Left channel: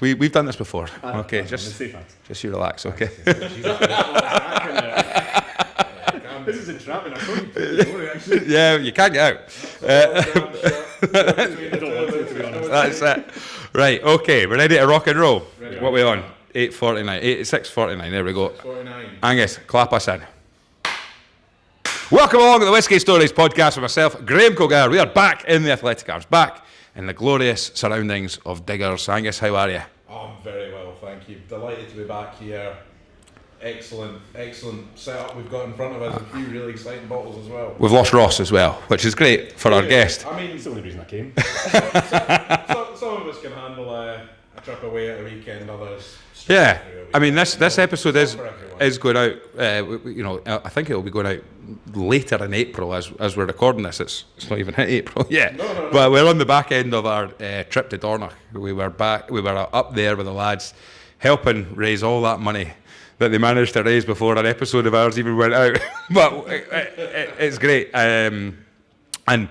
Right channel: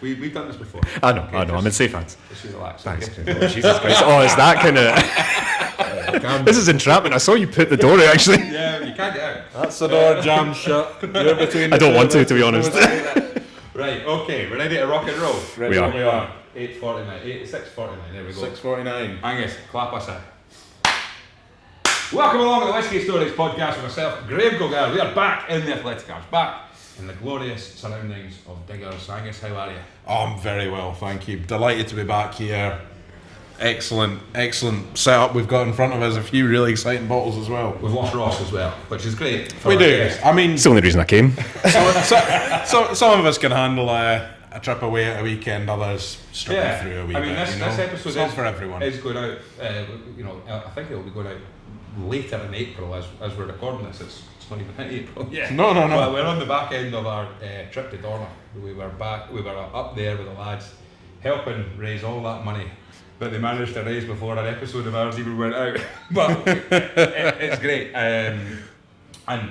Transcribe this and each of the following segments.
We've done this before. I know, okay, I'm in safe hands. Just you relax, okay? Jesus Christ. Oh, it's that kind of... This is entrapment. I saw you put the door out, actually. Yeah, you can't get out. That's the door jammed shut. I don't want to be honest. That's it. Right, okay, we're ready to rock and roll. Ready. What are we on? 6:49, there we go. 6:49. Angus, clap us in. Welcome along to the Whisky Stories podcast with myself, Graham Cogar. We are back in the Athletic Arms, back in the glorious surroundings of Diggers. Angus, how are you? Oh, I'm very well, thank you. Delighted to be back here. Excellent setup we've got in front of us. A few really exciting bottles as well. We've lost Ross as well, which is great for our guest. I mean, It's the only reason I came. some of us can handle a trip away at a weekend, others struggle through a weekend. I mean, this episode is for everyone. Is going out. I think it will be going out later in April as we're recording this. It's not even hit April yet. No. Well, we're on the back end of our trip to Dornoch. We were up there with the lads, helping raise all that money that they managed to raise before an episode of ours even went out. But it's great. And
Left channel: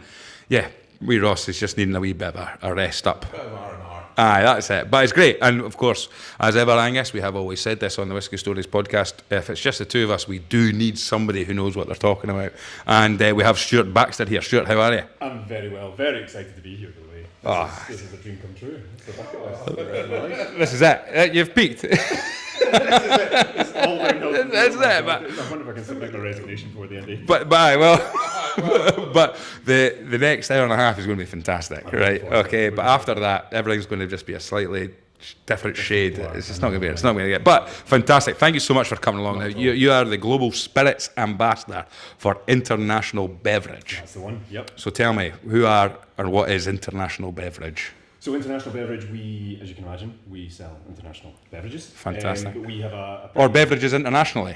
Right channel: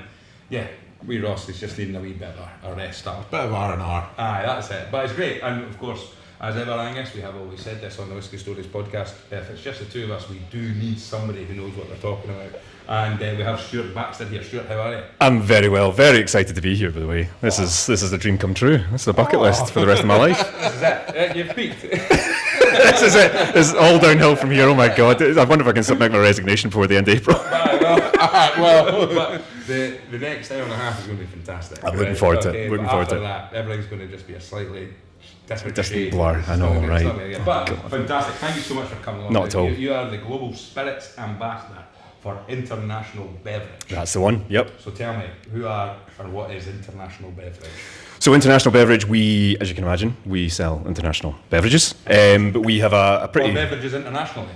yeah, we Ross is just needing a wee bit of a rest up. Bit of R&R. Aye, that's it. But it's great. And of course, as ever, Angus, we have always said this on the Whisky Stories podcast, if it's just the two of us, we do need somebody who knows what they're talking about. And we have Stuart Baxter here. Stuart, how are you? I'm very well, very excited to be here, by the way. This is a dream come true. This is a bucket list for the rest of my life. This is it. You've peaked. This is it. It's all downhill from here. Oh my God. I wonder if I can submit my resignation before the end of April. But the next hour and a half is going to be fantastic. I'm looking forward to it. Okay, but Looking forward after to it. that, everything's going to just be a slightly different shade. blur. It's I not know, going to right. get. But fantastic. Thank you so much for coming along. Not at all. You are the Global Spirits Ambassador for International Beverage. That's the one. Yep. So tell me, who are or what is International Beverage? So International Beverage, we, as you can imagine, we sell international beverages. But we have a pretty... Or beverages internationally.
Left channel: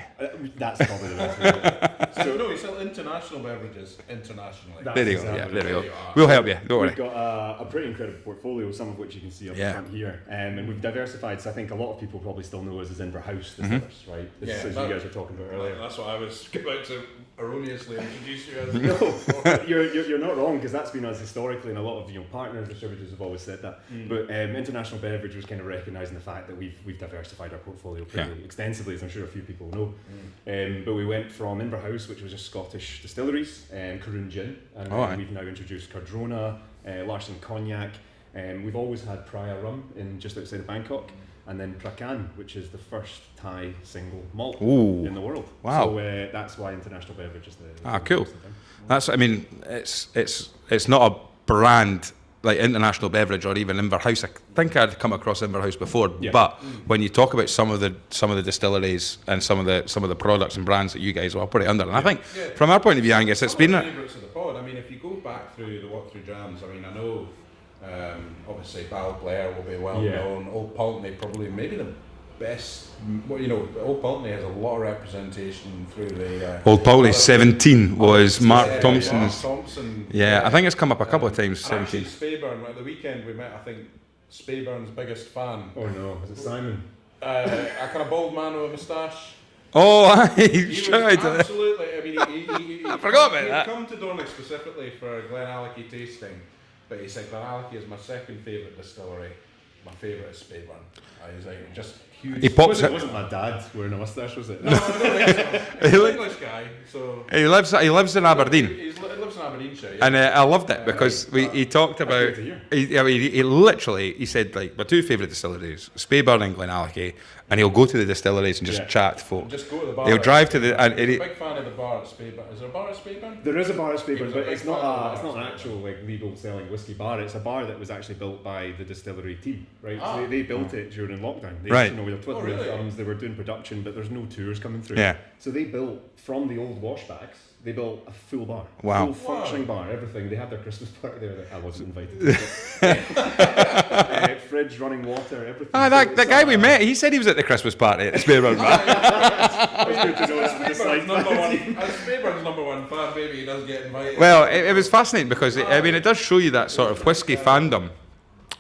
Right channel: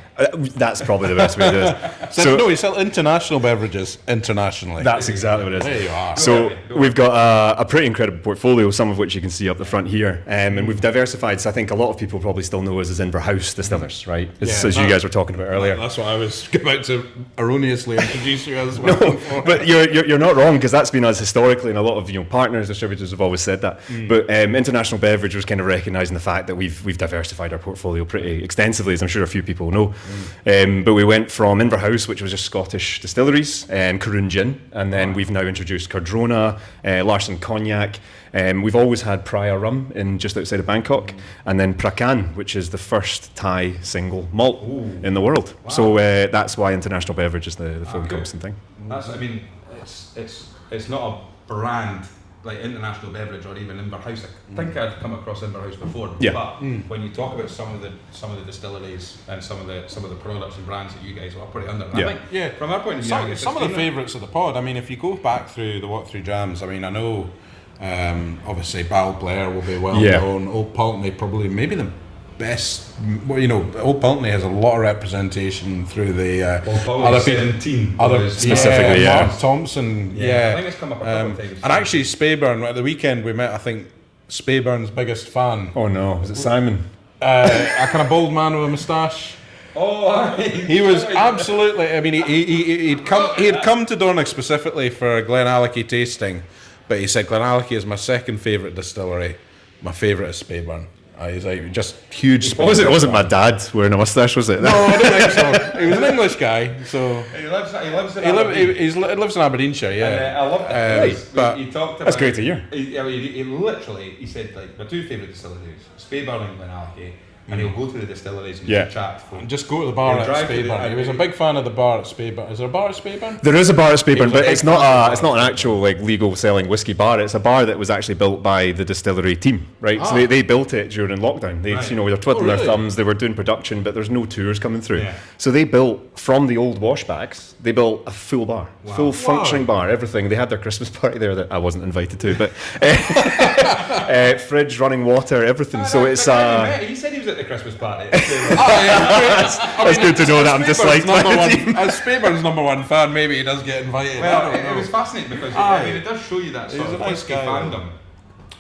That's probably the best way to do it. No, we sell international beverages internationally. That's exactly what it There is. you are. We'll help you. So Don't we've got a pretty incredible portfolio, some of which you can see up the Yeah. front here. And we've diversified, so I think a lot of people probably still know us as Inverhouse Distillers, right? As you guys were talking about earlier. That's what I was about to erroneously introduce you as. But you're not wrong, because that's been us historically, and a lot of partners, distributors have always said that. But International Beverage was kind of recognising the fact that we've diversified our portfolio pretty extensively, as I'm sure a few people know. But we went from Inverhouse, which was just Scottish distilleries, and Carroon Gin, and then we've now introduced Cardrona, Larson Cognac. We've always had Praya Rum in just outside of Bangkok, and then Prakan, which is the first Thai single malt in the world. Wow. So that's why International Beverage is the full Cool. hosting thing. That's. I mean, it's not a brand like International Beverage or even Inverhouse. I think I'd come across Inverhouse before, Yeah. but when you talk about some of the distilleries and some of the products and brands that you guys operate under, and I think from our point of view, Angus, it's been some of the favourites of the pod. I mean, if you go back through the walk through drams, I mean, I know obviously Balblair will be well known. Old Pulteney probably maybe the best. Old Pulteney has a lot of representation through the Old Pulteney 17 was specifically, Mark Thompson. I think it's come up a couple of times. And actually, Speyburn at the weekend we met. I think Speyburn's biggest fan. Oh no, is it Simon? A kind of bald man with a moustache. Oh, He was absolutely. I mean, he'd come to Dornoch specifically for a Glenallachie tasting, but he said Glenallachie is my second favourite distillery. My favourite is Speyburn. He's like just huge. It wasn't my dad wearing a moustache, was it? No, I don't think so. He's an English guy, so he lives in Aberdeen. He lives in Aberdeenshire, yeah. And I loved it because he talked about. That's great to hear. He literally said like my two favourite distilleries, Speyburn and Glenallachie, and he'll go to the distilleries and just chat to folk. Just go to the bar. He'll drive to Speyburn. the. He was a big fan of the bar at Speyburn. Is there a bar at Speyburn? There is a bar at Speyburn, but it's not an bar. actual like legal selling whiskey bar. It's a bar that was actually built by the distillery team, right? So they built it during lockdown. They Right. they were twiddling really? their thumbs. They were doing production, but there's no tours coming through. Yeah. So they built from the old washbacks. They built a full bar, full functioning bar, everything. They had their Christmas party there that I wasn't invited to, but fridge, running water, everything. So it's the guy we met, he said he was at the Christmas party. That's good to know that I'm disliked by the team. As Speyburn's number one fan, maybe he does get invited. Well, it was fascinating because it does show you that sort He's of a nice whiskey guy, fandom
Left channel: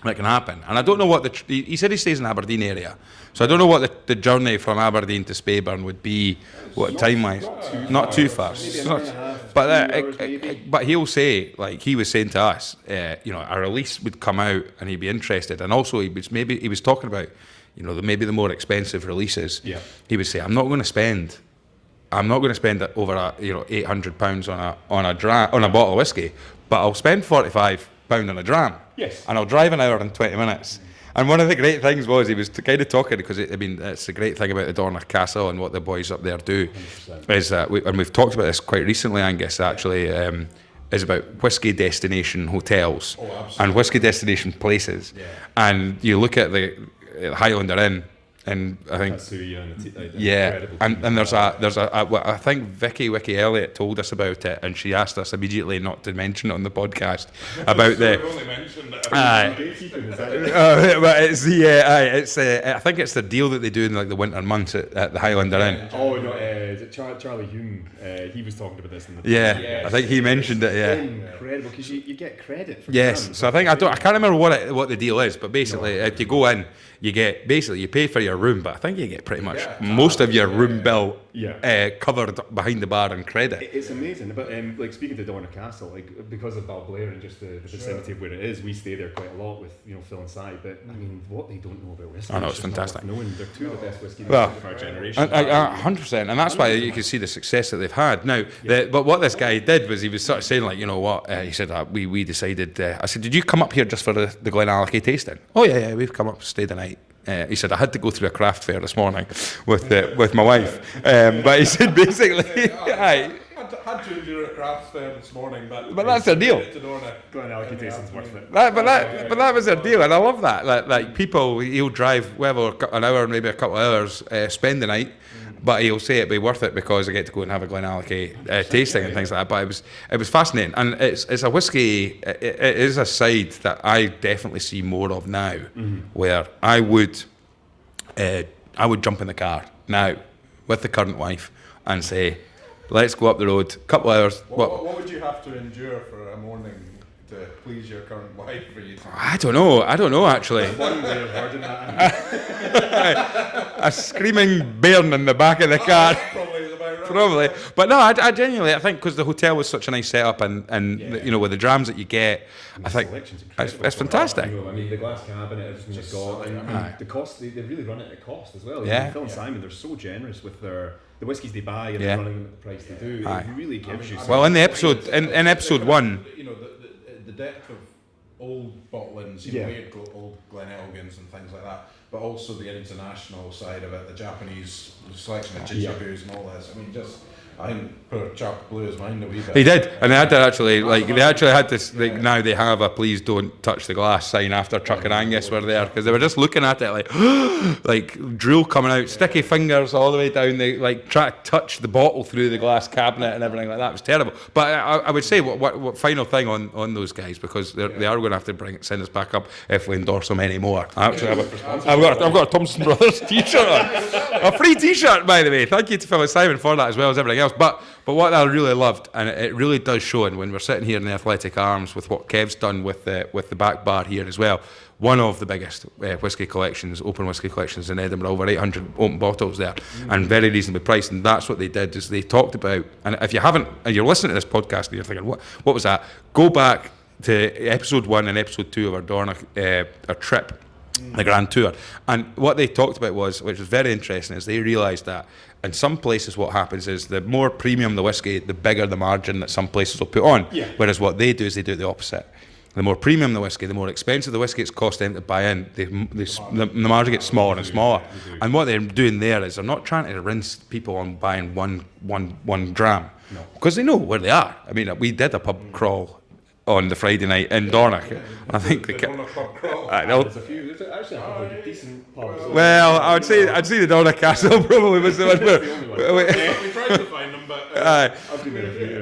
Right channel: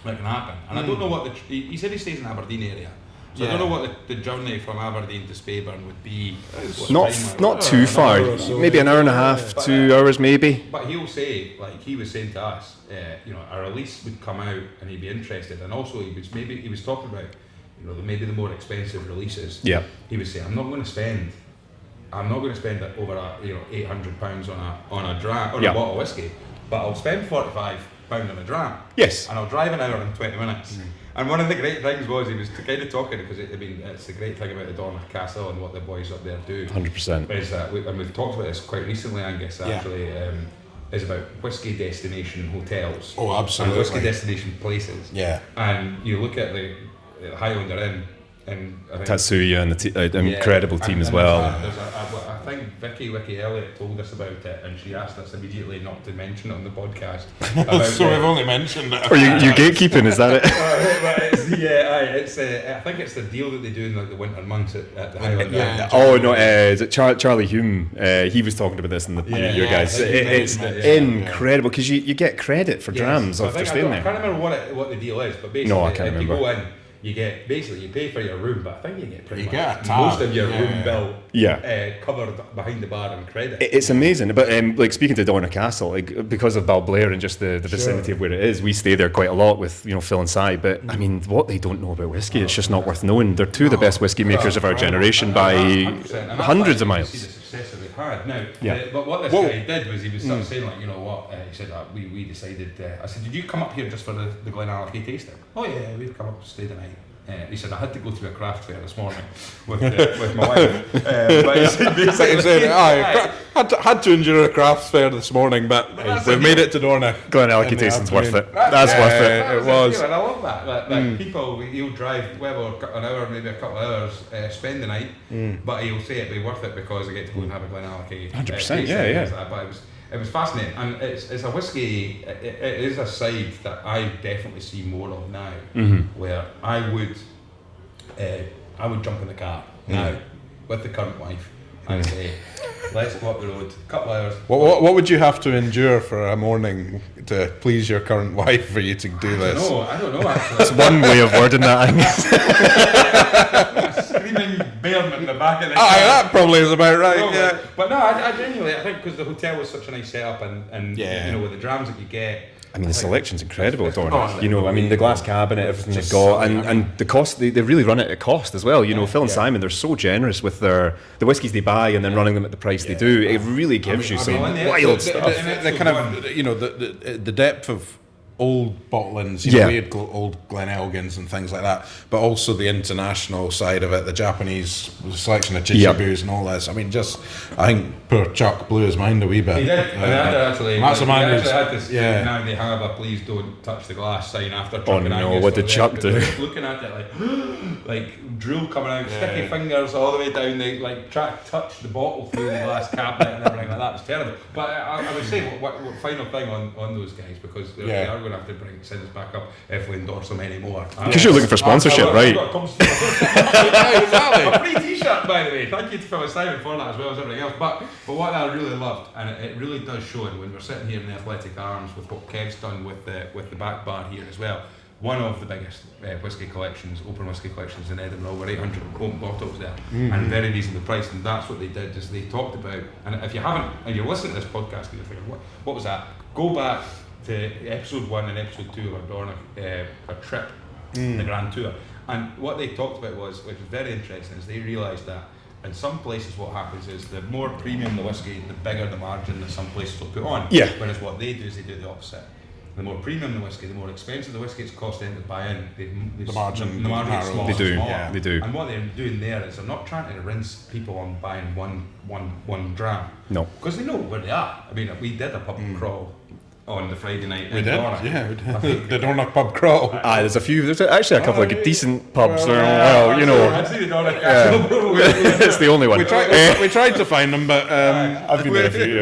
that can happen. And I don't know what he said he stays in Aberdeen area. So I don't know what the journey from Aberdeen to Speyburn would be. Not too far. Maybe an hour and a half, 2 hours maybe. But he'll say, like he was saying to us, a release would come out and he'd be interested. And also he was talking about, maybe the more expensive releases. Yeah. He would say, I'm not going to spend over £800 on a bottle of whiskey, but I'll spend £45 on a dram. Yes. And I'll drive an hour and 20 minutes. And one of the great things was he was kind of talking, because it's the great thing about the Dornoch Castle and what the boys up there do. 100%. Is that and we've talked about this quite recently, Angus, actually, is about whiskey destination hotels. Oh, absolutely. And whiskey destination places. Yeah. And you look at the Highlander Inn, and I think Tatsuya and an incredible team as well. There's I think Vicky Elliott told us about it, and she asked us immediately not to mention it on the podcast about. So I've only mentioned it. Are you gatekeeping? Is that it? But it's I think it's the deal that they do in like the winter months at the Highlander Inn. Oh no, is it Charlie Hume? He was talking about this in the your guys. I think he mentioned it. Yeah. Incredible, because you get credit for drams. So I think I can't remember what the deal is, but basically if you go in, you pay for your room, but I think you get pretty much most of your room bill covered behind the bar in credit. It's amazing. But like speaking to Dornoch Castle, like because of Balblair and just the vicinity of where it is, we stay there quite a lot with Phil and Si. But I mean, what they don't know about whiskey, it's just not worth knowing. They're two of the best whiskey makers of our generation by 100%, and that's why you can see the success that they've had. Now, but what this guy did was he was sort of saying, like, he said, we decided. I said, did you come up here just for the Glenallachie tasting? Oh yeah, we've come up, stayed the night. He said, I had to go through a craft fair this morning with my wife. But he said basically, had to endure a craft fair this morning, but we made it to Dornoch. Glenallachie tasting's worth it. That's worth it. That was a deal, and I love that. Like people, he'll drive an hour, maybe a couple of hours, spend the night, but he'll say it'd be worth it because I get to go and have a Glenallachie tasting and things like that. But it was fascinating, and it's a whiskey. It is a side that I definitely see more of now, where I would jump in the car now with the current wife and say, let's go up the road, couple hours. What would you have to endure for a morning to please your current wife for you to do this? I don't know actually. That's one way of wording that. A screaming bairn in the back of the car. That probably is about right. Probably. Yeah. But no, I genuinely, I think because the hotel was such a nice setup and with the drams that you get. I mean, the selection's incredible. It's fantastic. The glass cabinet, everything they've got, and the cost, they really run it at cost as well. Phil and Simon, they're so generous with the whiskies they buy and then running them at the price they do. It really gives you some. Well, in the episodes, in episode one, the depth of old bottlings, we had old Glenelgins and things like that, but also the international side of it, the Japanese selection of Chichibus and all this. I mean, I think poor Chuck blew his mind a wee bit. He did, and they had to actually, now they have a please don't touch the glass sign after Chuck and Angus were there, because they were just looking at it like drool coming out, sticky fingers all the way down, they try to touch the bottle through the glass cabinet and everything like that. It was terrible. But I would say what final thing on those guys, because they are going to have to send us back up if we endorse them anymore. Because you're looking for sponsorship, right? I've got a Thompson Brothers t-shirt. A free t-shirt, by the way. Thank you to Phil and Simon for that, as well as everything else. But what I really loved, and it really does show, and when we're sitting here in the Athletic Arms with what Kev's done with the back bar here as well, one of the biggest whiskey collections, open whiskey collections in Edinburgh, over 800 open bottles there, and very reasonably priced. And that's what they did, is they talked about, and if you haven't, and you're listening to this podcast and you're thinking, what was that? Go back to episode 1 and episode 2 of our Dornoch our trip, the Grand Tour, and what they talked about was, which was very interesting, is they realised that in some places what happens is the more premium the whiskey, the bigger the margin that some places will put on. Whereas what they do is they do the opposite. The more premium the whiskey, the more expensive the whiskey it's cost them to buy in. The margin gets smaller and smaller. They do. And what they're doing there is they're not trying to rinse people on buying one dram. No, because they know where they are. I mean, we did a pub crawl on the Friday night in Dornoch. I think the Dornoch pub crawl. There's actually a couple of decent pubs. I'd say the Dornoch Castle probably. It's the only one. We tried to find them, but I've been there a few.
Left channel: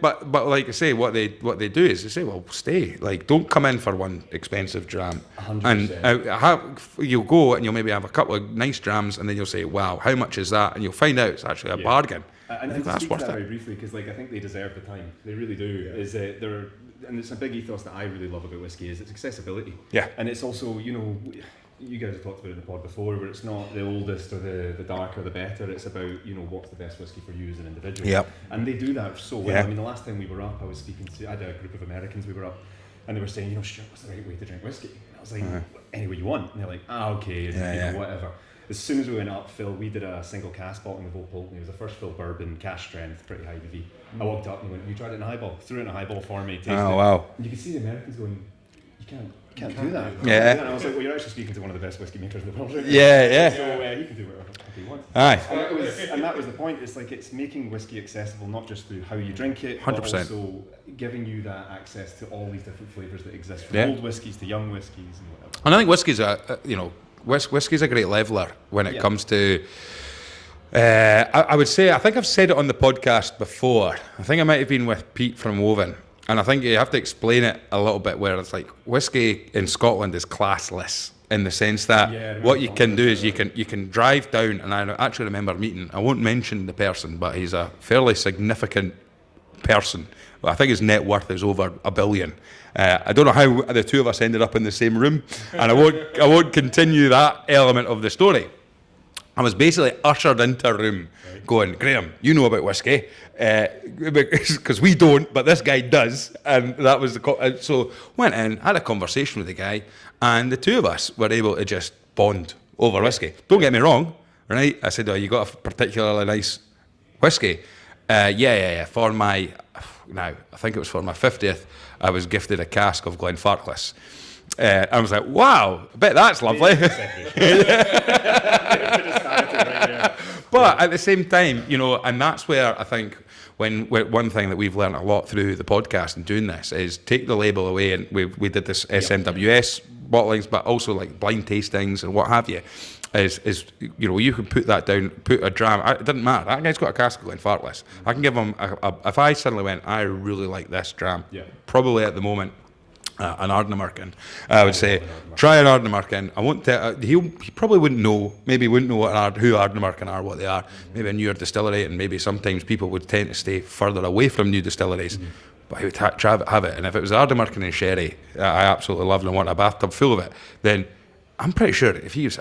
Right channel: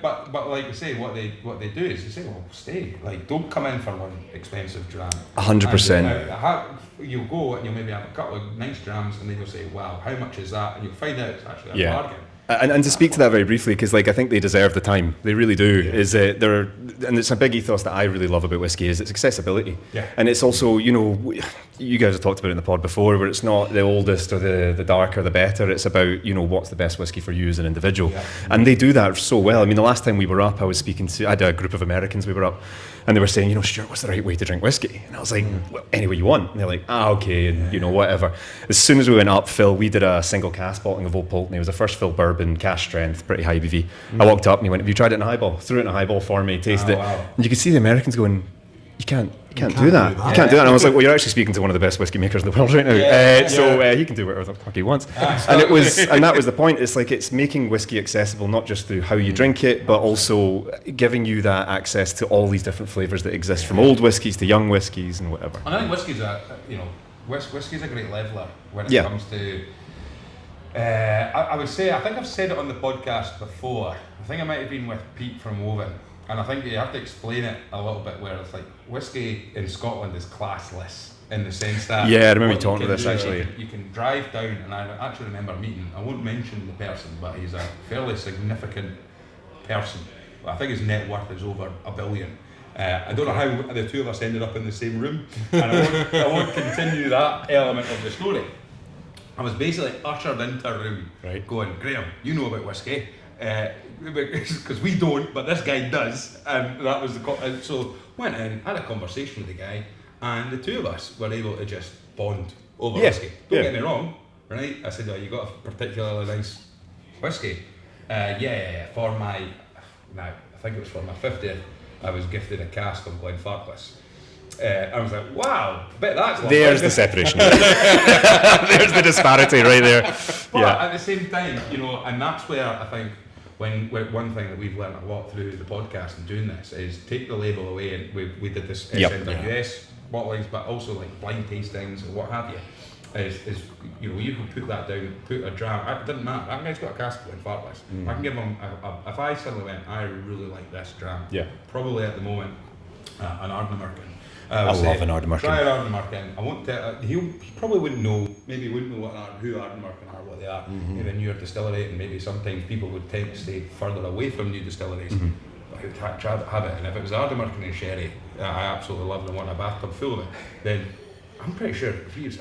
But like I say, what they do is they say, well, stay. Don't come in for one expensive dram. 100%. You'll go and you'll maybe have a couple of nice drams, and then you'll say, wow, how much is that? And you'll find out it's actually a bargain. And to speak to that very briefly, because like I think they deserve the time, they really do. Yeah. And it's a big ethos that I really love about whiskey is its accessibility. Yeah. And it's also, you know, you guys have talked about it in the pod before, where it's not the oldest or the darker the better. It's about, you know, what's the best whiskey for you as an individual. Yep. And they do that so well. I mean, the last time we were up, I had a group of Americans we were up, and they were saying, you know, Stuart, what's the right way to drink whiskey? And I was like, well, any way you want. And they're like, okay, and you know, whatever. As soon as we went up, Phil, we did a single cask bottling of Old Pulteney. It was a first fill bourbon, cask strength, pretty high ABV. I walked up and he went, have you tried it in a highball? Threw it in a highball for me, tasted it. Wow. And you could see the Americans going, you can't do that. You can't do that. And I was like, well, you're actually speaking to one of the best whiskey makers in the world right now. So he can do whatever the fuck he wants. And that was the point. It's like it's making whiskey accessible not just through how you drink it, but 100%. Also giving you that access to all these different flavours that exist, from old whiskies to young whiskies and whatever. And I think whiskey's whiskey's a great leveller when it comes to. I would say, I think I've said it on the podcast before. I think I might have been with Pete from Woven. And I think you have to explain it a little bit, where it's like whiskey in Scotland is classless in the sense that what you can do is you can drive down, and I actually remember meeting, I won't mention the person, but he's a fairly significant person. Well, I think his net worth is over $1 billion. I don't know how the two of us ended up in the same room, and I won't continue that element of the story. I was basically ushered into a room going, Graham, you know about whiskey. Because we don't, but this guy does, and that was so went in, had a conversation with the guy, and the two of us were able to just bond over whiskey. Don't get me wrong, right? I said, oh, you got a particularly nice whiskey? For my, now I think it was for my 50th, I was gifted a cask of Glenfarclas. I was like, wow, bet that's lovely. There's the separation. There's the disparity right there. But at the same time, you know, and that's where I think when one thing that we've learned a lot through the podcast and doing this is take the label away, and we did this SNWS bottlings, but also like blind tastings and what have you. Is you know, you can put that down, put a dram. It doesn't matter. That guy's got a cask of Glenfarclas. I can give him if I suddenly went, I really like this dram. Probably at the moment. An Ardnamurchan. I would say try an Ardnamurchan. I won't tell. He probably wouldn't know. Maybe wouldn't know who Ardnamurchan are, what they are. Maybe a newer distillery, and maybe sometimes people would tend to stay further away from new distilleries. But he would have it. And if it was Ardnamurchan and sherry, I absolutely loved and want a bathtub full of it. Then I'm pretty sure if he was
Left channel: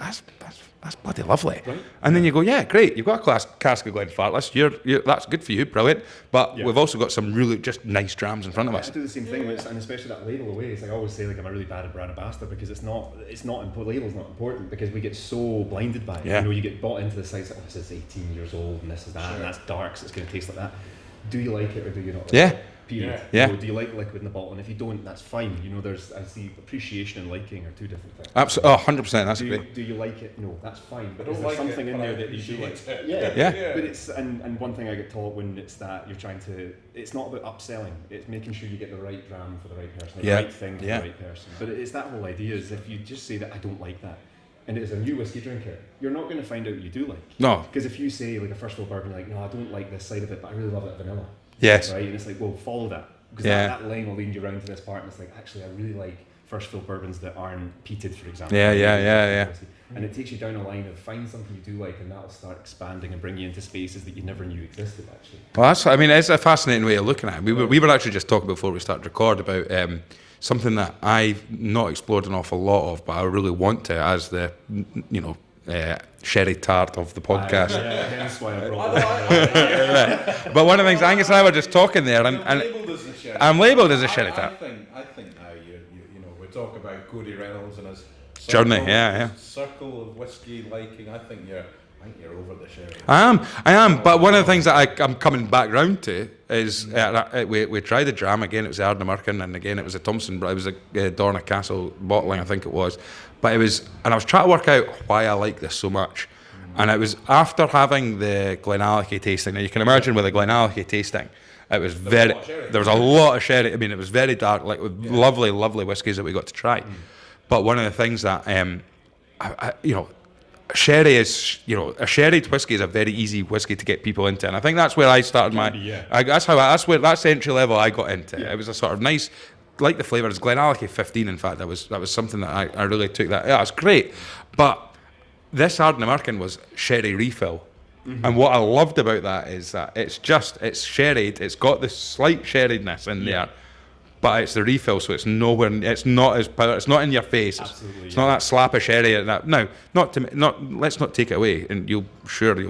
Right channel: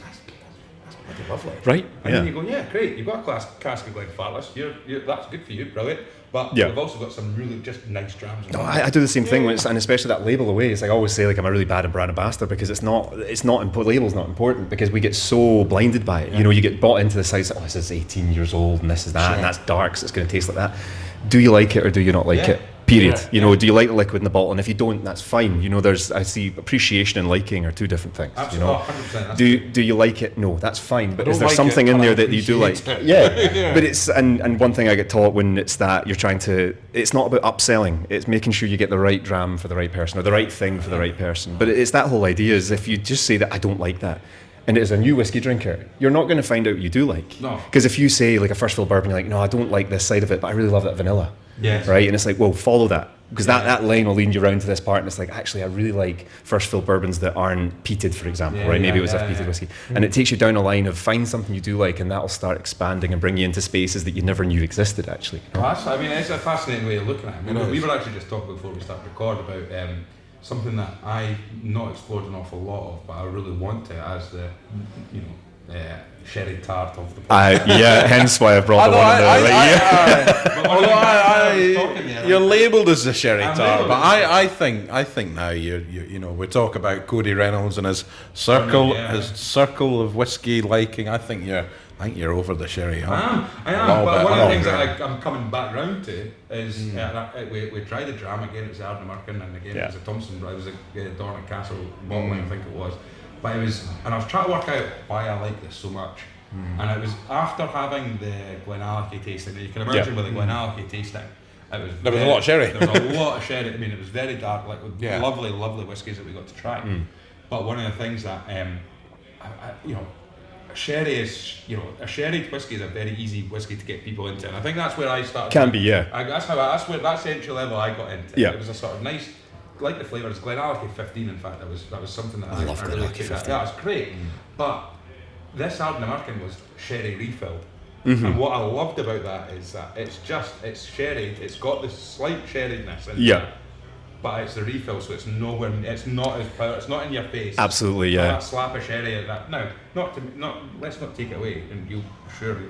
that's bloody lovely, right? And then you go, yeah, great. You've got a cask of Glenfarclas. You're that's good for you, brilliant. But we've also got some really just nice drams in front of us. I do the same thing, and especially that label away. It's like I always say, like I'm a really bad brand ambassador because it's not label's not important because we get so blinded by it. You know, you get bought into the sites. Oh, this is 18 years old, and this is that, and that's dark, so it's going to taste like that. Do you like it or do you not like it? Period. You know, do you like the liquid in the bottle? And if you don't, that's fine. You know, I see appreciation and liking are two different things. Absolutely, you know? 100%. Do you like it? No, that's fine. But is there something in there that you do like? But it's and one thing I get taught when it's that you're trying to, it's not about upselling. It's making sure you get the right dram for the right person or the right thing for the right person. But it's that whole idea is if you just say that I don't like that, and as a new whiskey drinker, you're not going to find out you do like. No. Because if you say like a first fill bourbon, you're like, no, I don't like this side of it, but I really love that vanilla. Yes. Right? And it's like, well, follow that. Because that line will lead you around to this part, and it's like, actually, I really like first fill bourbons that aren't peated, for example. Maybe it was a peated whiskey. And it takes you down a line of find something you do like, and that'll start expanding and bring you into spaces that you never knew existed, actually. Well, it's a fascinating way of looking at it. We were actually just talking before we started record about something that I've not explored an awful lot of, but I really want to, as the, you know, sherry tart of the podcast. Hence why I brought the one. But one of the things Angus and I were just talking there. You're labelled as a sherry tart. I'm labelled as a sherry tart. I think now you know, we talk about Cody Reynolds and his circle, circle of whiskey liking. I think you're over the sherry. I am. But one of the things that I'm coming back round to is we tried the dram again. It was the Ardnamurchan, and again it was a Thompson. It was a Dorna Castle bottling, I think it was. But I was trying to work out why I like this so much. And it was after having the Glenallachie tasting. Now you can imagine with the Glenallachie tasting, there was a lot of sherry. There was a lot of sherry. I mean, it was very dark, like with lovely, lovely whiskies that we got to try. But one of the things that sherry is, you know, a sherried whiskey is a very easy whiskey to get people into, and I think that's where I started. That's where entry level I got into. It was a sort of nice. Like the flavour, it's Glenallachie 15. In fact, that was something that I really took that. Yeah, it was great. But this Ardnamurchan was sherry refill, And what I loved about that is that it's sherried. It's got this slight sherriedness in there, but it's the refill, so it's nowhere. It's not as power. It's not in your face. Absolutely, it's not that slap of sherry. Now, let's not take it away. And you'll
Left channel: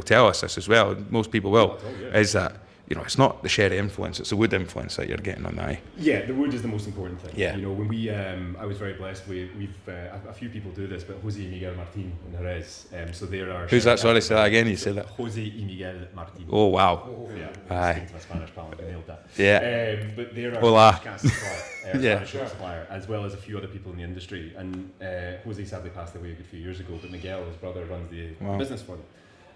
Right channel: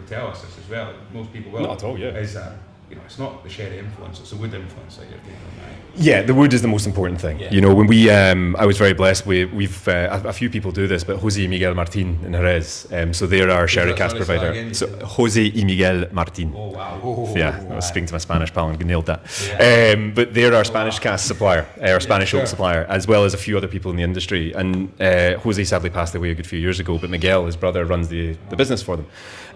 tell us this as well. Most people will. Not at all, yeah. Is that it's not the sherry influence, it's the wood influence that you're getting on that. Yeah, the wood is the most important thing. Yeah. When we, I was very blessed. We've a few people do this, but Jose y Miguel Martin in Jerez. So they're our sherry cask provider. Say that again, Jose y Miguel Martin. Oh wow! Yeah, I was speaking to my Spanish pal and nailed that. Yeah. But they're our Spanish cask supplier, our Spanish oak supplier, as well as a few other people in the industry. And Jose sadly passed away a good few years ago, but Miguel, his brother, runs the business for them.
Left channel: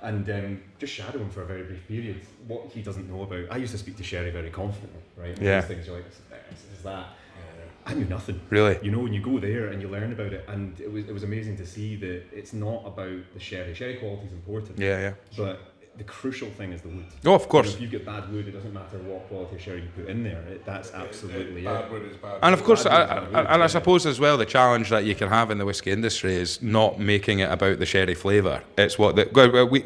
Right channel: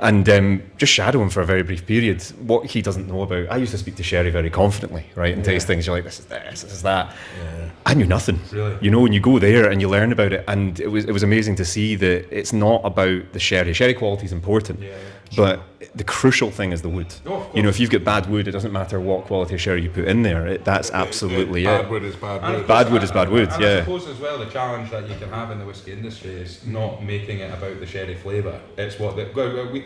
And just shadow him for a very brief period. What he doesn't know about, I used to speak to sherry very confidently, right? And taste things, you're like, this is this, this is that. Yeah. I knew nothing. Really? And you go there and you learn about it, and it was amazing to see that it's not about the sherry. Sherry quality is important. Yeah. But the crucial thing is the wood. Oh, of course. If you've got bad wood, it doesn't matter what quality of sherry you put in there. That's absolutely bad wood is bad wood. And of course, bad wood is bad wood. And I suppose as well, the challenge that you can have in the whiskey industry is not making it about the sherry flavour. It's what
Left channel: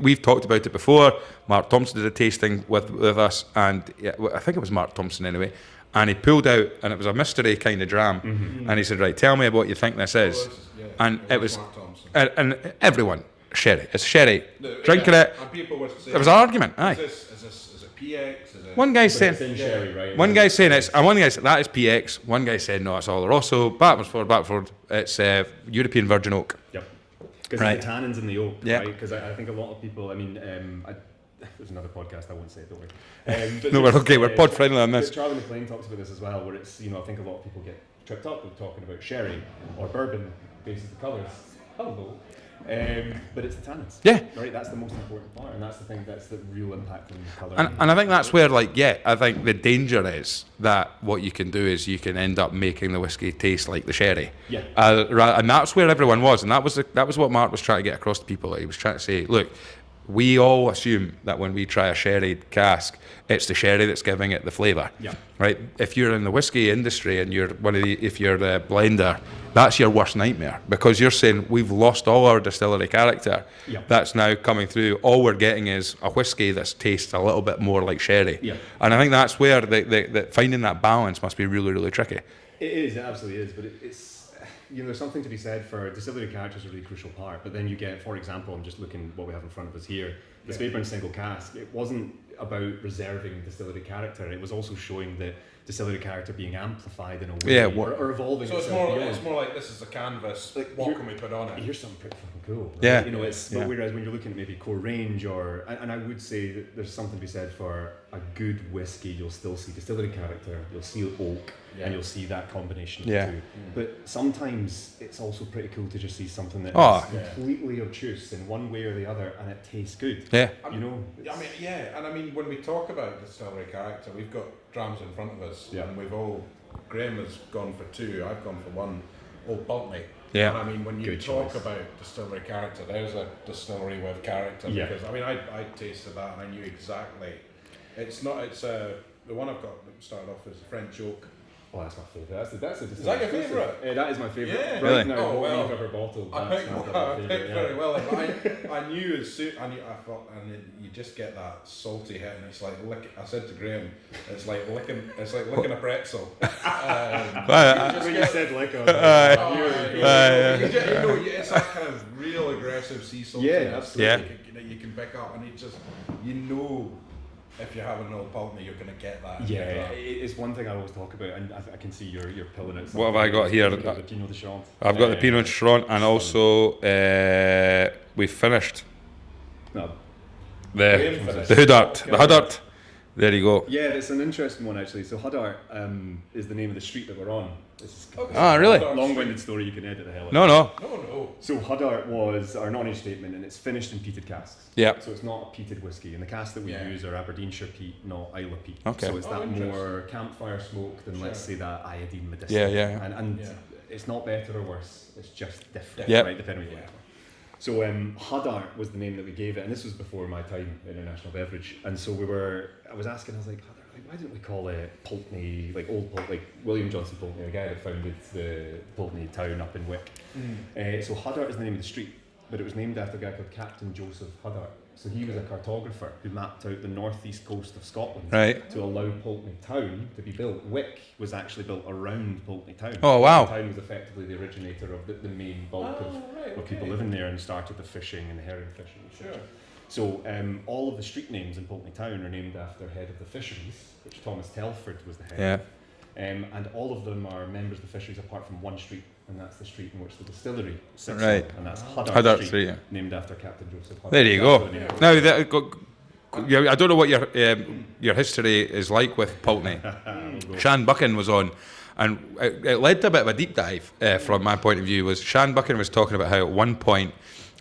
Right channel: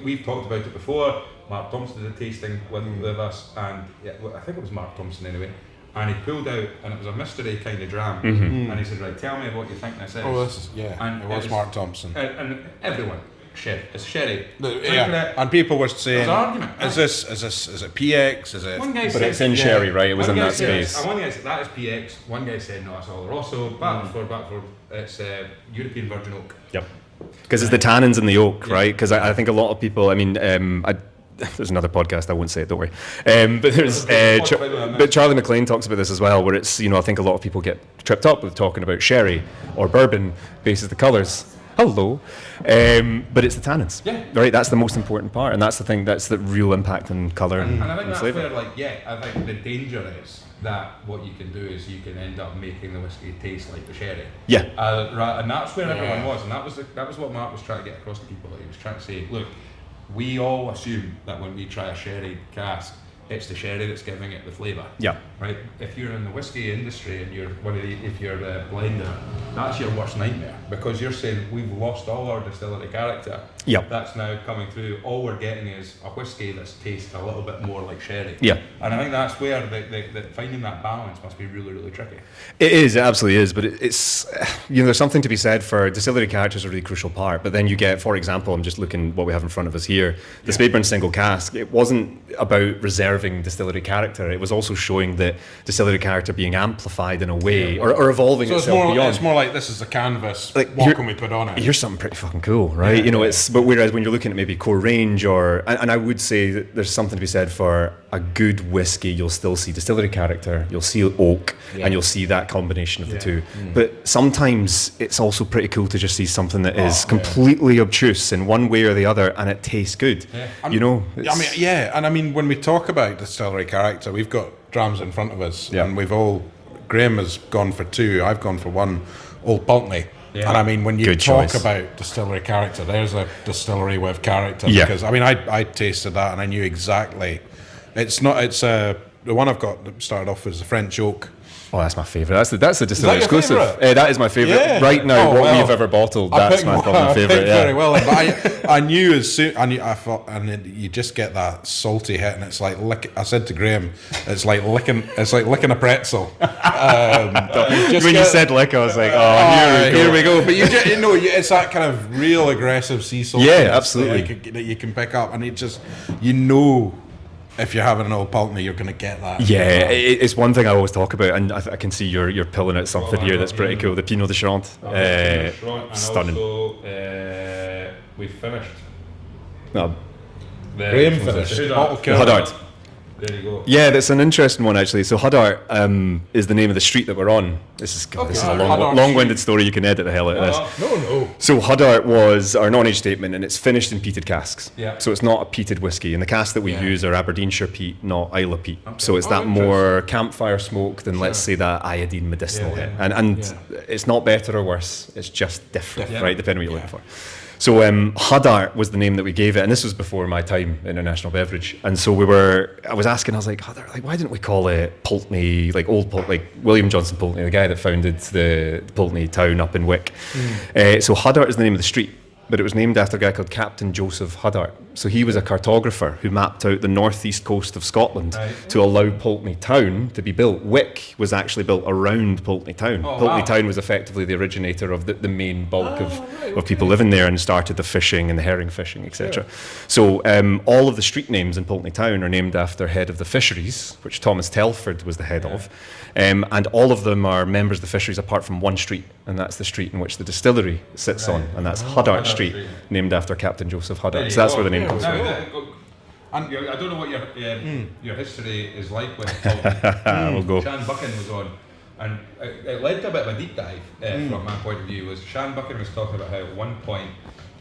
we've talked about it before. Mark Thompson did a tasting with us, and I think it was Mark Thompson anyway. And he pulled out, and it was a mystery kind of dram. Mm-hmm. And he said, "Right, tell me what you think this is." And it was Mark Thompson. And everyone. Sherry. It's sherry. Drinking it. And people were saying, there was an argument. Is it PX? Is it? One guy said it's in sherry, right? It was one guy said it's, and one guy said that is PX. One guy said no, it's Oloroso. Backford. It's European Virgin Oak. Yep. Because it's the tannins in the oak, right? Because I think a lot of people. There's another podcast. I won't say it. Don't worry. But Charlie McLean talks about this as well, where it's I think a lot of people get tripped up with talking about sherry or bourbon basis the colours. Hello. But it's the tannins. Yeah. Right, that's the most important part, and that's the thing, that's the real impact in colour. And I think that's where, I think the danger is that what you can do is you can end up making the whiskey taste like the sherry. Yeah. And that's where everyone was, and that was what Mark was trying to get across to people. He was trying to say, look, we all assume that when we try a sherry cask, it's the sherry that's giving it the flavour. Yeah. Right? If you're in the whiskey industry and if you're a blender, that's your worst nightmare, because you're saying we've lost all our distillery character. Yep. That's now coming through. All we're getting is a whiskey that tastes a little bit more like sherry. Yeah. And I think that's where the finding that balance must be really, really tricky. It is, it absolutely is, but it's there's something to be said for distillery character is a really crucial part. But then you get, for example, I'm just looking what we have in front of us here, the Speyburn single cask. It wasn't about reserving distillery character. It was also showing that distillery character being amplified in a way, or evolving itself beyond. It's more like this is a canvas. What can we put on it? Here's something pretty fucking cool, right? But whereas when you're looking at maybe core range and I would say that there's something to be said for a good whiskey. You'll still see distillery character, you'll see oak, and you'll see that combination of the two. But sometimes it's also pretty cool to just see something that is completely obtuse in one way or the other, and it tastes good. Yeah. And I mean, when we talk about distillery character, we've got drams in front of us, and Graham has gone for 2, I've gone for 1, Old Pulteney. Yeah. And I mean, when you talk about distillery character, there's a distillery with character. Yeah. Because I tasted that and I knew exactly. The one I've got that started off as the French oak. Oh, that's my favourite. That's the distillery exclusive. Favourite? That is my favourite. Yeah. Right now, we've ever bottled, that's my favourite. Very well. But I knew as soon, I thought, and you just get that salty hit, and it's like I said to Graham, it's like licking a pretzel. When you said lick, I was like, here we go. But it's that kind of real aggressive sea salt. Yeah, absolutely. That you can pick up, and it just if you're having an Old Pulteney, you're going to get that. Yeah, it's one thing I always talk about, and I can see you're pulling at something here that's pretty cool. The Pinot de Charente. I've got the Pinot de Charente, and stunning. also we finished. Graham finished. The Huddart. There you go. Yeah, that's an interesting one actually. So Huddart is the name of the street that we're on. This is a long-winded story. You can edit the hell out of this. No. So Huddart was our non-age statement, and it's finished in peated casks. Yeah. So it's not a peated whiskey, and the casks that we use are Aberdeenshire peat, not Isla peat. Okay. So it's that more campfire smoke than let's say that iodine medicinal. And it's not better or worse. It's just different, right? Depending on what you're looking for. So Huddart was the name that we gave it, and this was before my time in International Beverage. And so I was asking, I was like, Huddart, why didn't we call it Pulteney, Old Pulteney, William Johnson Pulteney, the guy that founded the Pulteney town up in Wick. So Huddart is the name of the street, but it was named after a guy called Captain Joseph Huddart. So he was a cartographer who mapped out the northeast coast of Scotland to allow Pulteney Town to be built. Wick was actually built around Pulteney Town. Pulteney Town was effectively the originator of the main bulk of people living there, and started the fishing and the herring fishing, etc. So all of the street names in Pulteney Town are named after head of the fisheries, which Thomas Telford was the head of. And all of them are members of the fisheries apart from one street, and that's the street in which the distillery sits on, and that's Huddart Street, named after Captain Joseph Huddart. There you so that's go. where the name comes from. I don't know what your history is like with Pulteney. We'll go. Shan Buchan was on, and it led to a bit of a deep dive from my point of view. Was Shan Buchan was talking about how at one point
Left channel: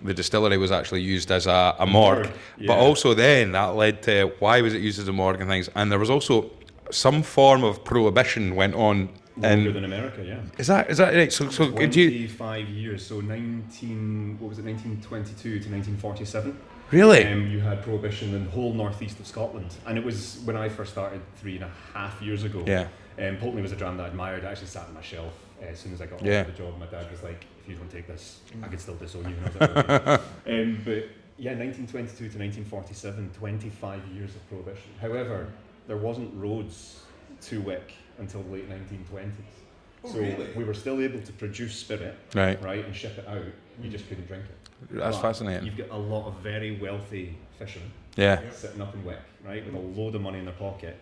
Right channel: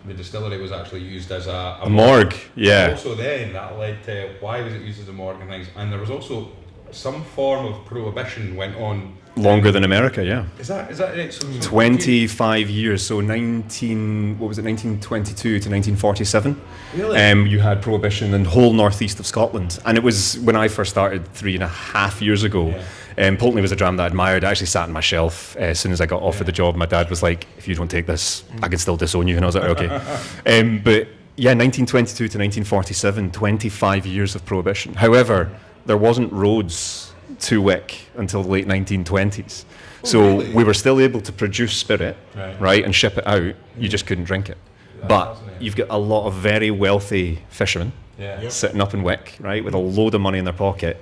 the distillery was actually used as a morgue. But also then that led to why was it used as a morgue and things, and there was also some form of prohibition went on longer than America. Is that right? So 25 years. So 1922 to 1947. Really? You had prohibition in the whole northeast of Scotland, and it was when I first started 3.5 years ago. Pulteney was a dram that I admired. I actually sat on my shelf as soon as I got offered the job. My dad was like, "If you don't take this, I can still disown you," and I was like, "Okay." But 1922 to 1947, 25 years of prohibition. However, there wasn't roads to Wick until the late 1920s. So we were still able to produce spirit, right, and ship it out. You just couldn't drink it. But you've got a lot of very wealthy fishermen sitting up in Wick, right, with a load of money in their pocket,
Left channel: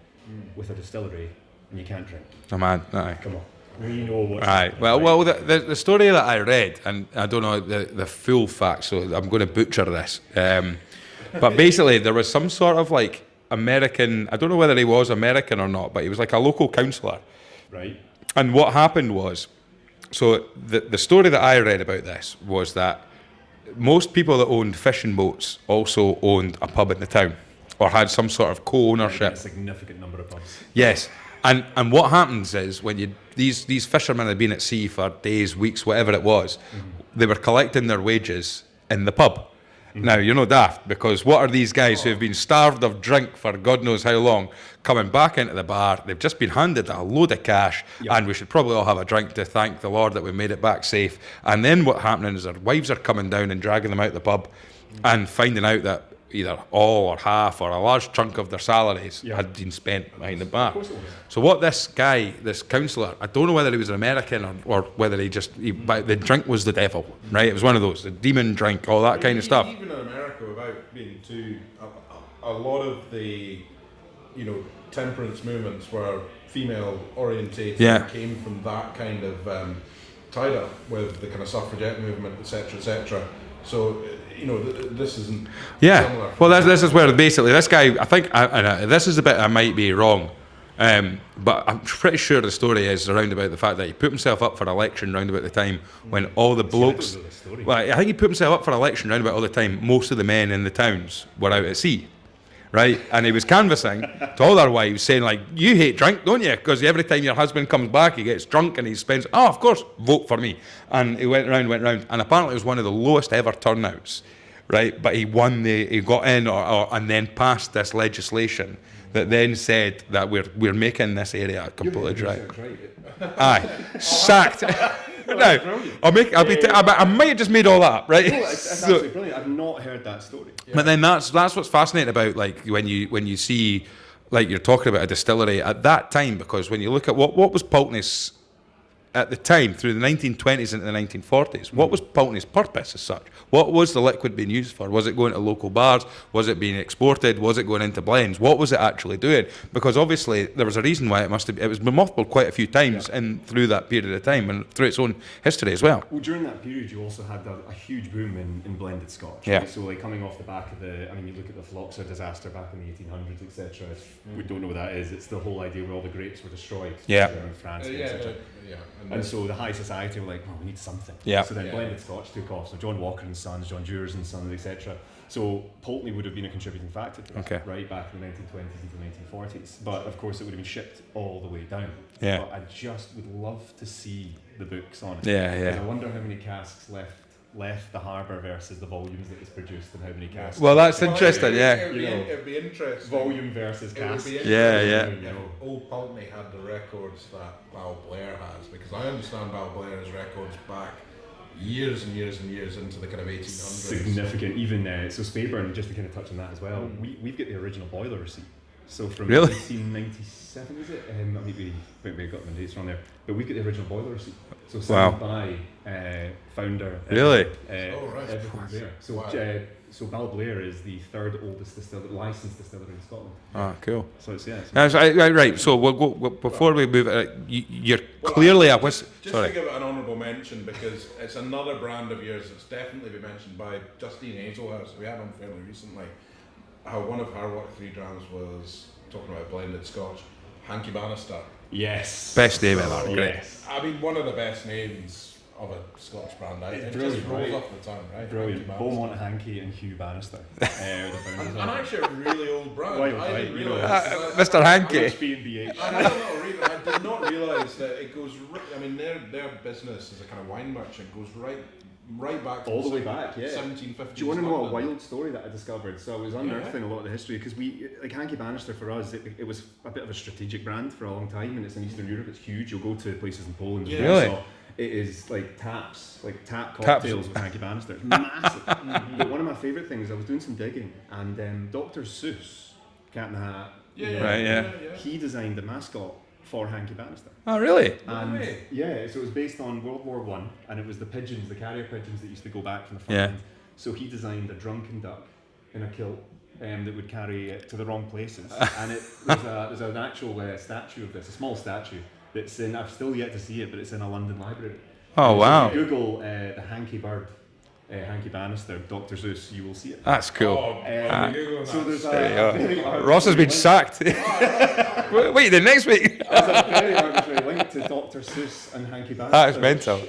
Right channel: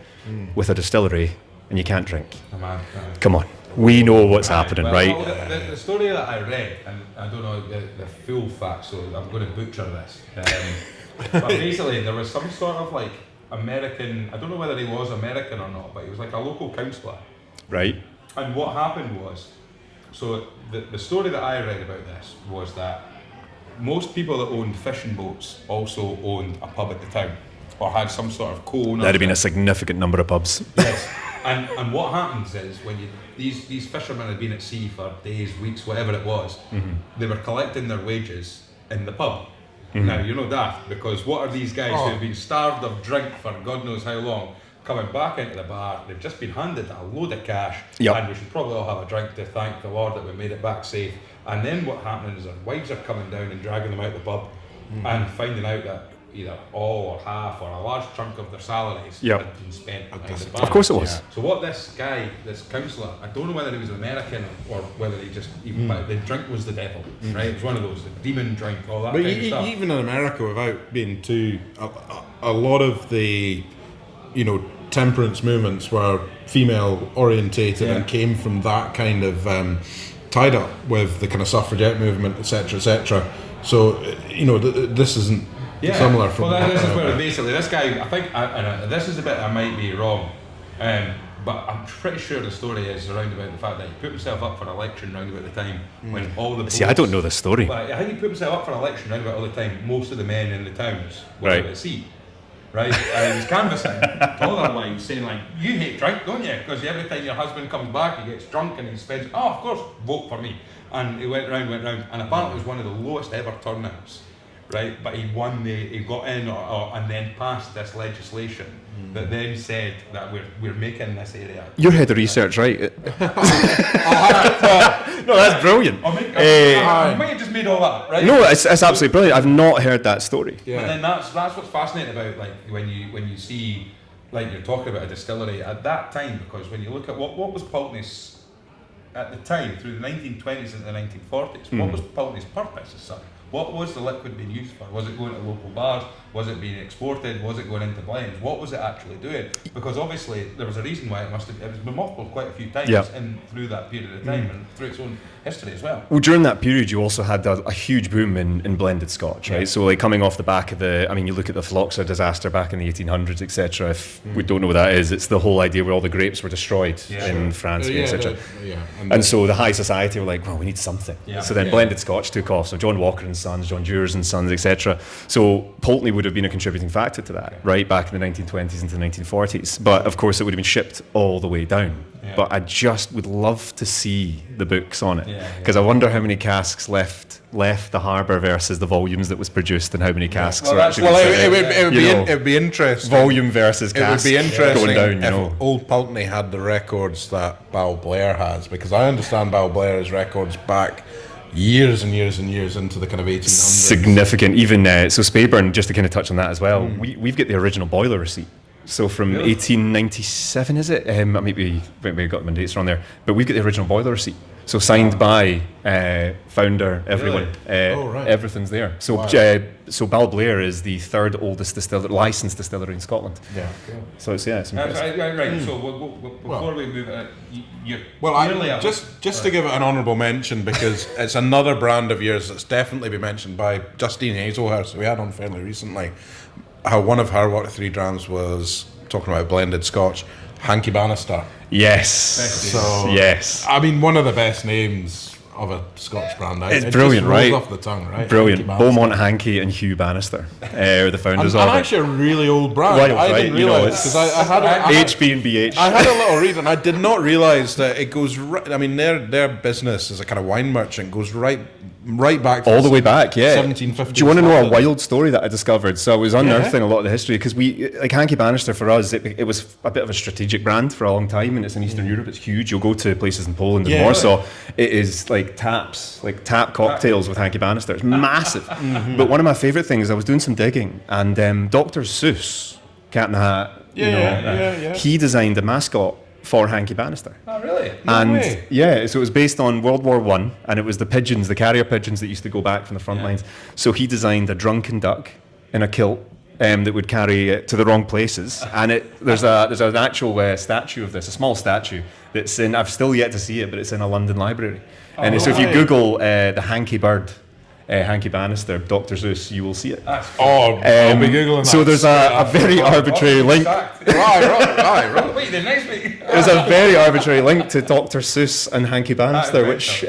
with a distillery, and you can't drink. Oh man, come on. We know what's happening, right? Well, the story that I read, and I don't know the full facts, so I'm going to butcher this. But basically, there was some sort of like American, I don't know whether he was American or not, but he was like a local councillor. Right. And what happened was, so the story that I read about this was that most people that owned fishing boats also owned a pub in the town, or had some sort of co-ownership. That'd have been a significant number of pubs. Yes. And what happens is when these fishermen had been at sea for days, weeks, whatever it was, they were collecting their wages in the pub. Now, you're no daft, because what are these guys who've been starved of drink for God knows how long, coming back into the bar? They've just been handed a load of cash, and we should probably all have a drink to thank the Lord that we made it back safe. And then what happening is their wives are coming down and dragging them out the pub and finding out that either all or half or a large chunk of their salaries had been spent behind the bar. Of course it was. So what this guy, this councillor, I don't know whether he was an American or whether but the drink was the devil, right? It was one of those, the demon drink, all that kind of stuff. Even in America, without being too, a lot of the, temperance movements were female orientated and came from that kind of tied up with the kind of suffragette movement, etc., etc. So, this isn't similar. Well, this is where basically this guy, I think, this is the bit I might be wrong, but I'm pretty sure the story is around about the fact that he put himself up for election round about the time when all the boats... See, I don't know the story. Well, I think he put himself up for election round about all the time most of the men in the towns were out at sea. Right, and he was canvassing to all their wives, saying like, "You hate drink, don't you? Because every time your husband comes back, he gets drunk and he spends. Oh, of course, vote for me." And he went round, and apparently it was one of the lowest ever turnouts. Right, but he won he got in, and then passed this legislation that then said that we're making this area. You're head of research, right? No, that's brilliant. I might have just made all that up, right? No, it's absolutely brilliant. I've not heard that story. Yeah. But then that's what's fascinating about like when you see, like you're talking about a distillery at that time, because when you look at what was Pulteney's at the time through the 1920s into the 1940s, what was Pulteney's purpose as such? What was the liquid being used for? Was it going to local bars? Was it being exported? Was it going into blends? What was it actually doing? Because obviously there was a reason why it was mothballed quite a few times and through that period of time and through its own history as well. Well, during that period you also had a huge boom in blended Scotch, right? So like coming off the back of you look at the Phylloxera disaster back in the 1800s, etc. If we don't know what that is, it's the whole idea where all the grapes were destroyed in France, etc. And so the high society were like, well, we need something. So then blended Scotch took off. So John Walker and Sons, John Dewars and Sons, etc. So Pulteney would have been a contributing factor to that, right, back in the 1920s into the 1940s. But of course it would have been shipped all the way down. But I just would love to see the books on it, because I wonder how many casks left the harbour versus the volumes that was produced, and how many casks. Well, it would be interesting. Volume versus casks. It would be interesting going down, if Old Pulteney had the records that Balblair has, because I understand Balblair has records back years and years and years into the kind of 1800s. Significant. Even so Speyburn, just to kind of touch on that as well, we've got the original boiler receipt. So from 1897, is it? Maybe got my dates wrong there. But we've got the original boiler receipt. So signed by founder, everyone. Everything's there. So so Balblair is the third oldest licensed distillery in Scotland. Oh, cool. So it's right. So before we move, you're clearly just to give it an honourable mention, because it's another brand of yours that's definitely been mentioned by Justine Hazelhurst, we had on fairly recently. How one of her what 3 drams was talking about blended Scotch, Hanky Bannister. Yes. Best name. So, yes. I mean, one of the best names of a Scotch brand. It's brilliant, just right? Off the tongue, right? Brilliant. Beaumont Hanky and Hugh Bannister are the founders of it. And actually a really old brand. Wild, I didn't realise, because I had HB and BH. I had a little read, and I did not realise that it goes right. I mean, their business as a kind of wine merchant goes right back all the way back, yeah. 1750s. Do you want to know a wild story that I discovered? So I was unearthing a lot of the history, because we, like Hanky Bannister for us, it was a bit of a strategic brand for a long time, and it's in Eastern Europe. It's huge. You'll go to places in Poland and Warsaw. Really? It is like tap cocktails with Hanky Bannister. It's massive. But one of my favourite things, I was doing some digging, and Dr. Seuss, Cat in the Hat, he designed a mascot for Hanky Bannister. Oh, really? No way. Yeah, so it was based on World War I, and it was the pigeons, the carrier pigeons that used to go back from the front lines. So he designed a drunken duck in a kilt that would carry it to the wrong places. And there's an actual statue of this, a small statue that's in. I've still yet to see it, but it's in a London library. So if you Google the Hanky Bird, Hanky Bannister, Dr. Seuss, you will see it. That's cool. I'll be Googling that. So there's a very arbitrary link. Right. Wait, the next week. There's a very arbitrary link to Dr. Seuss and Hanky Bannister, which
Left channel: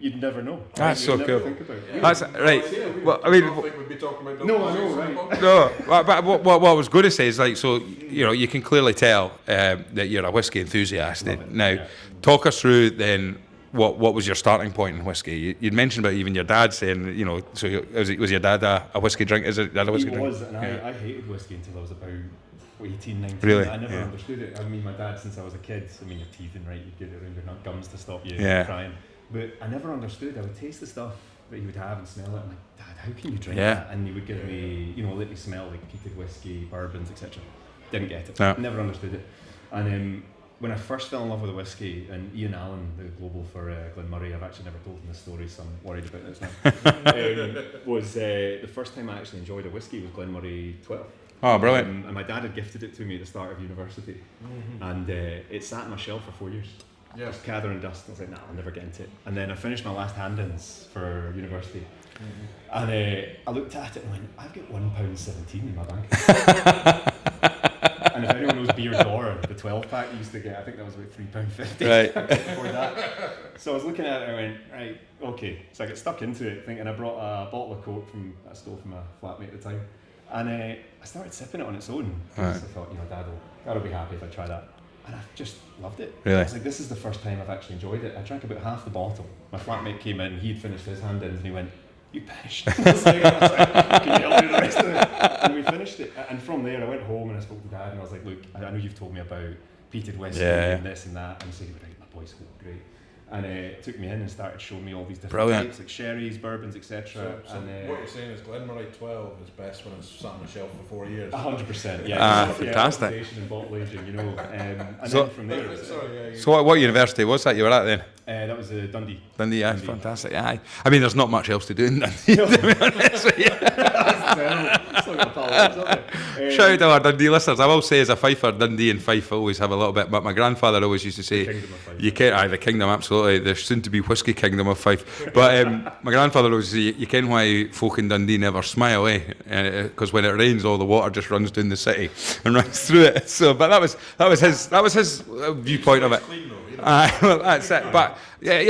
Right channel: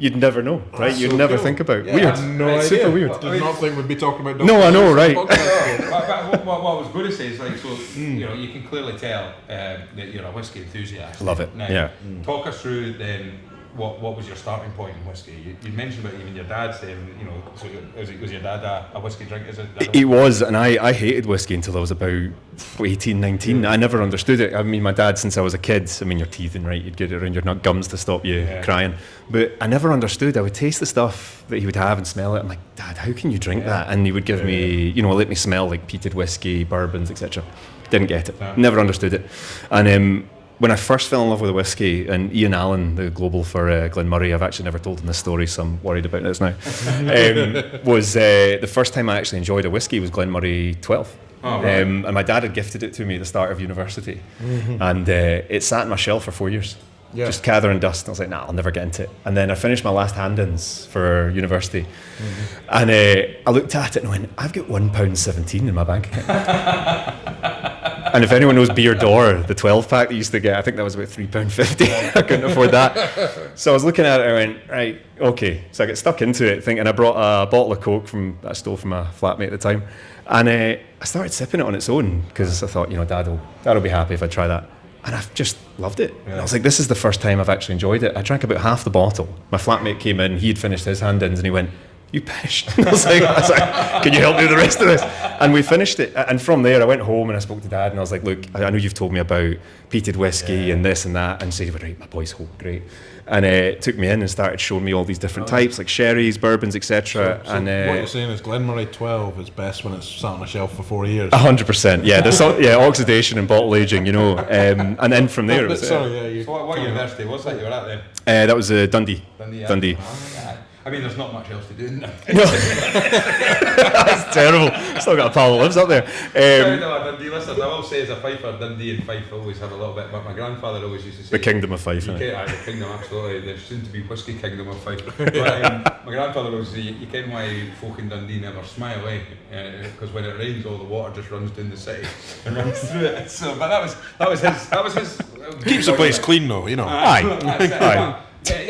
you'd never know, right? You'd never think about. Yeah, weird. Super weird. Well, I mean, nothing would be talking about. No, I know, right? But what I was going to say is, like, so you can clearly tell that you're a whiskey enthusiast. Love it. Now, talk us through then. What was your starting point in whiskey? You'd mentioned about even your dad saying, so was your dad a whiskey drink? He was, and I hated whiskey until I was about 18, 19. Really? I never understood it. I mean, my dad, since I was a kid, you're teething, right? You'd get it around your gums to stop you crying. But I never understood. I would taste the stuff that he would have and smell it. I'm like, Dad, how can you drink that? And he would give me, let me smell like peated whiskey, bourbons, etc. Didn't get it. No. Never understood it. And when I first fell in love with a whiskey, and Ian Allen, the global for Glenmurray, I've actually never told him this story, so I'm worried about this now, was the first time I actually enjoyed a whiskey was Glenmurray 12. Oh, right. And my dad had gifted it to me at the start of university, and it sat on my shelf for 4 years. Just gathering dust. I was like, nah, I'll never get into it. And then I finished my last hand-ins for university, and I looked at it and went, I've got £1.17 in my bank account. And if anyone knows Beer Door, the 12-pack that used to get, I think that was about £3.50. Right. I couldn't afford that. So I was looking at it and I went, right, okay. So I got stuck into it thinking, I brought a bottle of Coke that I stole from a flatmate at the time. And I started sipping it on its own, because I thought, Dad'll be happy if I try that. And I've just loved it. Really? I was like, this is the first time I've actually enjoyed it. I drank about half the bottle. My flatmate came in, he'd finished his hand-ins, and he went, you pish. I was like, can you help me with the rest of this? And we finished it. And from there, I went home and I spoke to Dad, and I was like, look, I know you've told me about peated whiskey and this and that. And he said, right, my boy's home, great. And took me in and started showing me all these different types, like sherries, bourbons, etc. So what you're saying is Glenmurray 12 is best when it's sat on a shelf for 4 years. 100%, yeah. There's oxidation and bottle aging, and then from there. So what university was that you were at then? That was Dundee. Dundee. Fantastic. Yeah. I mean, there's not much else to do in Dundee. That's terrible. Still got a pal that lives up there. Shout out to our Dundee listeners. I will say, as a Fifer, Dundee and Fife always have a little bit, but my grandfather always used to say, the Kingdom of Fife. The Kingdom, absolutely. The soon-to-be whiskey kingdom of Fife. But my grandfather always said, you ken why folk in Dundee never smile, because when it rains, all the water just runs down the city and runs through it. So, but that was his. Keeps the place clean, though, Aye.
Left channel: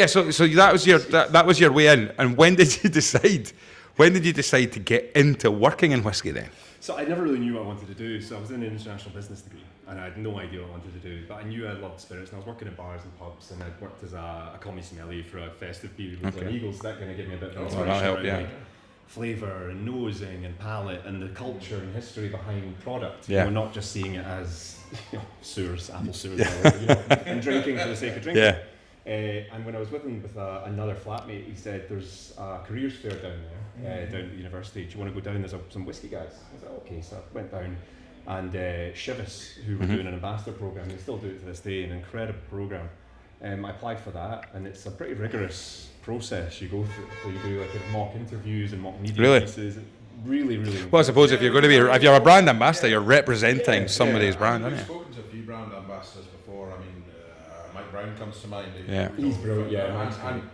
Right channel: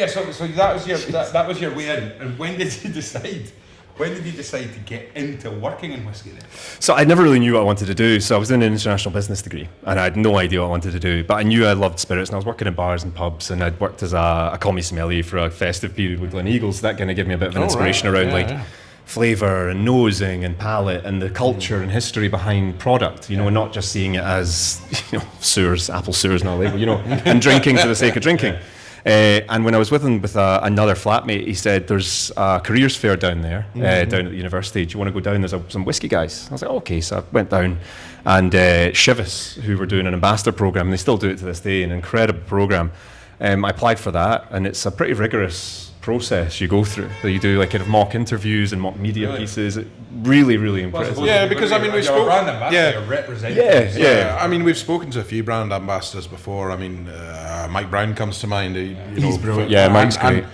So that was your way in. And when did you decide? When did you decide to get into working in whiskey then? So I never really knew what I wanted to do. So I was doing an international business degree, and I had no idea what I wanted to do. But I knew I loved spirits, and I was working in bars and pubs, and I'd worked as a commie sommelier for a festive period with Glen Eagles. So that kind of gave me a bit of an inspiration around flavour and nosing and palate and the culture and history behind product. You know, not just seeing it as sewers, apple sewers and all that. And drinking for the sake of drinking. And when I was with him with another flatmate, he said, there's a careers fair down there, down at the university. Do you want to go down? There's some whiskey guys. I was like, okay. So I went down, and Chivas, who were doing an ambassador program, and they still do it to this day, an incredible program. I applied for that, and it's a pretty rigorous process you go through. So you do like kind of mock interviews and mock media pieces. Really, really Well, I impressive. suppose if you're a brand ambassador, you're representing somebody's I mean, brand. we've spoken to a few brand ambassadors before. I mean, Mike Brown comes to mind. He's brilliant. Yeah, Mike's great.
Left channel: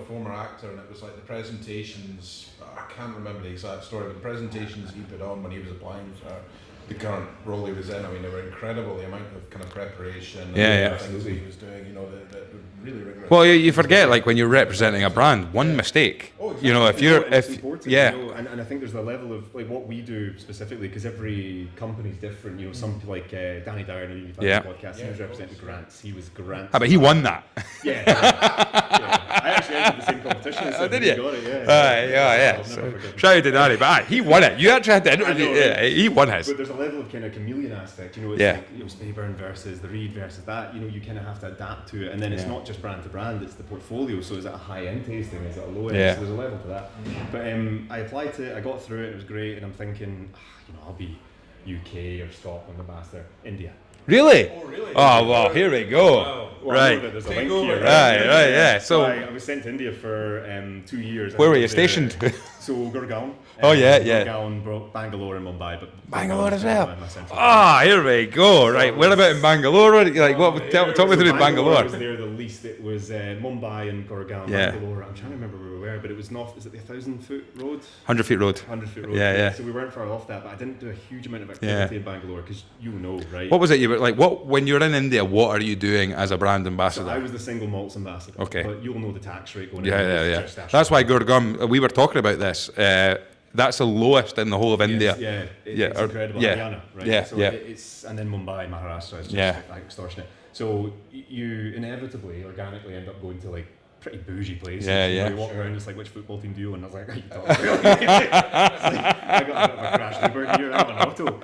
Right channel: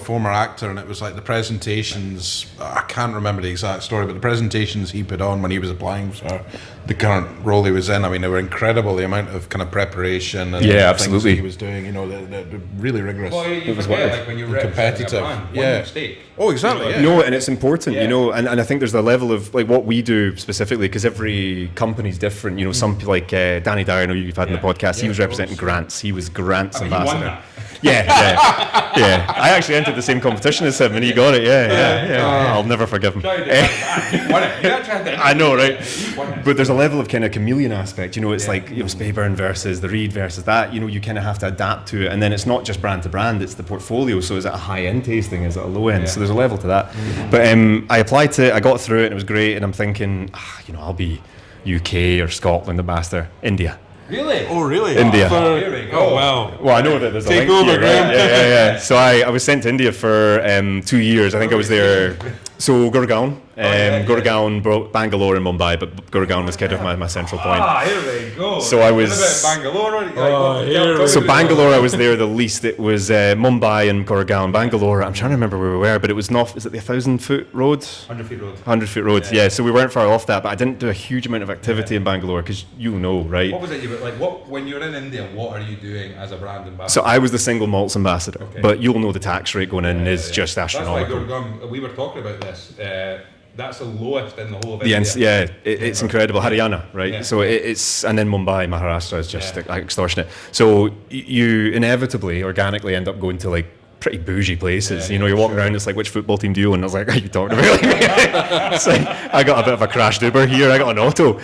Former actor, and it was like the presentations. I can't remember the exact story, but the presentations he put on when he was applying for the current role he was in. I mean, they were incredible. The amount of kind of preparation and things absolutely. that he was doing. They're really rigorous. Well, you forget, like when you're representing a brand, one mistake. Oh, exactly. And it's important, and I think there's the level of like what we do specifically, because every company's different. Some people like Danny Dyer, I know you've had the podcast. He was representing Grant's. He was Grant's. But he won that. Yeah. I actually entered the same competition as him, and he got it. Yeah. I'll never forgive him. Tried to Danny, but he won it. You actually had to. I know, right? He won it. But there's a level of kind of chameleon aspect. It's like Speyburn versus the Reed versus that. You kind of have to adapt to it, and then it's not just brand to brand; it's the portfolio. So is it a high end tasting? Is it a low end? Yeah. So there's a level to that. But I applied to it. I got through it, and it was great. And I'm thinking, I'll be UK or Scotland ambassador, India. Really? Oh, really? India. Oh, here we go. Well, I know that there's a Take link over, here, Grant. right? So I was sent to India for 2 years. I think Where I was were you there. stationed? So Gurgaon. Gurgaon, Bangalore and Mumbai, but Gurgaon is kind of my central point. Here we go. So right. I was- What about in Bangalore? Tell me So about Bangalore, I was there the least. It was Mumbai and Gurgaon. Yeah. Bangalore, I'm trying to remember where we were, but it was not. Is it the 1,000-foot road? 100-foot road. 100-foot road. Yeah. So we weren't far off that, but I didn't do a huge amount of activity in Bangalore because right? What was it? You were like, when you're in India, what are you doing as a brand So ambassador? I was the single malts ambassador. Okay. But you'll know the tax rate going in is just That's why astronomical. Gurgaon. We were talking about this. That's the lowest in the whole of India. It's incredible. Haryana, right? Yeah, So yeah. it's, and then Mumbai, Maharashtra is just extortionate. So you inevitably, organically end up going to like pretty bougie places. You're walking around, it's like, which football team do you own? I was like, are you talking about? It's like, I got a bit of a crashed Uber here, I got an auto.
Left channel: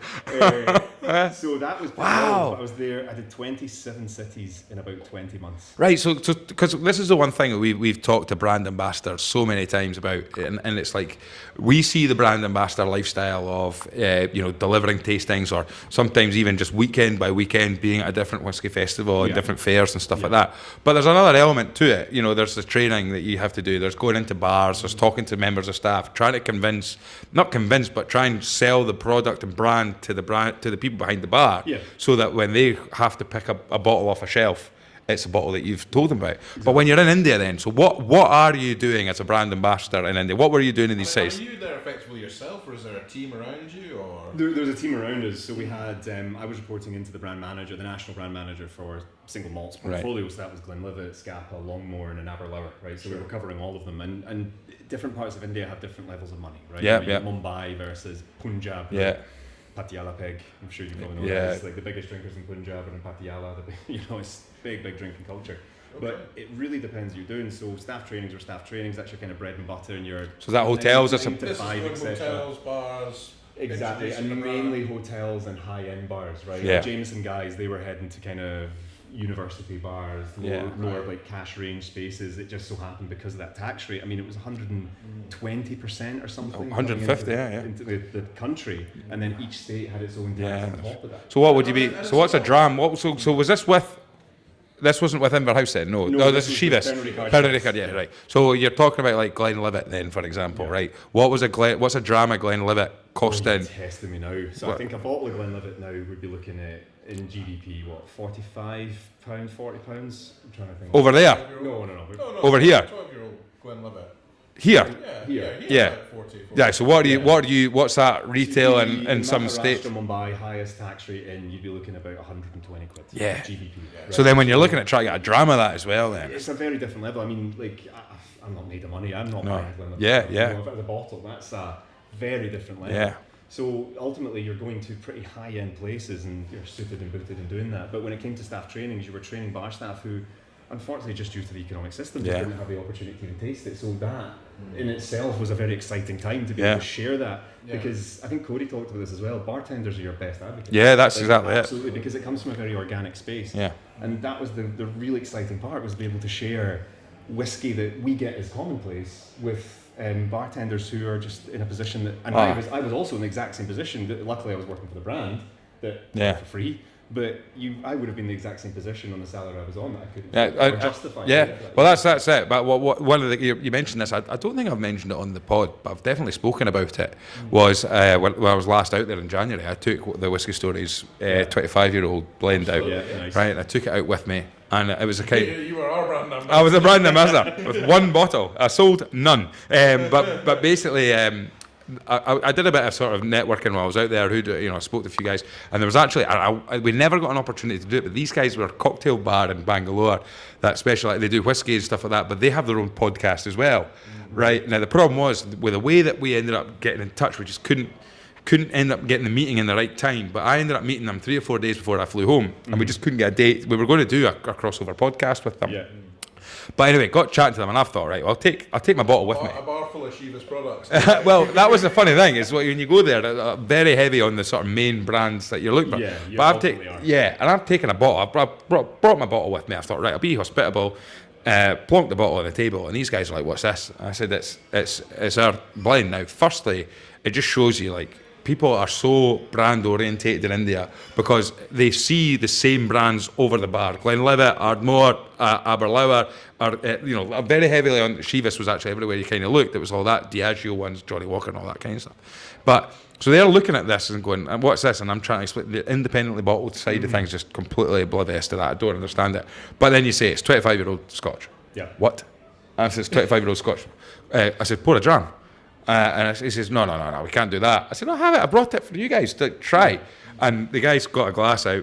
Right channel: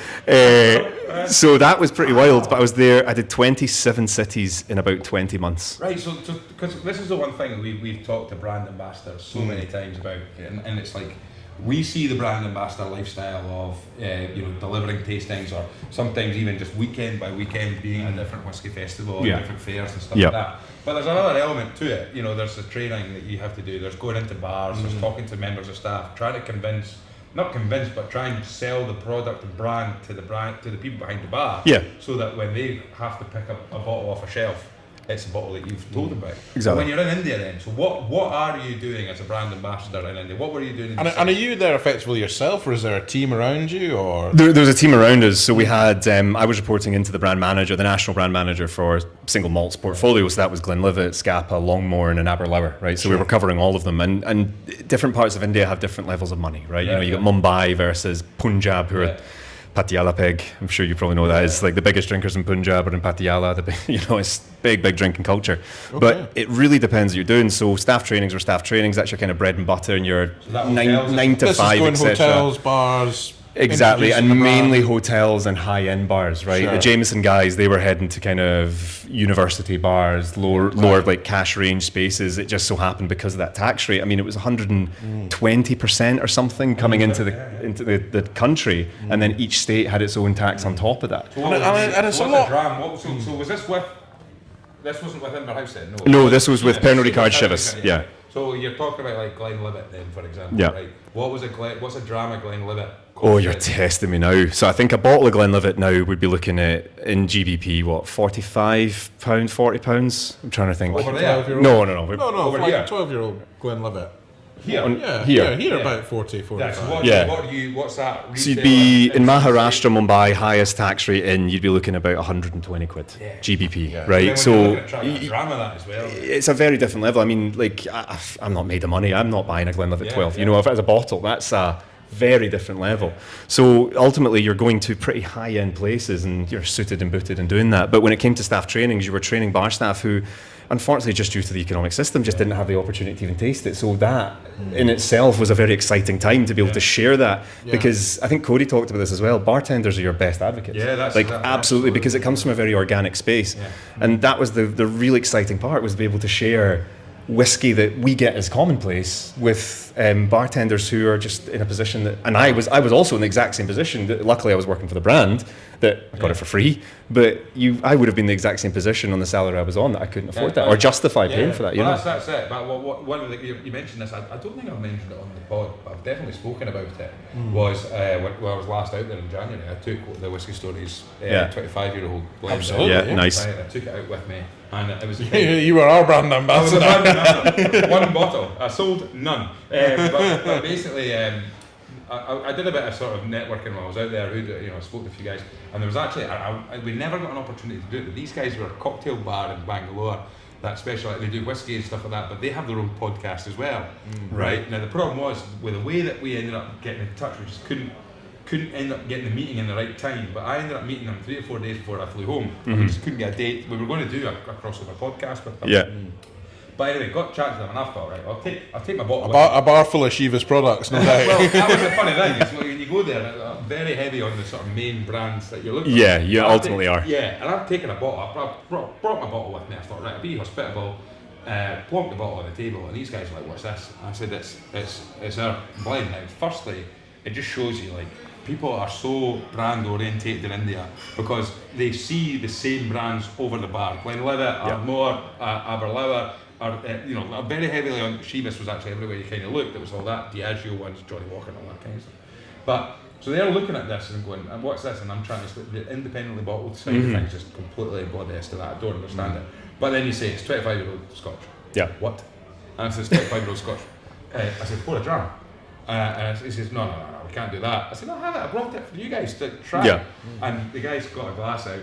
So that was pretty wild, but I was there, I did 27 cities in about 20 months. Right, so because this is the one thing that we've talked to brand ambassadors so many times about, and it's like, we see the brand ambassador lifestyle of delivering tastings, or sometimes even just weekend by weekend being at a different whiskey festival and different fairs and stuff like that. But there's another element to it. There's the training that you have to do. There's going into bars. There's talking to members of staff, trying to but try and sell the product and brand to the people behind the bar. Yeah. So that when they have to pick up a bottle off a shelf, it's a bottle that you've told them about. Exactly. But when you're in India then, so what are you doing as a brand ambassador in India? What were you doing in these And are cities? you there effectively yourself, or is there a team around you, or? There's a team around us. So we had, I was reporting into the brand manager, the national brand manager for single malts portfolio. So that was Glenlivet, Scapa, Longmorn, and Aberlour, right? So we were covering all of them. And different parts of India have different levels of money, right? You got Mumbai versus Punjab, who are Patiala Peg. I'm sure you probably know that. It's like the biggest drinkers in Punjab are in Patiala. It's big drinking culture. Okay. But it really depends what you're doing. So staff trainings are staff trainings. That's your kind of bread and butter, and your So is that hotels or 9 to This 5, is going etc. hotels, bars. Exactly, and introducing the brand. mainly hotels and high-end bars, right? Sure. The Jameson guys, they were heading to kind of university bars, lower like cash range spaces. It just so happened because of that tax rate. I mean, it was 120% or something coming into the country, and then each state had its own tax on top of that. So what would you I mean, be? and it's So what's a a lot- dram? So was this with? This wasn't with Inverhouse then, no. No, Oh, this was with Pernod Ricard Chivas, yeah. Right. So you're talking about like Glenlivet then, for example, Yeah. right? What's a dram of Glenlivet Oh, costing? you're testing me now. So I think a bottle of Glenlivet now would be looking at, in GBP, what, £45, £40? I'm trying to think. Over there? 12-year-old. No. Over here? 12-year-old Glenlivet. Here? Here Yeah. about 40. Yeah, so what's that So you'd retail be in some Maharashtra, state? Mumbai, highest tax rate in, you'd be looking about 120 quid. Yeah. GBP, right? So then when you're looking at trying to get a dram of that as well, then. It's a very different level. I mean, like, I'm not made of money. I'm not buying a Glenlivet Yeah, 12. yeah. You know, if it's a bottle, that's a very different level. Yeah. So ultimately, you're going to pretty high-end places and you're suited and booted and doing that. But when it came to staff trainings, you were training bar staff who unfortunately, just due to the economic system, just didn't have the opportunity to even taste it. So that in itself was a very exciting time to be able to share that, because I think Cody talked about this as well. Bartenders are your best advocates. Yeah, that's like exactly absolutely, because it comes from a very organic space. Yeah. And that was the really exciting part, was to be able to share whiskey that we get as commonplace with bartenders who are just in a position that, and I was also in the exact same position. That luckily I was working for the brand that got it for free, but I would have been in the exact same position on the salary I was on, that I couldn't afford that or justify paying for that. Well, that's it. But one of the, you mentioned this. I don't think I've mentioned it on the pod, but I've definitely spoken about it. Was when I was last out there in January, I took the Whiskey Stories 25-year-old blend out. Yeah, nice. Right, and I took it out with me. And it was a kind of, you were our brand ambassador. I was a brand ambassador with one bottle. I sold none. But basically, I did a bit of sort of networking while I was out there. I spoke to a few guys, and there was actually we never got an opportunity to do it. But these guys were a cocktail bar in Bangalore that specialise. They do whiskey and stuff like that, but they have their own podcast as well. Right now, the problem was with the way that we ended up getting in touch, we just couldn't end up getting the meeting in the right time. But I ended up meeting them 3 or 4 days before I flew home, and we just couldn't get a date. We were going to do a crossover podcast with them. Yeah. But anyway, got chatting to them, and I thought, right, well, I'll take my bottle with me. A bar full of Chivas products. Well, that was the funny thing. Is when you go there, they're very heavy on the sort of main brands that you're looking for. Yeah, you ultimately are. Yeah, and I've taken a bottle. I brought my bottle with me. I thought, right, I'll be hospitable. Plonked the bottle on the table, and these guys are like, "What's this?" And I said, "It's our blend." Now, firstly, it just shows you like, people are so brand orientated in India because they see the same brands over the bar. Glenlivet, Ardmore, Aberlour, are very heavily on. Chivas was actually everywhere you kind of looked. There was all that Diageo ones, Johnny Walker, and all that kind of stuff. But so they're looking at this and going, "What's this?" And I'm trying to explain the independently bottled side of things, just completely oblivious to that. I don't understand it. But then you say it's 25-year-old Scotch. Yeah. What? And I said, it's 25-year-old Scotch. I said, pour a dram. And he says, no, we can't do that. I said, no, have it. I brought it for you guys to try. Yeah. And the guy's got a glass out,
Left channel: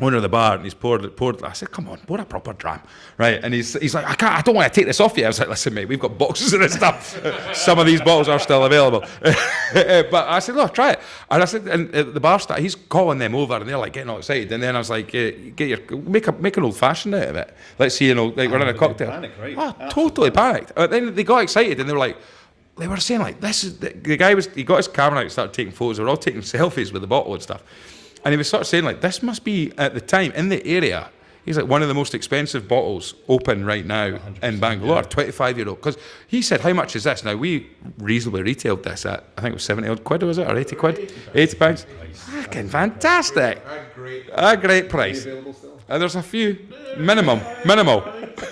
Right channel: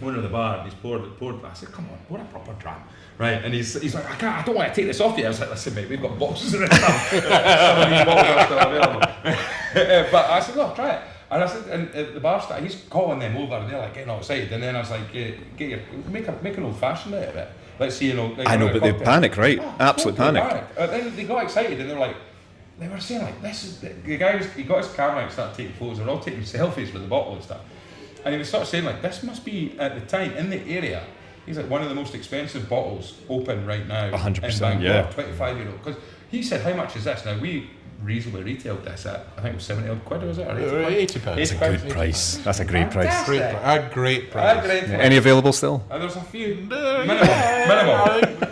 owner of the bar, and he's poured. I said, come on, pour a proper dram, right? And he's like, I don't want to take this off you. I was like, listen, mate, we've got boxes of this stuff. Some of these bottles are still available. But I said, look, try it. And I said, and the bar staff, he's calling them over, and they're like getting all excited. And then I was like, make an old fashioned out of it. Let's see, like running a cocktail. They panic, right? Absolutely totally panicked. Then they got excited, and they were like. They were saying like, this is the guy he got his camera out and started taking photos. They were all taking selfies with the bottle and stuff, and he was sort of saying like, this must be at the time in the area. He's like one of the most expensive bottles open right now 100%, in Bangalore, 25-year-old. Because he said, how much is this? Now we reasonably retailed this at, I think it was 70 odd quid, was it, or 80 quid? 80 pounds. That's a great price. That's a great fantastic. A great price. Any available still? There's a few. Minimal.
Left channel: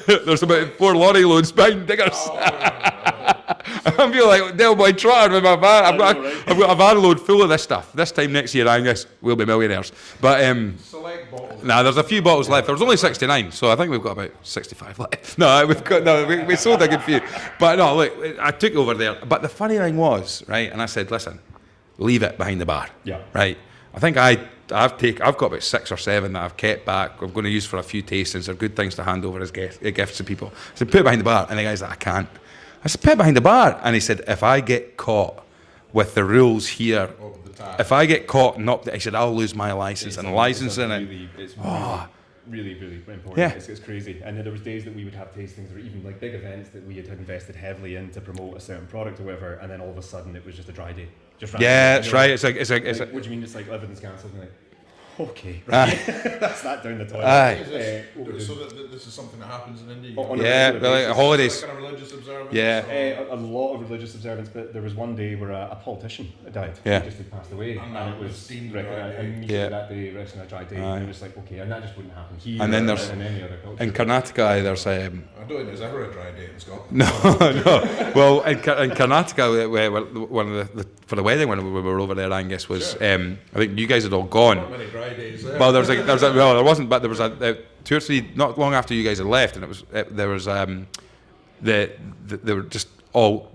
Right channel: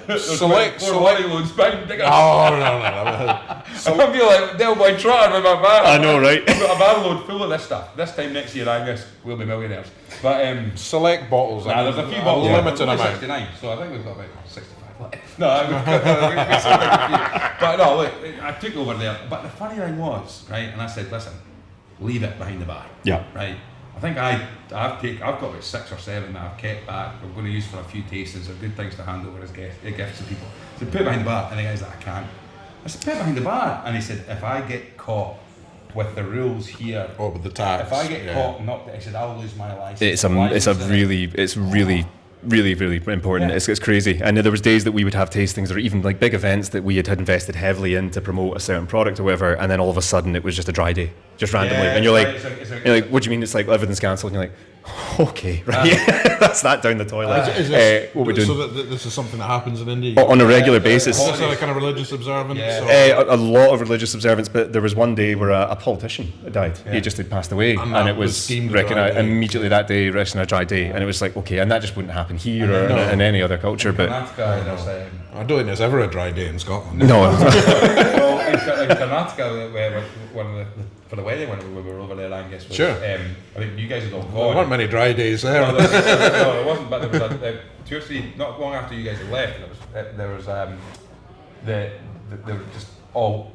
There's about 4 lorry loads behind diggers. Oh, no. I feel like Del Boy Trotter with my van. I know, right? I've got a van load full of this stuff. This time next year, Angus, we'll be millionaires. But select bottles. There's a few bottles left. There's only 69, so I think we've got about 65 left. No, we sold a good few. But no, look, I took over there. But the funny thing was, right, and I said, listen, leave it behind the bar. Yeah. Right. I think I've got about 6 or 7 that I've kept back. I'm going to use for a few tastings. They're good things to hand over as gifts to people. I said, put it behind the bar. And the guy's like, I can't. I said, put it behind the bar. And he said, if I get caught with the rules here, with the tax, if I get caught knocked, he said, I'll lose my license. It's really important. Yeah. It's crazy. And there was days that we would have tastings or even like big events that we had invested heavily in to promote a certain product or whatever, and then all of a sudden it was just a dry day, just randomly. Yeah, and you're right. like, what do you mean? It's like everything's cancelled. And you're like, okay, right. That's that down the toilet. What we're doing. So this is something that happens in India? On a regular basis. Is this a kind of religious observance? Yeah. A lot of religious observance, but there was one day where a politician died. Yeah. He just had passed away, and it was recognised immediately that day, resting a dry day, and it was like, okay, and that just wouldn't happen here or in any other culture. In Karnataka, there's I don't think there's ever a dry day in Scotland. No. Well, in Karnataka, one of the for the wedding when we were over there, Angus, was I think you guys had all gone. There weren't many dry days there. Well, there wasn't, but there was 2 or 3 not long after you guys had left, and it was they were just all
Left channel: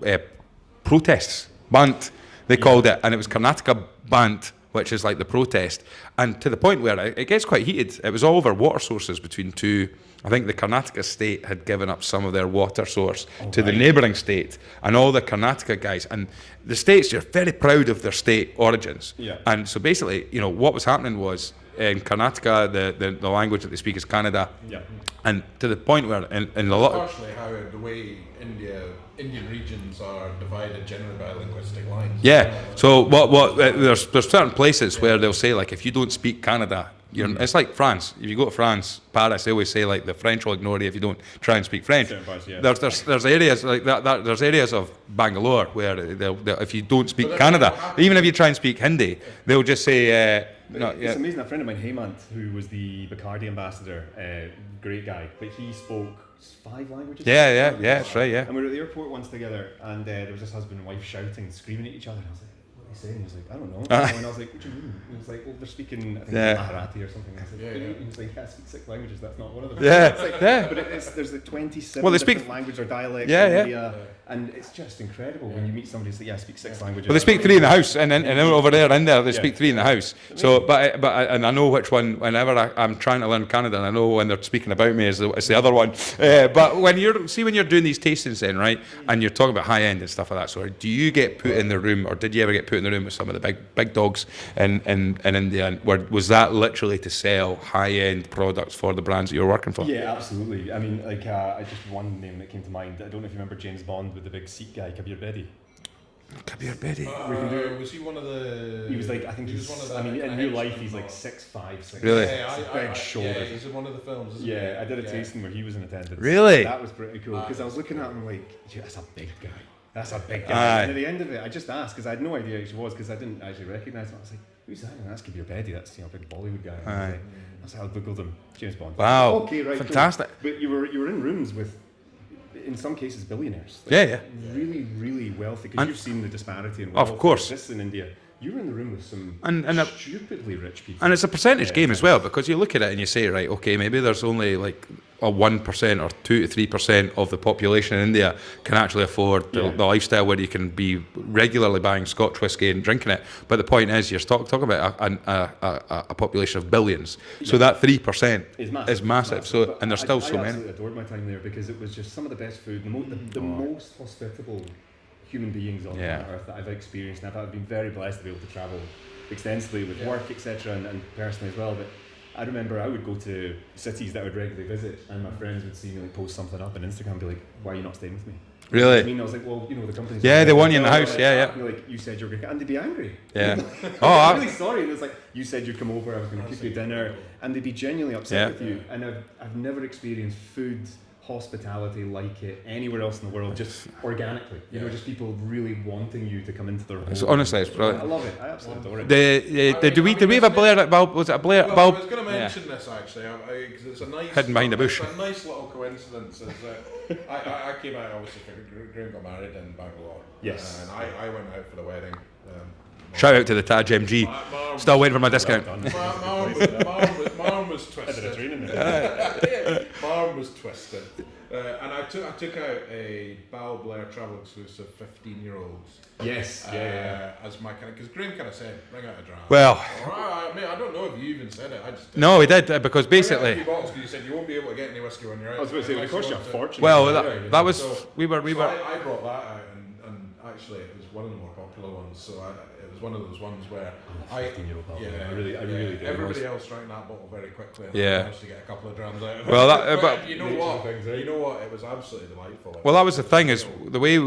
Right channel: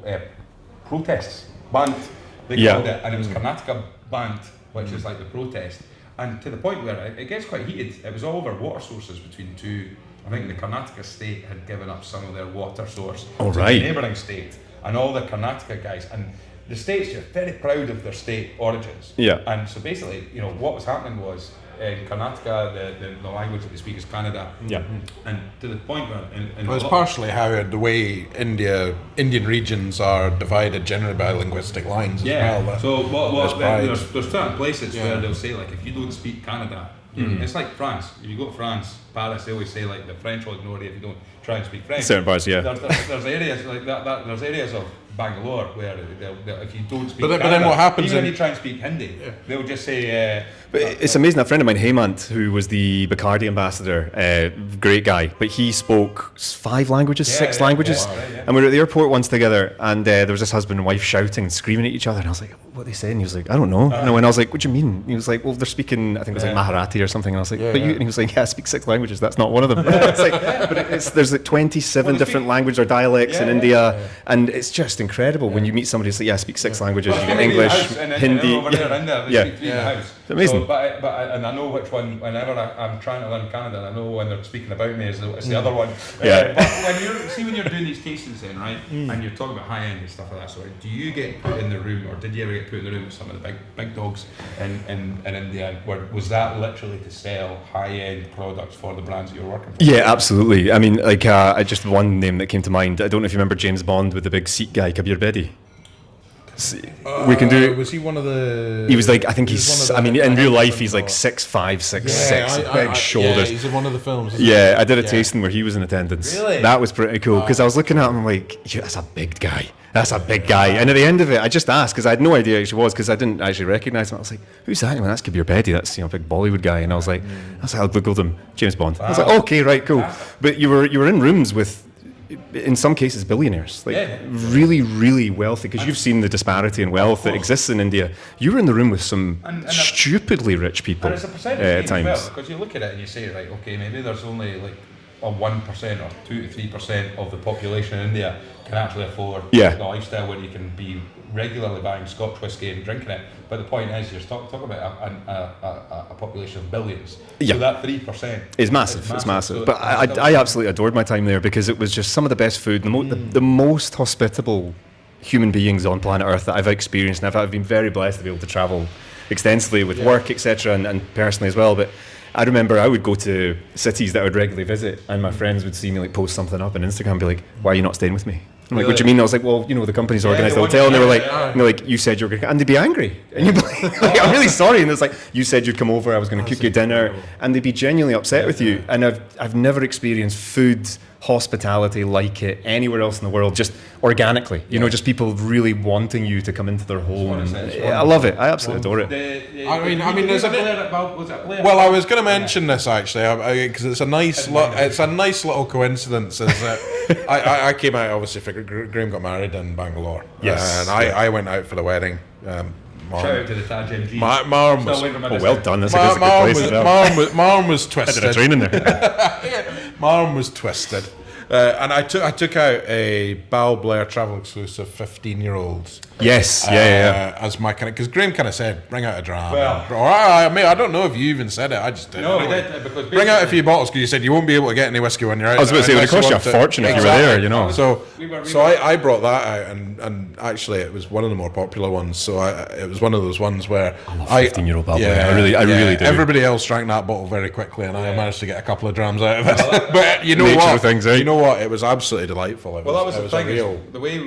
protests, Bant they called it, and it was Karnataka Bant, which is like the protest, and to the point where it gets quite heated. It was all over water sources between two. I think the Karnataka state had given up some of their water source to the neighbouring state, and all the Karnataka guys and the states are very proud of their state origins. Yeah. And so basically, what was happening was in Karnataka, the language that they speak is Kannada. Yeah. And to the point where in a That's lot partially how the way Indian regions are divided generally by linguistic lines. yeah. As well. So there's certain places where they'll say, like, if you don't speak Kannada, it's like France. If you go to France, Paris, they always say, like, the French will ignore you if you don't try and speak French. Certain parts, yeah. There's areas like that. There's areas of Bangalore where they'll if you don't speak But then what Kannada, happens even if you try and speak Hindi, they'll just say. But it's amazing. A friend of mine, Hemant, who was the Bacardi ambassador, great guy, but he spoke 5 languages, 6 languages. Yeah, right, yeah. And we were at the airport once together, and there was this husband and wife shouting and screaming at each other. And I was like, "What are they saying?" And he was like, "I don't know." And I was like, "What do you mean?" And he was like, "Well, they're speaking, I think it was like Marathi or something." And I was like, "But you," and he was like, "Yeah, I speak 6 languages. That's not one of them." It's like, but there's like 27 different languages or dialects in India, and it's just incredible when you meet somebody who's like, "Yeah, I speak 6 languages." Well, they speak 3 in the house, and then over there in there, they speak 3 in the house. Amazing. So, and I know which one. Whenever I'm trying to learn Canada, and I know when they're speaking about me, it's the other one. But when you're doing these tastings, then right, and you're talking about high end and stuff like that. So, do you get put in the room, or did you ever get put in the room with some of the big dogs in India? Was that literally to sell high end products for the brands that you're working for? Yeah, absolutely. I mean, like, just one name that came to mind. I don't know if you remember James Bond with the big Sikh guy, Kabir Bedi. We can do. Was he one of the? He was like, I think he's. I mean, in real life, he's like 6'5", 6'6", big shoulders. Yeah, he's in one of the films. Yeah, I did a tasting where he was in attendance. Really? That was pretty cool because I was looking at him and like, that's a big guy. That's a big guy. And at the end of it, I just asked because I had no idea who he was because I didn't actually recognise him. I was like, "Who's that?" And that's Kabir Bedi. That's a big Bollywood guy. And I was like, "That's how I googled him, James Bond." I was like, "Okay, right, cool." Fantastic. But you were in rooms with, in some cases, billionaires, like really, really wealthy. Because you've seen the disparity in wealth that exists in India. You were in the room with some stupidly rich people, and it's a percentage game as times. well, because you look at it and you say, right, okay, maybe there's only like a 1% or 2 to 3% of the population in India can actually afford the lifestyle where you can be regularly buying Scotch whisky and drinking it. But the point is, you're talking about a population of billions. So that 3% is massive. It's massive. So, but I absolutely adored my time there because it was just some of the best food, the most hospitable human beings on planet Earth that I've experienced. And I've been very blessed to be able to travel extensively with work, etc., and personally as well. But I remember I would go to cities that I would regularly visit, and my friends would see me like post something up on Instagram and be like, "Why are you not staying with me?" I'm like, "What do you mean?" I was like, "Well, the company's organised a hotel," and they were like, and they're like, "You said you were going to," and they'd be angry. And you'd be like, "I'm really sorry," and it's like, "You said you'd come over, I was going to cook you dinner," and they'd be genuinely upset with you. And I've never experienced food hospitality like it anywhere else in the world, just organically, just people really wanting you to come into their home. Honestly, I love it. I absolutely adore it. Did we have a Blair at Balblair? Was it a Blair? Well, I was going to mention this actually because it's a nice little coincidence. Is that I came out obviously for Graham got married in Bangalore. Yes, and I went out for the wedding. Shout out to the Taj MG. Still waiting for my discount. Well done. That's a good place. Marm was twisted. I did a training there. Marm was twisted. And I took out a Balblair travel exclusive 15-year-olds. Yes, as my kind of, because Graham kind of said, bring out a dram. Well, or I don't know if you even said it. I just did. No, we did because basically bring out a few bottles because you said you won't be able to get any whiskey when you're out. I was about to say it would cost you a fortune if you were there. So I brought that out, and actually it was one of the more popular ones. So it was one of those ones where I'm a 15-year-old Balblair. I really do. Everybody else drank that bottle very quickly, and I managed to get a couple of drams out of it. But you know what? You know what? It was absolutely delightful. Well, that was the thing. Is the way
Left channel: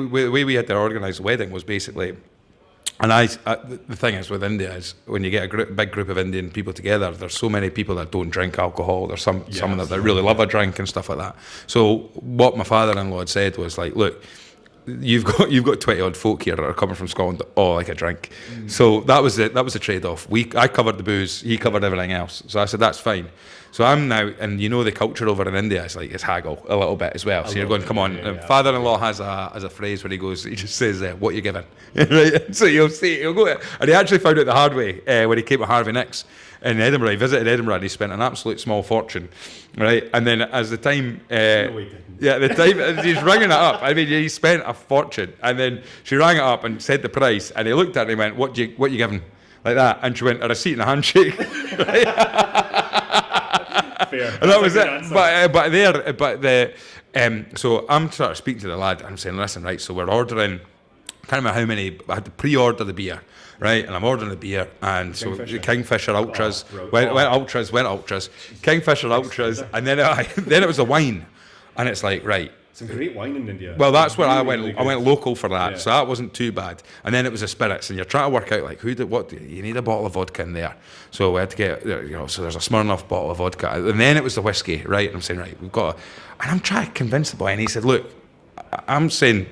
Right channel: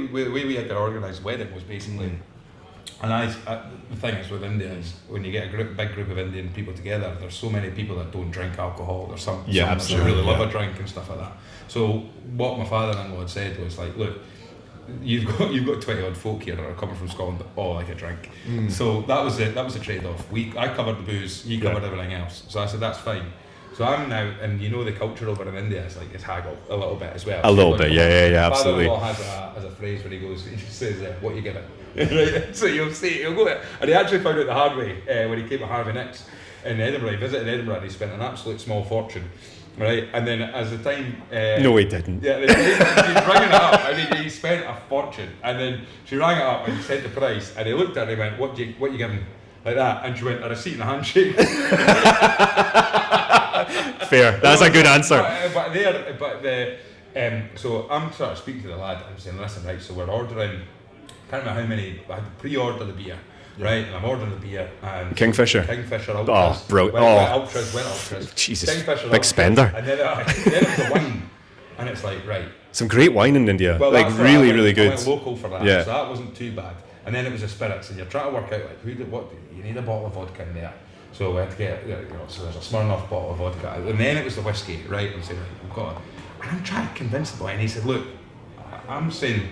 we had to organise the wedding was basically, and the thing is with India is when you get a big group of Indian people together, there's so many people that don't drink alcohol. There's some that really love a drink and stuff like that. So what my father-in-law had said was like, look, you've got 20 odd folk here that are coming from Scotland that all like a drink. So that was the trade-off. I covered the booze, he covered everything else. So I said that's fine. So I'm now, and the culture over in India is like, it's haggle a little bit as well. A little bit, yeah. Father-in-law has a phrase where he just says, "What you giving?" So he'll go, and he actually found it the hard way when he came to Harvey Nicks in Edinburgh. He visited Edinburgh and he spent an absolute small fortune. Right, and then as the time... no, he didn't. Yeah, the time he's ringing it up. I mean, he spent a fortune, and then she rang it up and said the price, and he looked at her and he went, "What you giving?" Like that, and she went, "A receipt and a handshake." Fair. That's a good answer. So I'm sort of speaking to the lad. I'm saying, "Listen, right. So we're ordering can't remember how many. I had to pre-order the beer, right? And I'm ordering the beer and Kingfisher. Kingfisher Ultras. Bro. Went Ultras. Jesus. Kingfisher Big Ultras. spender. And then it was the wine, and it's like, right. Some great wine in India. Well, like, that's where really, I went, really good. I went local for that, Yeah. so that wasn't too bad. And then it was the spirits, and you're trying to work out like you need a bottle of vodka in there. So we had to get, so there's a Smirnoff bottle of vodka, and then it was the whiskey, right? And I'm saying, right, we've got, and I'm trying to convince the boy, and he said, look, I'm saying,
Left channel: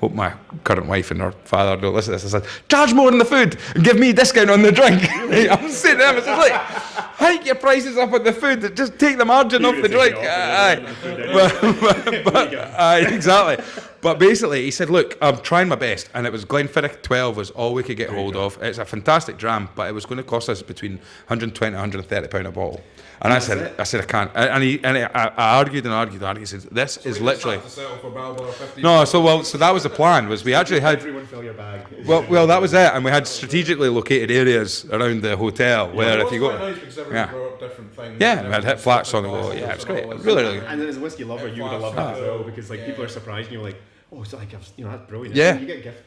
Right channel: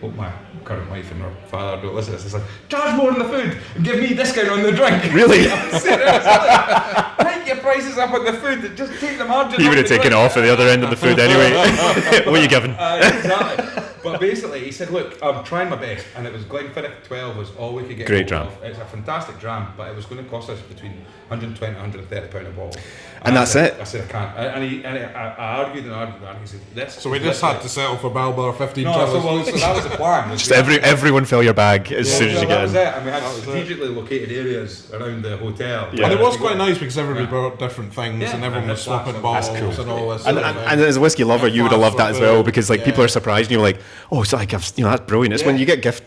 hope my current wife and her father don't listen to this. I said, charge more on the food and give me a discount on the drink. Really? I was saying, I was like, hike your prices up on the food, just take the margin You off would the have taken drink. off at the other end of the food anyway. What are you giving? Exactly. But basically, he said, look, I'm trying my best. And it was Glenfiddich 12 was all we could get Great hold dram. of. It's a fantastic dram, but it was going to cost us between 120 and 130 pound a bottle. And I that's said, it. I said, I can't. I argued and argued and argued. He said, this So is we just literally... had to settle for Balblair 15. No, so that was the plan. Was Just we actually had- everyone fill your bag as soon as well, you that get was in. it. And we had strategically located areas around the hotel. But where it was you quite got- nice because everybody Yeah. brought different things. Yeah, and we everyone had flats swapping on the bottles whiskey. and all this. And as a whiskey lover, you would have loved that as well, because like people Yeah. are surprised and you're like, oh, it's like that's brilliant. It's Yeah. when you get gift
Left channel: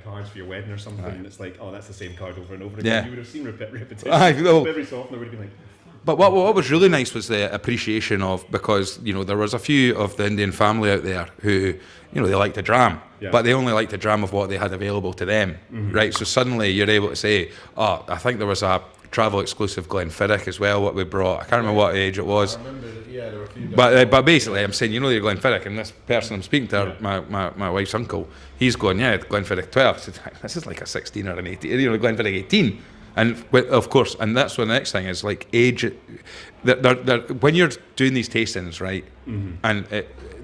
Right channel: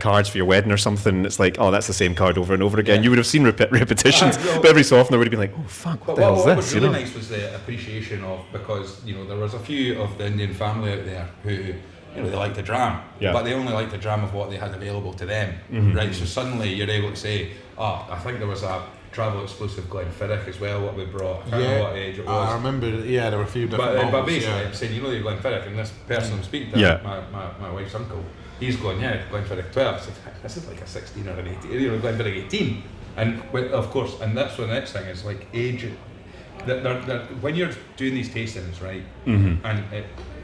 cards for your wedding or something. It's like, oh, that's the same card over and over again. Yeah. You would have seen repetitions, I know. but every so often there would have been like, oh fuck. But the hell what is was this, really you know? nice was the appreciation of, because there was a few of the Indian family out there who they liked the dram, Yeah. but they only liked the dram of what they had available to them, right? So suddenly you're able to say, oh, I think there was a travel exclusive Glenfiddich as well, what we brought. I can't remember what age it was. I remember, there were a few different But models, basically, yeah. I'm saying, your Glenfiddich, and this person I'm speaking to, Yeah. my wife's uncle, he's going, Glenfiddich 12. I said, this is like a 16 or an 18, Glenfiddich 18. And of course, and that's what the next thing is, like age. When you're doing these tastings, right, and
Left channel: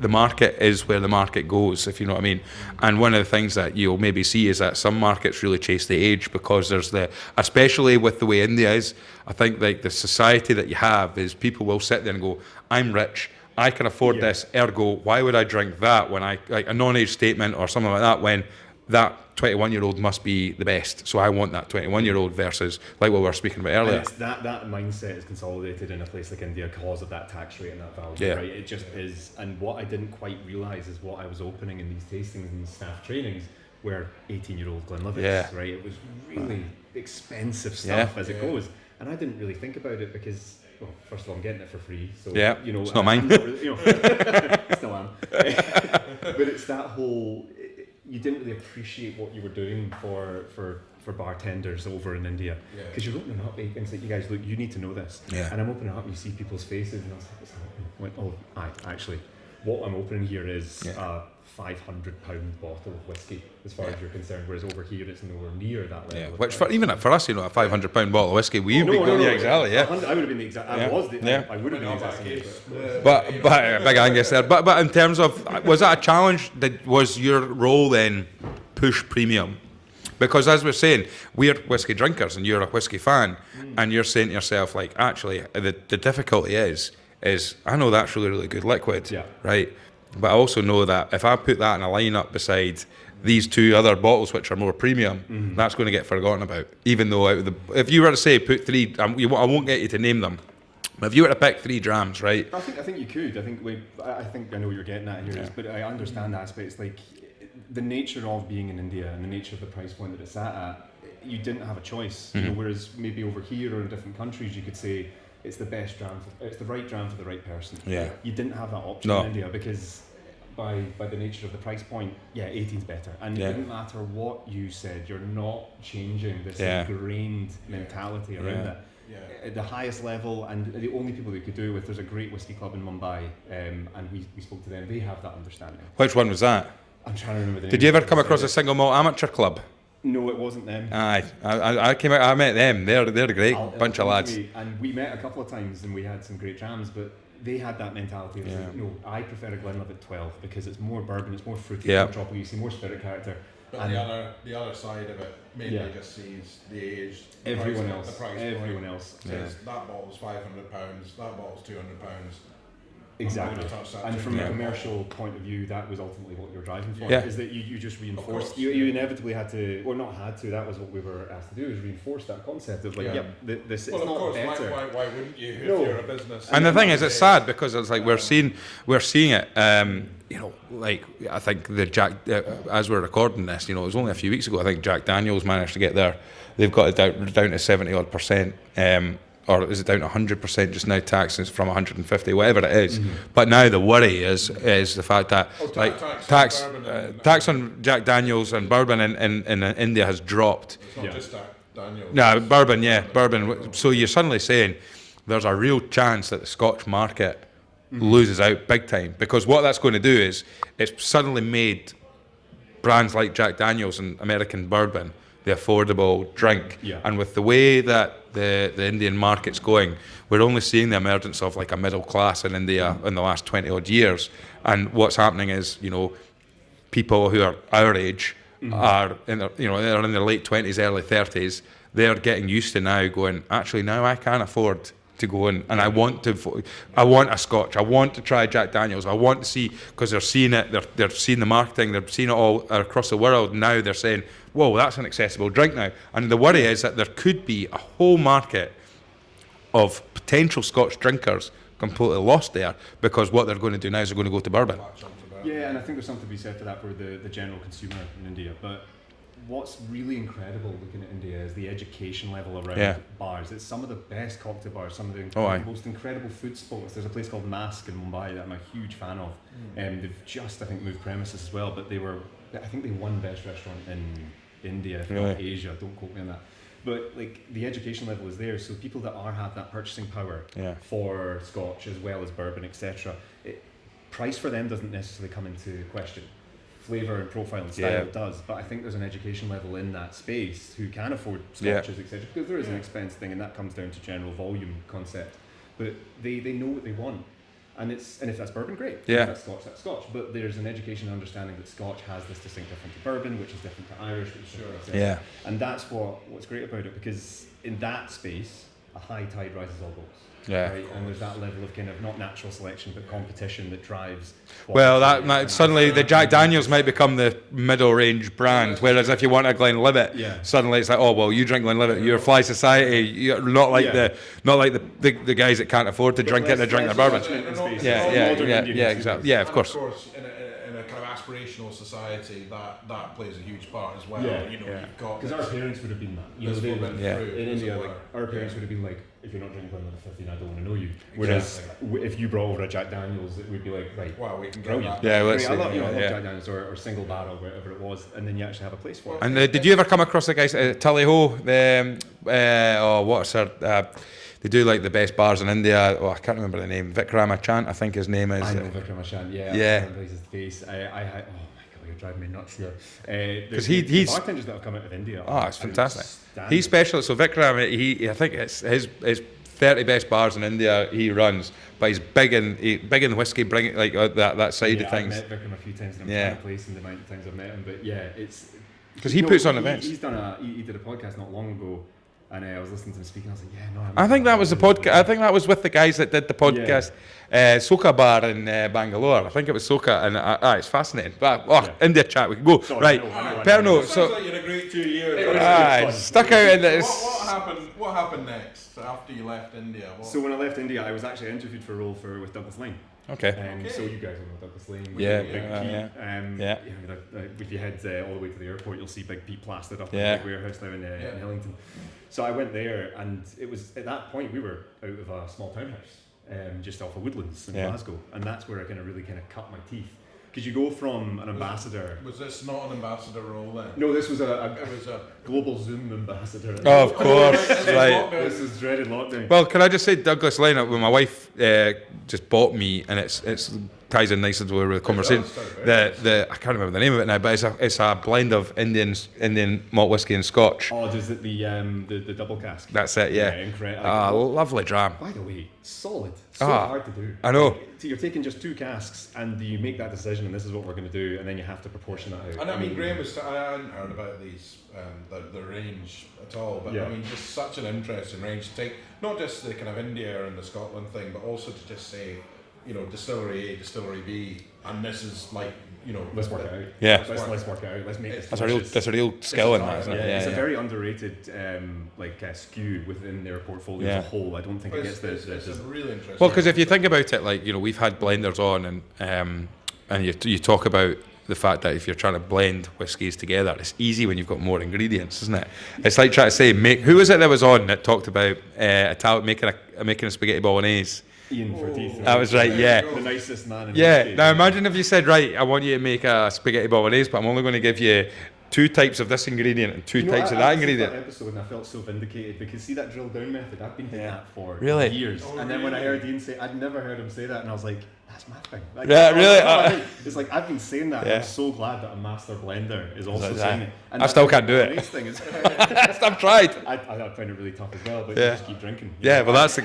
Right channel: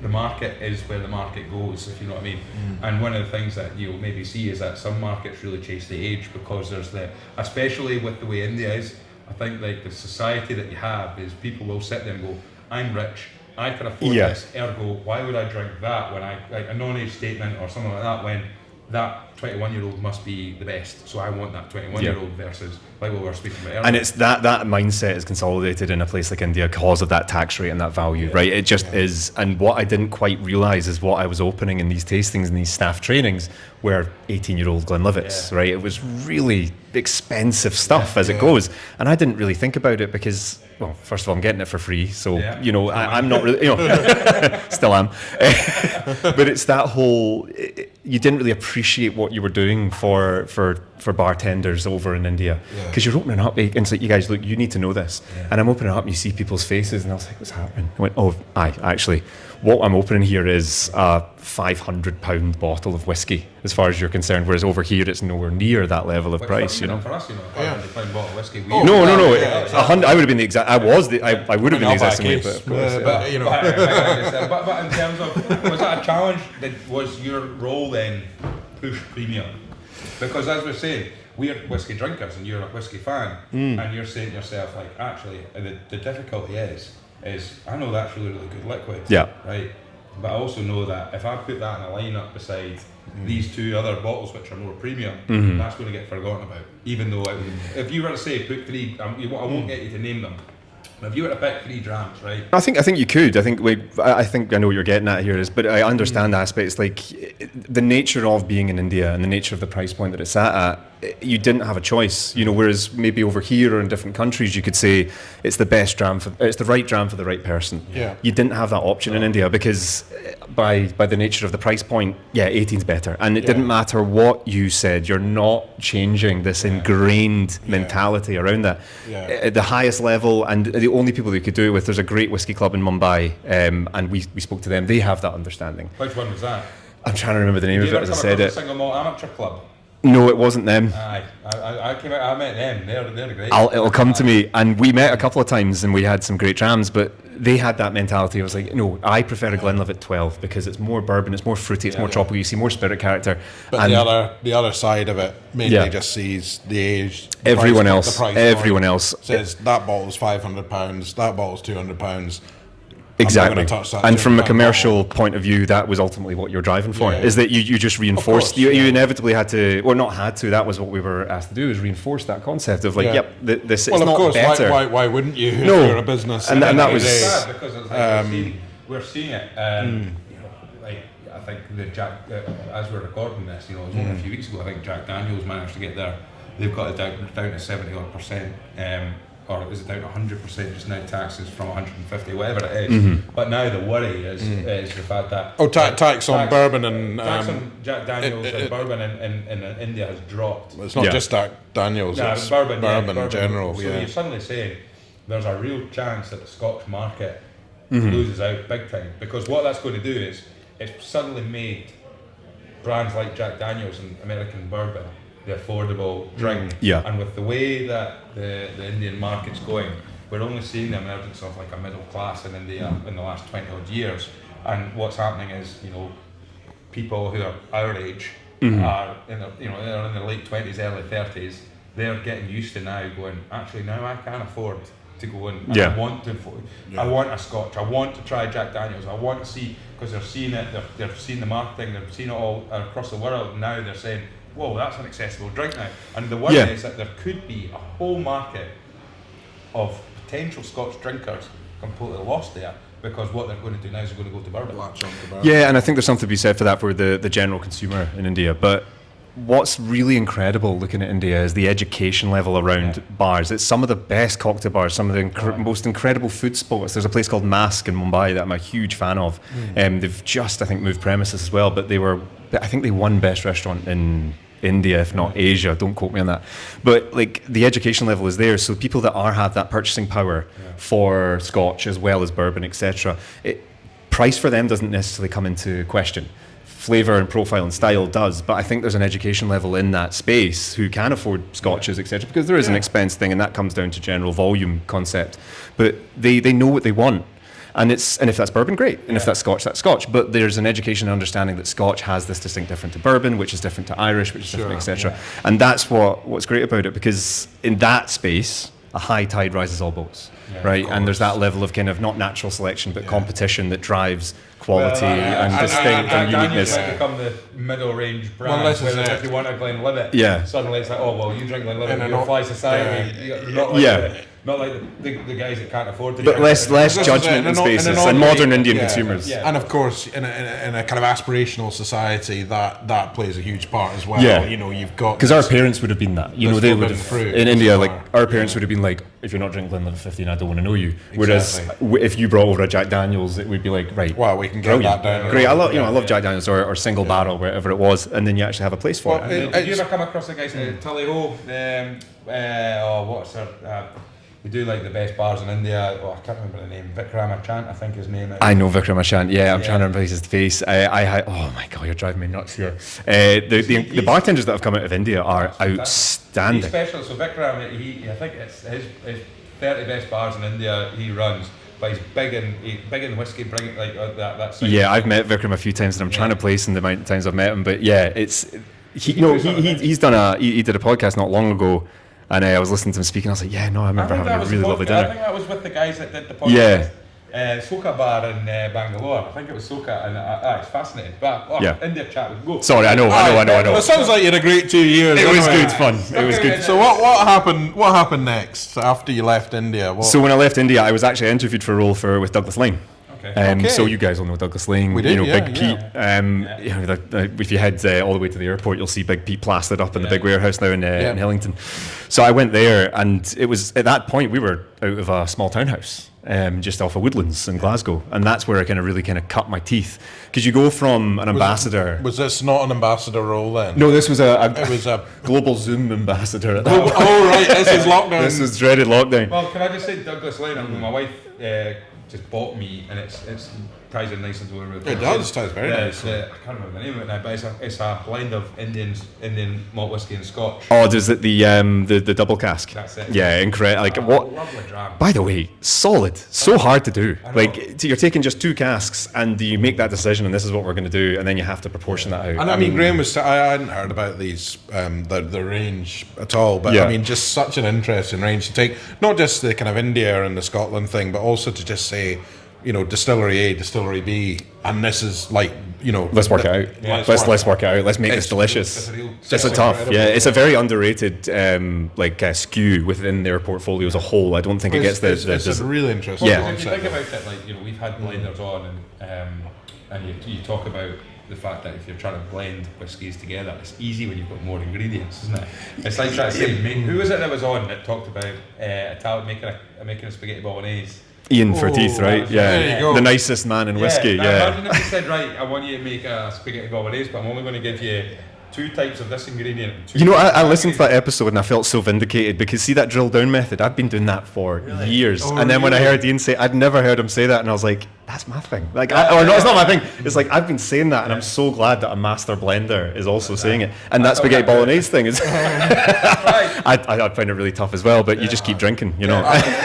the market is where the market goes, if you know what I mean. And one of the things that you'll maybe see is that some markets really chase the age, because there's especially with the way India is, I think like the society that you have is people will sit there and go, I'm rich, I can afford Yeah. this, ergo, why would I drink that when like a non-age statement or something like that, when that 21-year-old must be the best. So I want that 21-year-old versus like what we were speaking about earlier. And it's that mindset is consolidated in a place like India because of that tax rate and that value, Yeah. right? It just is. And what I didn't quite realise is what I was opening in these tastings and these staff trainings were 18-year-old Glenlivets, Yeah. right? It was really expensive stuff as it goes. And I didn't really think about it because, well, first of all, I'm getting it for free. So, Still mine. I'm not really, still am. But it's that whole, you didn't really appreciate what you were doing for bartenders over in India, because you're opening up and it's like, you guys, look, you need to know this. And I'm opening up and you see people's faces and I was like, what's happening? I went, oh, actually, what I'm opening here is a £500 bottle of whiskey, as far as you're concerned, whereas over here it's nowhere near that level of Which price. even for us, a £500 bottle of whiskey. No. I would have been the exact. I would have been the exact same way, but of course. But in terms of, was that a challenge? Was your role then push premium? Because as we're saying, we're whiskey drinkers and you're a whiskey fan, and you're saying to yourself, like, actually, the difficulty is I know that's really, really good liquid, right? But I also know that if I put that in a lineup beside these two other bottles which are more premium, that's going to get forgotten about. Even though if you were to say put three, I won't get you to name them. If you were to pick 3 drams, right? I think you could. I think I know what you're getting at here is, but I understand aspects like the nature of being in India and the nature of the price point that it's at. You didn't have a choice, whereas maybe over here or in different countries you could say it's the best dram it's the right dram for the right person. Yeah. You didn't have that option in India because by the nature of the price point, 18's better. And it didn't matter what you said, you're not changing this ingrained mentality around that. At the highest level, and the only people who could do it with, there's a great whiskey club in Mumbai, and we spoke to them. They have that understanding. Which one was that? I'm trying to remember the name Did you of ever it. come across a single malt amateur club? No, it wasn't them. Aye, I came out. I met them. They're great. It'll come to me. And we met a couple of times, and we had some great drams. But they had that mentality. I was like, no, I prefer a Glenlivet 12 because it's more bourbon, it's more fruity, it's more tropical. You see more spirit character. But and the other side of it mainly just sees the age. Everyone Everyone else says that bottle's £500, that bottle's £200. Exactly. Touch that And from a £200 commercial point of view, that was ultimately what you're driving for. Yeah. Is that you just reinforced, course, you inevitably had to, or not had to, that was what we were asked to do, is reinforce that concept of like, this Well, it's of not course, better. why wouldn't you if No. you're a business? And the thing is, nowadays, it's sad because it's like we're seeing it. like I think the as we're recording this, you know, it was only a few weeks ago. I think Jack Daniels managed to get there. They've got it down to 70% odd, or is it down to 100% just now? Taxes from 150, whatever it is. But now the worry is the fact that tax on bourbon and tax on Jack Daniels and bourbon in India has dropped. It's not just Jack Daniels. No, it's bourbon in general. So you're suddenly saying there's a real chance that the Scotch market loses out big time, because what that's going to do is it's suddenly made brands like Jack Daniels and American bourbon the affordable drink. And with the way that the Indian market's going, we're only seeing the emergence of like a middle class in India in the last 20 odd years. And what's happening is, you know, people who are our age are in their, you know, they're in their late 20s, early 30s. They're getting used to now going, actually now I can afford to go in, and I want a Scotch, I want to try Jack Daniels, I want to see, because they're seeing it, they're seeing the marketing, they're seeing it all across the world. Now they're saying, whoa, that's an accessible drink now. And the worry is that there could be a whole market of potential Scotch drinkers completely lost there, because what they're going to do now is they're going to go to bourbon. Yeah, and I think there's something to be said for that for the general consumer in India. But what's really incredible looking at India is the education level around bars. It's some of the best cocktail bars, some of the most incredible food spots. There's a place called Mask in Mumbai that I'm a huge fan of. They've just, I think, moved premises as well, but I think they won best restaurant in India, if not Asia. Don't quote me on that. But like the education level is there, so people that have that purchasing power for Scotch as well as bourbon, etc. Price for them doesn't necessarily come into question. Flavour and profile and style does, but I think there's an education level in that space who can afford Scotches, etc. Because there is an expense thing, and that comes down to general volume concept. But they know what they want. And if that's bourbon, great. And if that's Scotch, that's Scotch. But there's an education and understanding that Scotch has this distinct different to bourbon, which is different to Irish, which is different, etc. And that's what's great about it, because in that space, a high tide rises all boats, right? And there's that level of kind of not natural selection, but competition that drives quality. Well, suddenly the Jack Daniels might become the middle range brand, whereas if you want a Glenlivet, suddenly it's like, oh well, you drink Glenlivet, you're a fly society, you're not like the guys that can't afford to drink. But less judgment in spaces and modern Indian consumers. And of course, in a kind of aspirational society, that plays a huge part as well. You know, you've got, because our parents would have been that. You know, they would have in India. Like our parents would have been like, if you're not drinking Glenlivet 15, I don't want to know you. Whereas if you brought over a Jack Daniels, it would be like, right, well, we can get that down. Great, I love Jack Daniels or single barrel, wherever it was, and then you actually have a place for it. And did you ever come across the guys at Tully Ho? What's her? They do like the best bars in India. Oh, I can't remember the name. Vikramachand, I think his name is. I know Vikramachand. Yeah, I'm trying to remember his face. Oh my god, you're driving me nuts here. The bartenders that have come out of India are outstanding. He's special. So Vikram, I think it's his 30 best bars in India he runs. But he's big in whiskey, bringing like that side. Yeah, I've met Vikram a few times, and I'm trying to place in the amount of times I've met him. But yeah, he did a podcast not long ago. And I was listening to him speaking. I was like, I think that was the podcast. I think that was with the guys that did the podcast. Soka Bar in Bangalore. I think it was Soka, and it's fascinating. But India chat, we can go. Sorry, I know. It sounds like you had a great 2 years. It was good fun. So what happened? What happened next after you left India? So when I left India, I was actually interviewed for a role with Douglas Lane. Okay. So you guys all know Douglas Lane, Big Pete. If you head all the way to the airport, you'll see Big Pete plastered up in the big warehouse now in Hillington. So I went there, and it was at that point we were out of a small townhouse just off of Woodlands in Glasgow, and that's where I really cut my teeth, because you go from an ambassador. Was this not an ambassador role then? No, this was a global Zoom ambassador. At that point. Right, this was lockdown. This was dreaded lockdown. Well, can I just say Douglas Lane? When my wife just bought me, and it's ties in nicely to where we're conversation. It does, very nicely. I can't remember the name of it now, but it's a blend of Indian malt whiskey and Scotch. Oh, does it the double cask? That's it. Yeah, incredible. Lovely dram. By the way, solid. So hard to do. I know. Like you're taking just 2 casks, and you make that decision, and this is what we're going to do, and then you have to proportion that out. And I mean, Graham was. I hadn't heard about these the range at all, but I mean, just such an interesting range to take. Not just the kind of India and the Scotland thing, but also to just say, distillery A, distillery B, and this is like, let's work it out. Yeah, let's work it out. Let's make this delicious. It's a tough. Yeah, it's a very underrated SKU within their portfolio as a whole. I don't think it gets It's really interesting. Well, because if you think about it, we've had blenders on, and and you talk about the fact that if you're trying to blend whiskies together, it's easy when you've got more ingredients, isn't it? It's like trying to say, who was it that was on that talked about making a spaghetti bolognese? Ian Forteith, right? Was right, yeah. The nicest man in Yeah. whiskey. Now imagine if he said, right, I want you to make a spaghetti bolognese, but I'm only going to give you 2 types of this ingredient and 2 You know, types of I that listened to that ingredient. episode and I felt so vindicated because see that drill down method, I've been doing that for Really? years. Oh, and then when I really? heard Ian say, I'd never heard him say that, and I was like, that's my thing. Like, Yeah, or yeah. that's not my thing. It's like I've been saying that, and Yeah. I'm so glad that a master blender is also Like saying that. it. And I that still spaghetti can't do it. bolognese thing is. That's right. I find it really tough as well, but you Yeah. just keep drinking, you Yeah, know. well, that's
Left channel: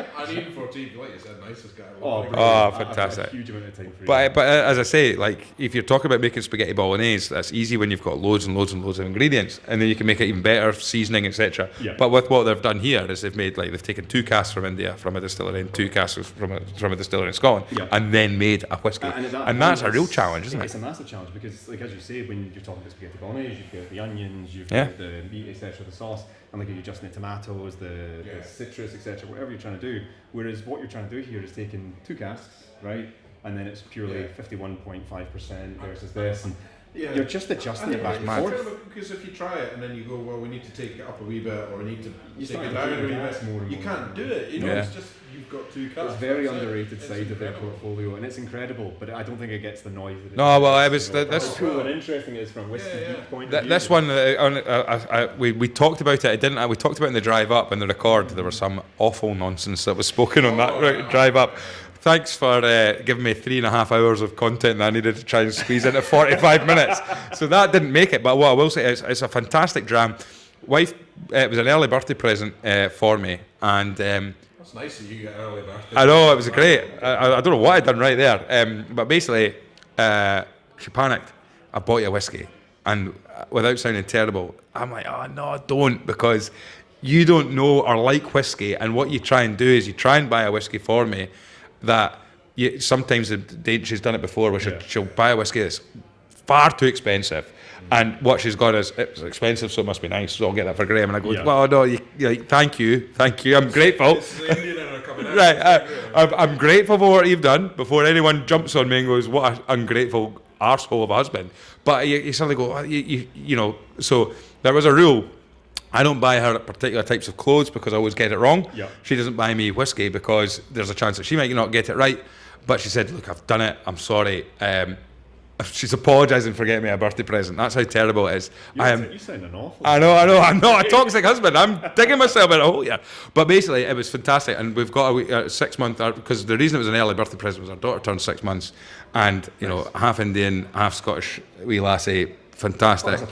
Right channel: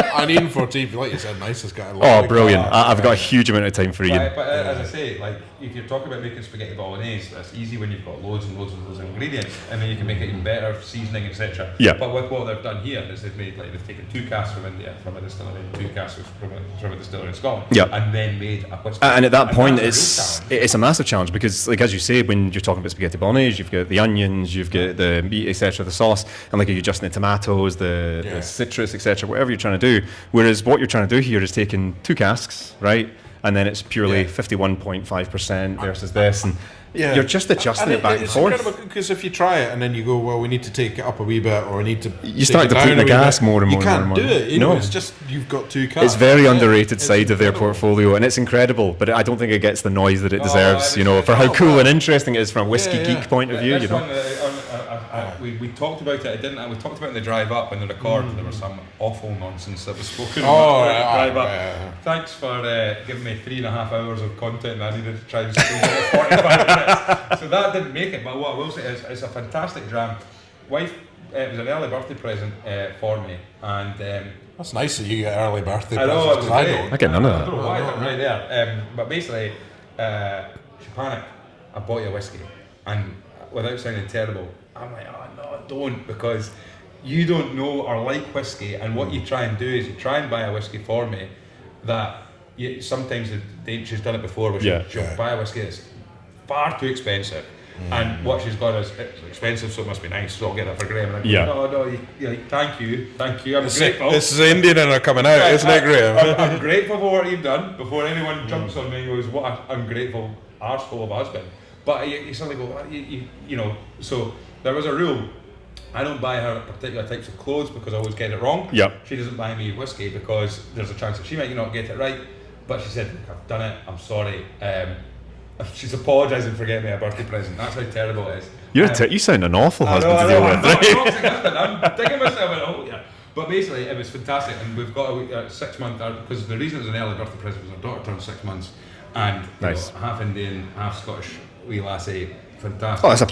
it. And Ian Forteith, like you said, nicest guy. Oh, brilliant! Oh, I've got a fantastic. huge amount of time for Ian. But as I say, like if you're talking about making spaghetti bolognese, that's easy when you've got loads and loads and loads of ingredients, and then you can make it even better, seasoning, etc. Yeah. But with what they've done here is they've taken 2 casks from India from a distillery and 2 casks from a distillery in Scotland, Yeah. and then made a whiskey. And at that point, that's it's a real challenge. Isn't it's a massive challenge because, like as you say, when you're talking about spaghetti bolognese, you've got the onions, you've got Yeah. the meat, etc., the sauce, and like you're adjusting the tomatoes, the citrus, etc., whatever you're trying to do. Whereas what you're trying to do here is taking 2 casks, right, and then it's purely 51.5% versus this, and you're just adjusting it back and forth. Because if you try it and then you go, well, we need to take it up a wee bit, or we need to. You start to put the gas more and more. You can't and do more. it. You know, No. it's just you've got 2 casks. It's very Yeah. underrated It's side of their incredible. portfolio, and it's incredible. But I don't think it gets the noise that it No, well, deserves. it You was- know, for how that's- cool and interesting it is from a whiskey Yeah, geek point of view. This you know? one, we talked about it. Didn't I? We talked about it in the drive up and the record. There was some awful nonsense that was spoken on that drive up. Thanks for giving me 3.5 hours of content that I needed to try and squeeze into 45 minutes. So that didn't make it. But what I will say is, it's a fantastic dram. Wife, it was an early birthday present for me, and. That's nice that you get early birthday. I know, it was presents. great. don't. I get none of that. I don't know what I'd done right there. But basically, she panicked. I bought you a whiskey. And without sounding terrible, I'm like, oh no, don't, because you don't know or like whiskey. And what you try and do is you try and buy a whiskey for me that sometimes she's done it before where she'll buy a whiskey that's far too expensive. And what she's got is, it's expensive, so it must be nice, so I'll get that for Graham. And I go, well, no, thank you, I'm grateful. This is the Indian in her coming out, Right, isn't it, Graham? I'm grateful for what you've done before anyone jumps on me and goes, what an ungrateful arsehole of a husband. But you suddenly go, you know, so there was a rule. I don't buy her particular types of clothes because I always get it wrong. Yep. She doesn't buy me whiskey because there's a chance that she might not get it right. But she said, look, I've done it, I'm sorry. She's apologising for getting me a birthday present. That's how terrible it is. You sound an awful I know, husband. I'm not a toxic husband. I'm digging myself in a hole here. But basically, it was fantastic, and we've got a 6 month, because the reason it was an early birthday present was our daughter turned 6 months, and you know, half Indian, half Scottish wee lassie, fantastic. Oh, it's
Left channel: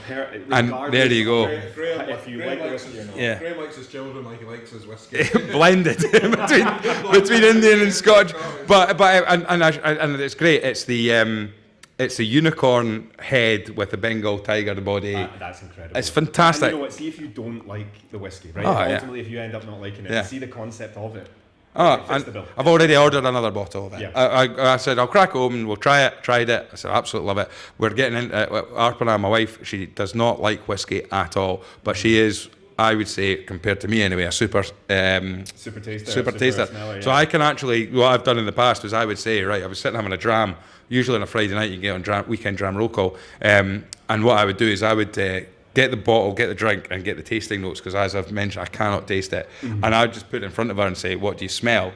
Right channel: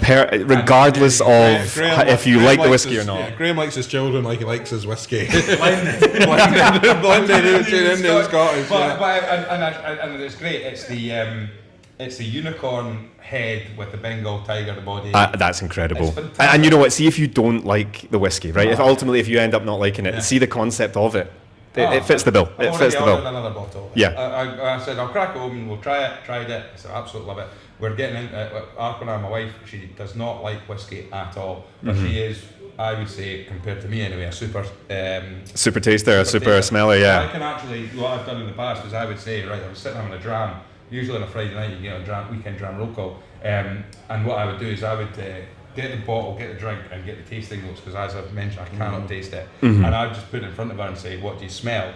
regardless And there you of Graham- if you Graham like the likes whiskey or his- not. Yeah. Graham likes his children like he likes his whiskey. blended between Indian and Scotch. And it's great. It's the unicorn head with the Bengal tiger body. That's incredible. It's fantastic. And you know what? See if you don't like the whiskey, right? If you end up not liking it, Yeah. see the concept of it. It fits the bill. I've It already fits the bill. ordered another bottle of it. Yeah. I said, I'll crack it open, we'll try it, tried it. I said, I absolutely love it. We're getting into Arpana, my wife, she does not like whiskey at all, but she is, I would say, compared to me anyway, a super taster, super taster. smeller, So yeah. I can actually, what I've done in the past is I would say, right, I was sitting having a dram, usually on a Friday night you can get on weekend dram roll call, and what I would do is I would get the bottle, get the drink, and get the tasting notes, because as I've mentioned, I cannot taste it. And I'd just put it in front of her and say, what do you smell?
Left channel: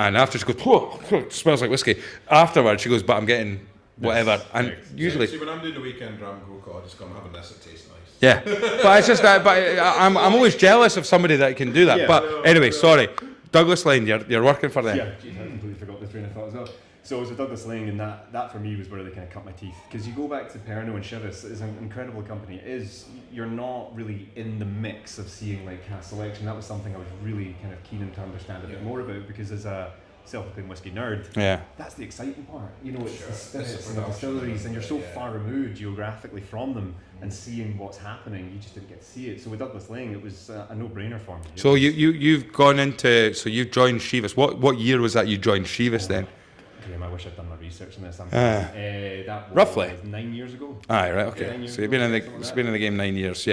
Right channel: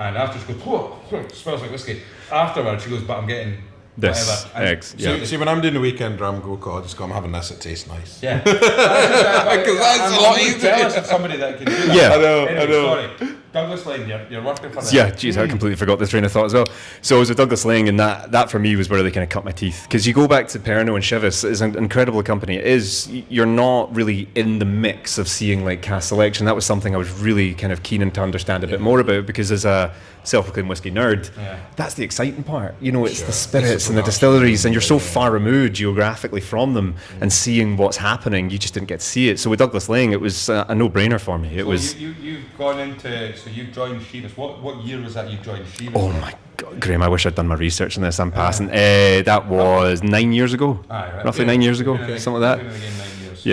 And after she goes, oh, it smells like whiskey. Afterwards, she goes, but I'm getting This whatever. And X, yeah. usually- See, when I'm doing the weekend dram go call, I just go, I'm having this, it tastes nice. Yeah, but it's just, I'm what always I jealous of somebody that can do that. Yeah. But I know, anyway, I know. sorry, Douglas Lane, you're working for them. Yeah, geez, I completely forgot this train of thought as well. So I was with Douglas Lane, and that for me was where they kind of cut my teeth. Because you go back to Pernod and Chivas, it's an incredible company. It is, you're not really in the mix of seeing like cask selection. That was something I was really kind of keen to understand a bit more about, because as a self-proclaimed whiskey nerd, that's the exciting part. You know, it's the spirits and the distilleries, and you're so far removed geographically from them, and seeing what's happening, you just didn't get to see it. So with Douglas Lane, it was a no-brainer for me. So you've gone into, so you've joined Chivas. What year was that you joined Chivas then? My Graham, I wish I'd done my research on this. I'm passing. That was 9 years ago. Roughly 9 years ago, something like that. He's been in the game 9 years. So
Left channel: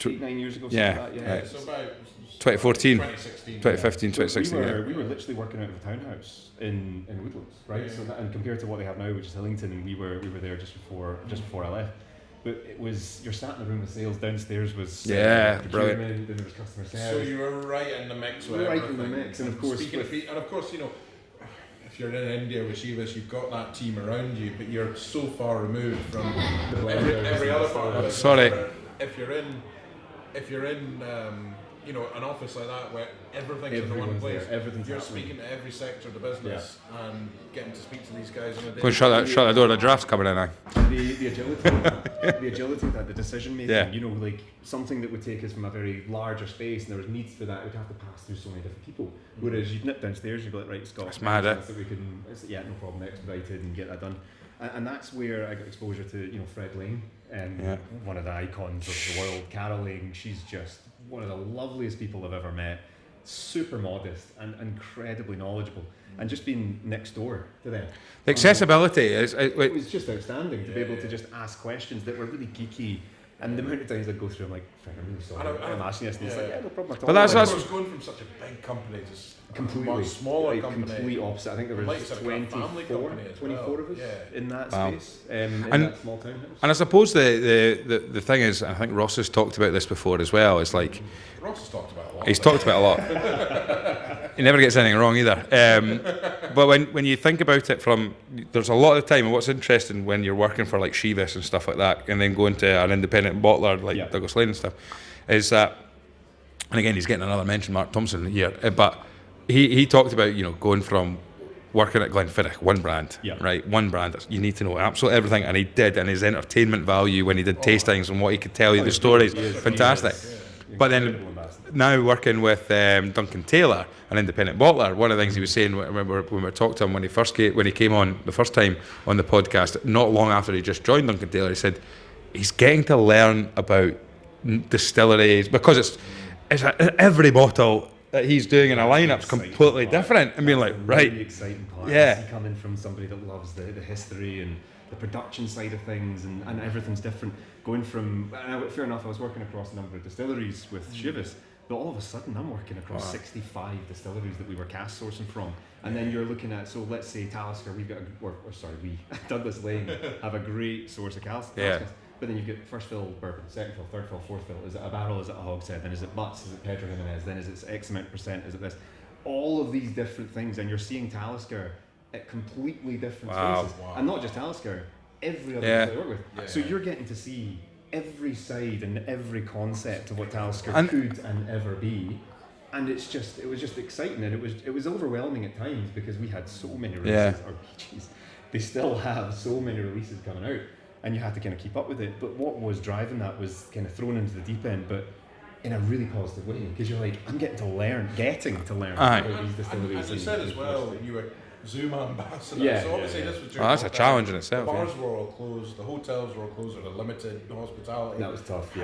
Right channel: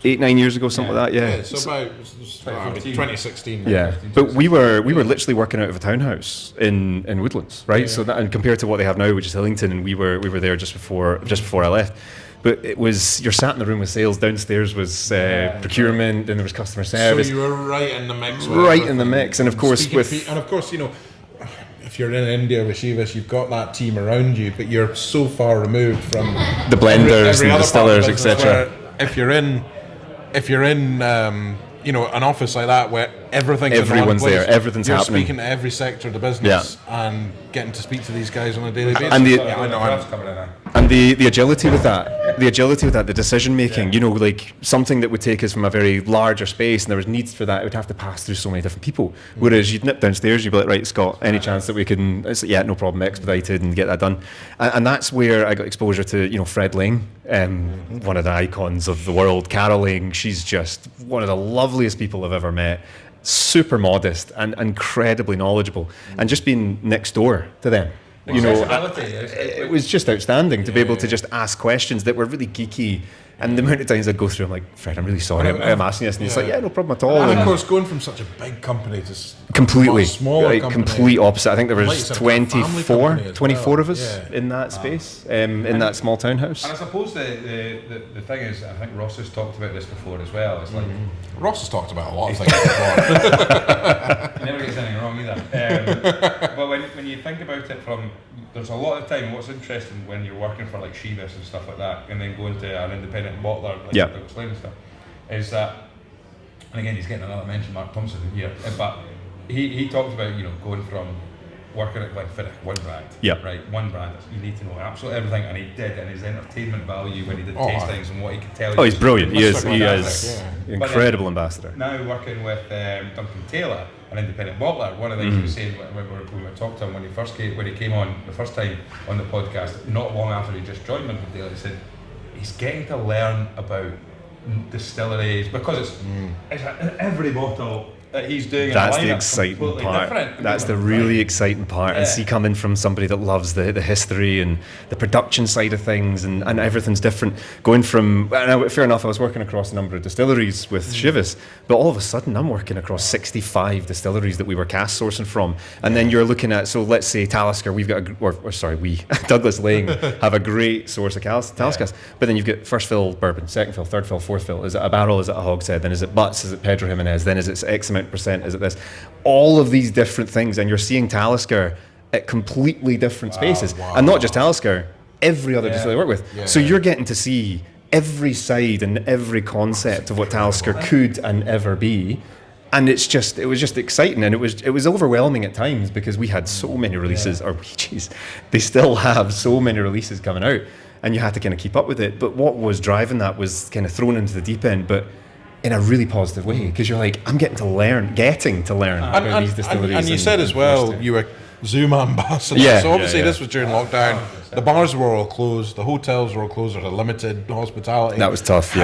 8-9 years ago, something like that. Yeah. So about 2014, 2016, 2015. But we were literally working out of a townhouse in Woodlands, right? So that, and compared to what they have now, which is Hillington, and we were there just before I left. But it was, you're sat in the room with sales, downstairs was procurement, then there was customer service. So you were right in the mix. Right in the mix, and of course if you're in India with Chivas, you've got that team around you, but you're so far removed from the blenders and distillers, etc. If you're in an office like that where everyone's there, everything's you're happening. You're speaking to every sector of the business and getting to speak to these guys on a daily basis. And the drafts coming in. And the agility with that, the decision making, like something that would take us from a very larger space and there was needs for that, it would have to pass through so many different people. Whereas you'd nip downstairs, you'd be like, right, Scott, any chance that we can, no problem, expedited and get that done. And that's where I got exposure to, Fred Lang, one of the icons of the world. Carol Lang, she's just one of the loveliest people I've ever met. Super modest and incredibly knowledgeable, and just being next door to them. Accessibility. It was just outstanding to be able to just ask questions that were really geeky. And the amount of times I'd go through, I'm like, Fred, I'm really sorry, I'm asking this. And he's like, no problem at all. That's of course going from such a big company to completely, a smaller company. Complete opposite. I think there was 24 of us in that space, in that small townhouse. And I suppose the thing is, I think Ross has talked about this before as well, is like... Ross has talked about it a lot. He's talked about it a lot. He never gets anything wrong either. But when you think about it from... There's a lot of time, and what's interesting when you're working for like Chivas and stuff like that, and then going to an independent bottler like Douglas Lane and stuff, is that, and again he's getting another mention, Mark Thompson here, but he talked about going from working at Glenfiddich, one brand, right, one brand. You need to know absolutely everything, and he did, and his entertainment value when he did tastings and what he could tell you. He's brilliant. He is fantastic. Incredible ambassador. Now working with Duncan Taylor, an independent bottler, one of the things he was saying when we talked to him when he came on the first time on the podcast, not long after he just joined Duncan Taylor, he said he's getting to learn about distilleries because it's every bottle that he's doing in a lineup completely different. And that's the really exciting part. And see coming from somebody that loves the history and the production side of things and everything's different. Going from, fair enough, I was working across a number of distilleries with Chivas, but all of a sudden I'm working across 65 distilleries that we were cask sourcing from. And then you're looking at, so let's say Talisker, we've got Douglas Lane have a great source of Talisker, but then you've got first fill bourbon, second fill, third fill, fourth fill. Is it a barrel? Is it a hogshead? Then is it butts? Is it Pedro Jimenez? Then is it X amount %? Is it this? All of these different things, and you're seeing Talisker at completely different spaces. And not just Talisker, every other distillery I work with. So you're getting to see every side and every concept of what Talisker could and ever be. And it was just exciting, and it was overwhelming at times because we had so many releases, they still have so many releases coming out, and you had to kind of keep up with it. But what was driving that was kind of thrown into the deep end, but in a really positive way, because you're like, I'm getting to learn about these distilleries. And you said as well, you were Zoom ambassador. So obviously this was during lockdown. The bars were all closed, the hotels were all closed, or the limited hospitality. That was tough.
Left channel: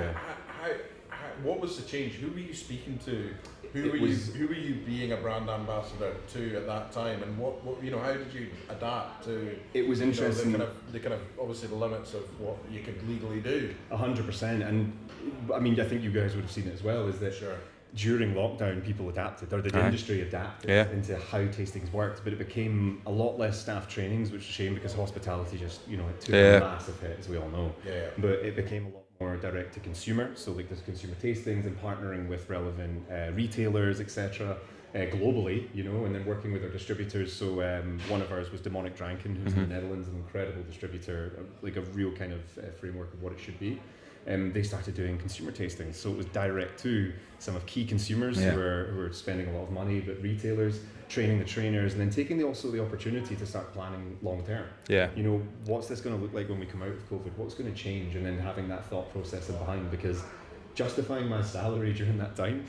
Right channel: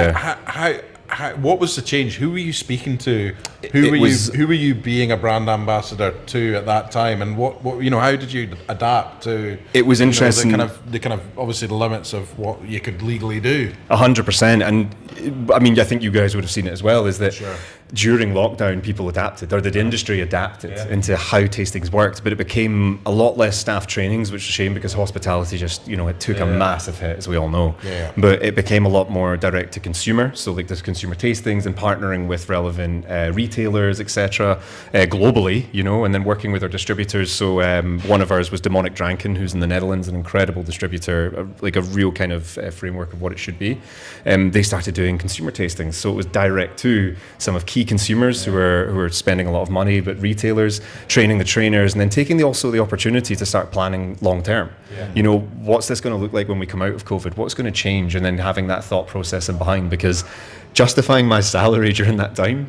What was the change? Who were you speaking to? Who were you being a brand ambassador to at that time? And what how did you adapt to? It was interesting. The kind of obviously the limits of what you could legally do. 100%, and I mean I think you guys would have seen it as well. Is that during lockdown people adapted, or the industry adapted into how tastings worked, but it became a lot less staff trainings, which is a shame because hospitality just it took a massive hit, as we all know. But it became a lot more direct to consumer, so like there's consumer tastings and partnering with relevant retailers, etc. Globally, and then working with our distributors. So one of ours was Demonic Dranken, who's in the Netherlands, an incredible distributor, like a real kind of framework of what it should be. They started doing consumer tastings, so it was direct to some of key consumers who are spending a lot of money, but retailers, training the trainers, and then taking also the opportunity to start planning long term. What's this going to look like when we come out of COVID? What's going to change? And then having that thought process in behind, because justifying my salary during that time,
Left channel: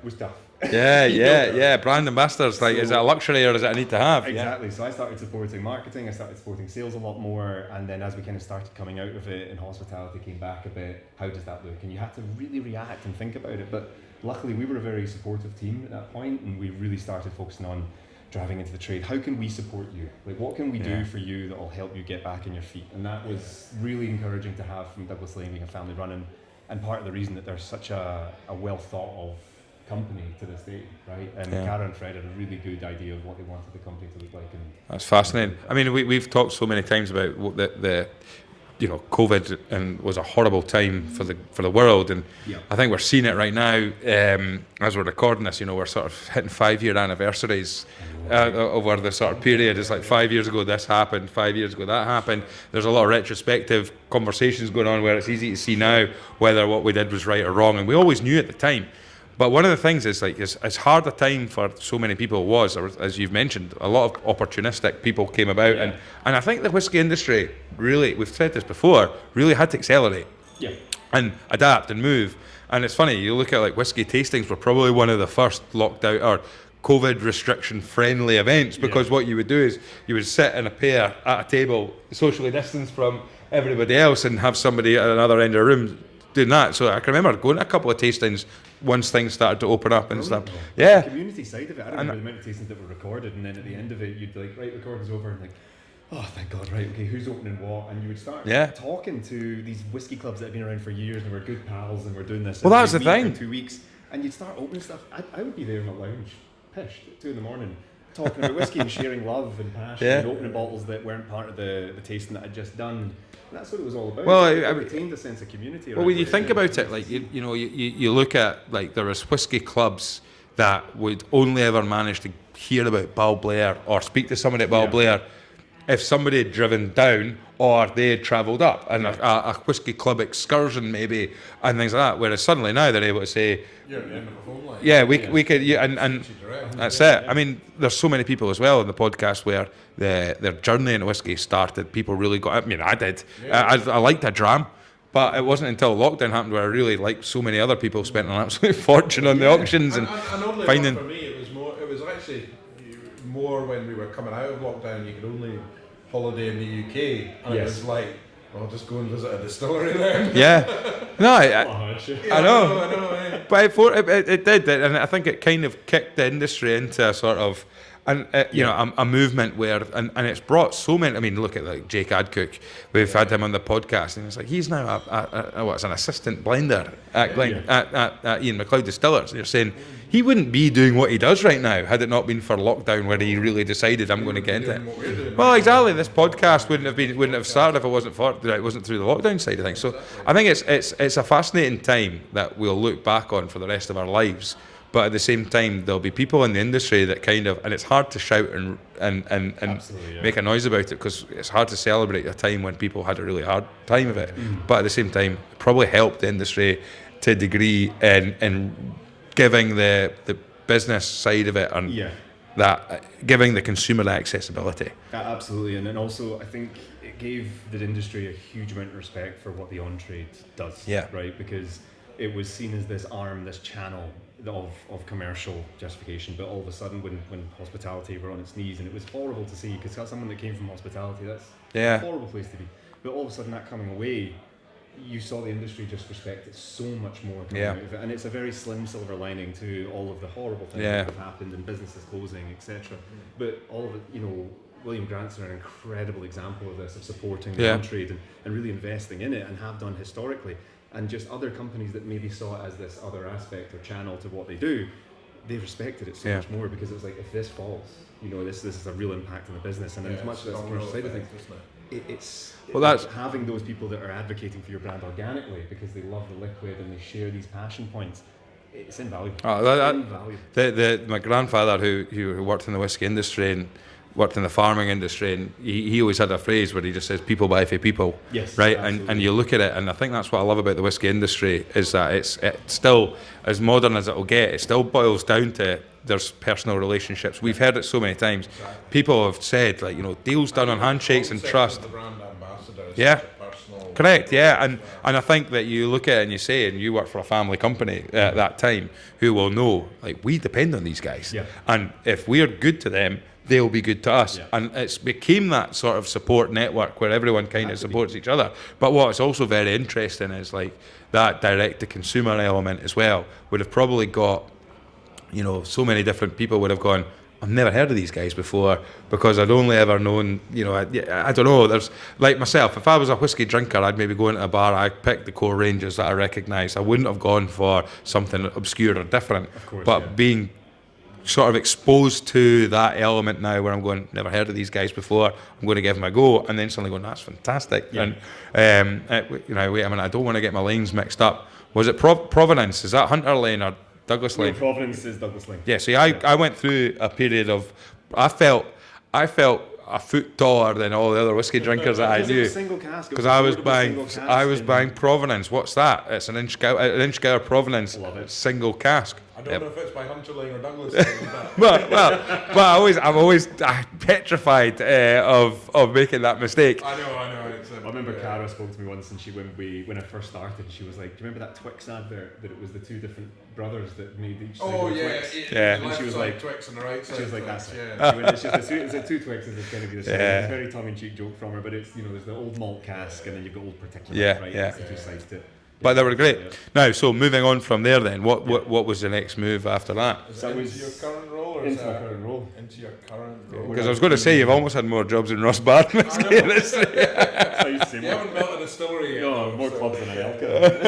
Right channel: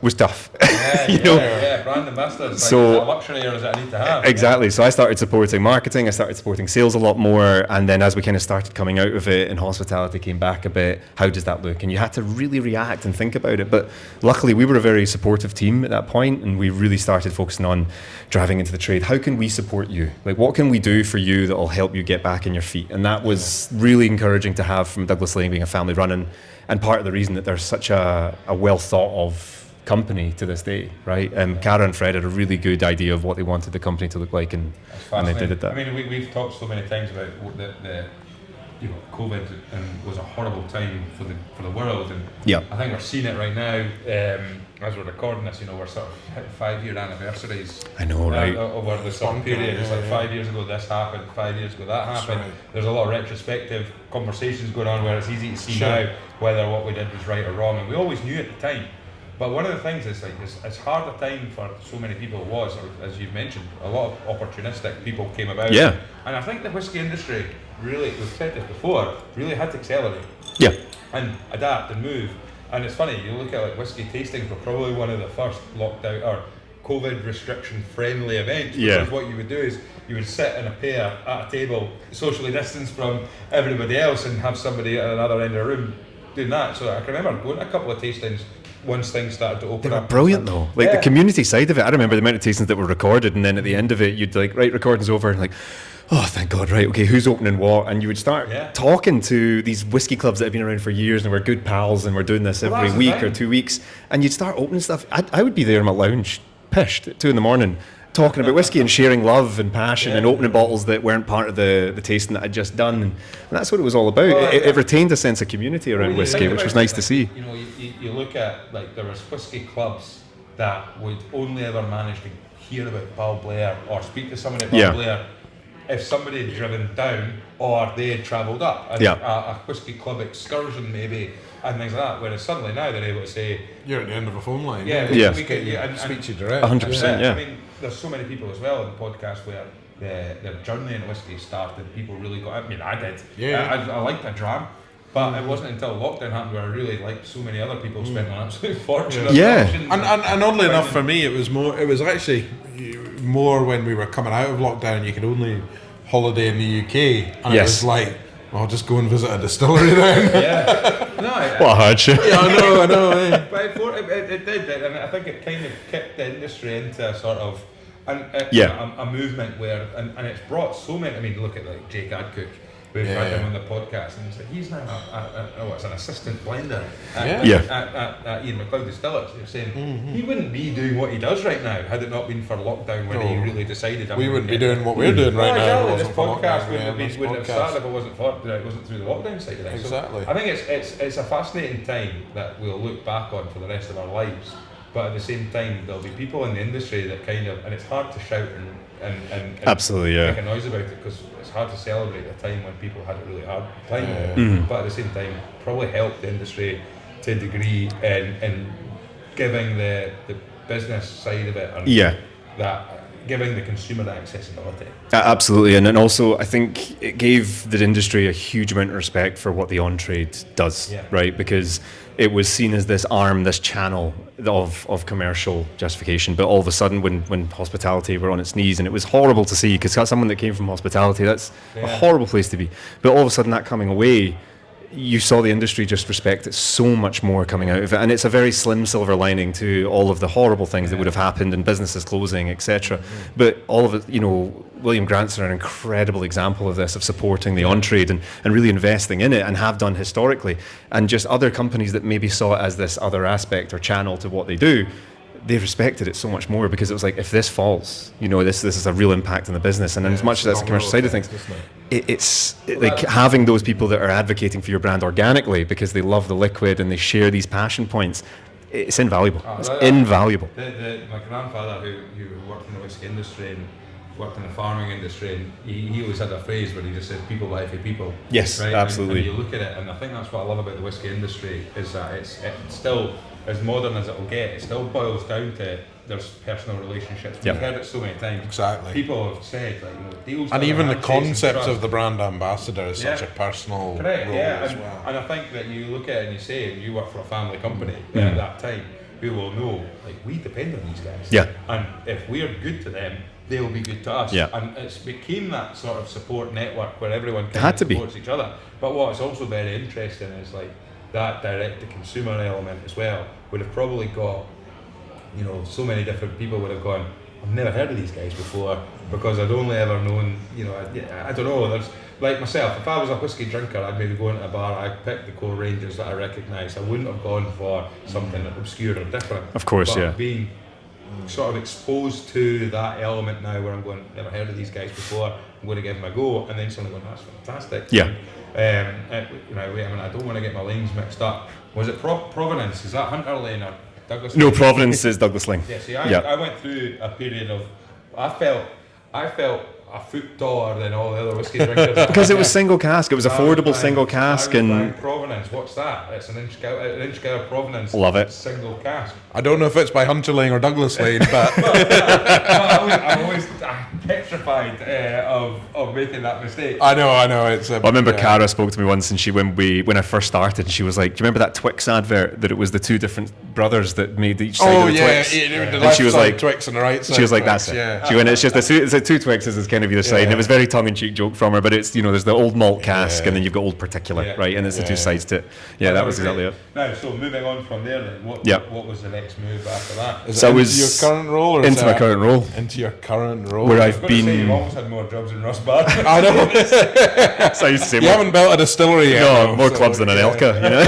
was tough. Brand ambassadors, like, So- is it a luxury or is it a need to have? Exactly. So I started supporting marketing, I started supporting sales a lot more, and then as we kind of started coming out of it and hospitality came back a bit, how does that look? And you had to really react and think about it. But luckily we were a very supportive team at that point, and we really started focusing on driving into the trade. How can we support you? Like, what can we do for you that will help you get back on your feet? And that was really encouraging to have from Douglas Lane being a family run, and part of the reason that there's such a well thought of company to this day, right? Cara and Fred had a really good idea of what they wanted the company to look like, and That's fascinating. and they did that. I mean, we've talked so many times about the COVID, and was a horrible time for the world, and Yeah. I think we're seeing it right now as we're recording this. We're sort of hitting 5-year anniversaries. I know, right? Over this sort of period. It's like 5 years ago this happened, 5 years ago that happened. There's a lot of retrospective conversations going on where it's easy to see now whether what we did was right or wrong, and we always knew at the time. But one of the things is, like, it's hard a time for so many people was, or as you've mentioned, a lot of opportunistic people came about. Yeah. And I think the whiskey industry really, we've said this before, really had to accelerate Yeah. and adapt and move. And it's funny, you look at like whiskey tastings were probably one of the first lockdown or COVID restriction friendly events, because Yeah. what you would do is you would sit in a pair at a table, socially distanced from everybody else, and have somebody at another end of the room doing that. So I can remember going to a couple of tastings once things started to open up. Brilliant though. Like the community side of it. I remember the amount of tastings that were recorded, and then at the end of it, you'd like, right, recording's over, and like, oh, thank God, right, okay, who's opening what? And you would start talking to these whiskey clubs that have been around for years, and we're good pals, and we're doing this every week or 2 weeks, and you'd start opening stuff. I would be there in my lounge, pissed at 2 a.m, talking about whiskey and sharing love and passion and opening bottles that weren't part of the tasting that I'd just done. And that's what it was all about. Well, it retained a sense of community around whiskey, which was nice to see. You look at, like, there was whiskey clubs that would only ever manage to hear about Balblair or speak to somebody at Balblair if somebody had driven down or they had travelled up, and a whiskey club excursion maybe, and things like that. Whereas suddenly now they're able to say, you're at the end of a phone line. We could, and Speak to you direct. 100%. that's it. I mean, there's so many people as well on the podcast where their journey in whiskey started. People really got. I mean, I did. I liked a dram, but it wasn't until lockdown happened where I really, like so many other people, spent an absolute fortune on the auctions. And oddly enough, for me, it was actually more when we were coming out of lockdown. You could only holiday in the UK, and it was like, I'll just go and visit a distillery then. What a hardship. I know. But it did, and I think it kind of kicked the industry into a sort of a movement where, and it's brought so many. I mean, look at like Jake Adcock. We've had him on the podcast, and he's like, he's now an assistant blender at Ian McLeod Distillers. You're saying he wouldn't be doing what he does right now had it not been for lockdown, where he really decided I'm going to get doing what we're doing right now. exactly. This podcast wouldn't have started if it wasn't through the lockdown side of things. Exactly. So I think it's a fascinating time that we'll look back on for the rest of our lives. But at the same time, there'll be people in the industry that kind of, and it's hard to shout and Absolutely, make a noise about it, because it's hard to celebrate a time when people had a really hard time of it. But at the same time, probably helped the industry to a degree in giving the business side of it and that giving the consumer the accessibility. Absolutely, and then also I think it gave the industry a huge amount of respect for what the on-trade does, right? Because it was seen as this arm, this channel of commercial justification. But all of a sudden, when hospitality were on its knees, and it was horrible to see, because that's someone that came from hospitality, that's a horrible place to be. But all of a sudden, that coming away, you saw the industry just respect it so much more coming out of it, and it's a very slim silver lining to all of the horrible things that would have happened and businesses closing, etc. But all of it, William Grant's an incredible example of this, of supporting the on-trade and really investing in it, and have done historically. And just other companies that maybe saw it as this other aspect or channel to what they do, they've respected it so much more, because it was like, if this falls, this is a real impact on the business. And as much as that's the commercial side of things, it's like having those people that are advocating for your brand organically because they love the liquid and they share these passion points. It's invaluable. Invaluable. My grandfather, who worked in the whiskey industry and worked in the farming industry, and he always had a phrase where he just says, people buy for people. Yes, right? absolutely. And you look at it, and I think that's what I love about the whiskey industry, is that it's still, as modern as it will get, it still boils down to there's personal relationships. We've heard it so many times. Exactly. People have said, like, you know, deals done And on even the handshakes and concept trust. of the brand ambassador is Yeah. such a personal Correct, role yeah, as and well. and I think that you look at it and you say, and you work for a family company at that time, who will know, like, we depend on these guys. Yeah. And if we're good to them, they'll be good to us. Yeah. And it's became that sort of support network where everyone kind Had of to be. supports each other. But what's also very interesting is, like, that direct to consumer element as well would have probably got, you know, so many different people would have gone, I've never heard of these guys before, because I'd only ever known, you know, I don't know, there's, like myself, if I was a whiskey drinker, I'd maybe go into a bar, I'd pick the core ranges that I recognised. I wouldn't have gone for something obscure or different. Of course, but yeah. being sort of exposed to that element now where I'm going, never heard of these guys before, I'm going to give them a go, and then suddenly going, that's fantastic. Yeah. You know, wait a minute, I don't want to get my lines mixed up. Was it Providence? Is that Hunter Lane or Douglas Lane? No, Providence is Douglas Lane. Yeah, see, I went through a period of, I felt a foot taller than all the other whiskey drinkers. Because it was single cask. It was affordable single cask. I was buying Provenance. What's that? It's an Inchgower Provenance. Love it. Single cask. I don't know if it's by Hunter Lane or Douglas Lane, but well, I'm always petrified of making that mistake. I know. It's. I remember Cara spoke to me once, and when I first started, and she was like, "Do you remember that Twix advert that it was the two different brothers that made each side of the Twix?" The And left she was side like, Twix and the right side. she was like, Twix, "That's it." yeah. She went, "It's just the two Twixes is kind of either side." And it was very tongue-in-cheek joke from her, but it's, you know, there's the old malt cask, and then you've got old particulate, right? And it's the two sides to it. Yeah, But that they were was great. exactly it. Now, so moving on from there, then, what was the next move after that? Is So it I into was your current role, or into my current role. Into your current role. Where I was going to say, you've almost had more jobs than Ross Bar. I know. That's how you say You haven't built a distillery yet. no, though, more so, clubs than an Elka, you know.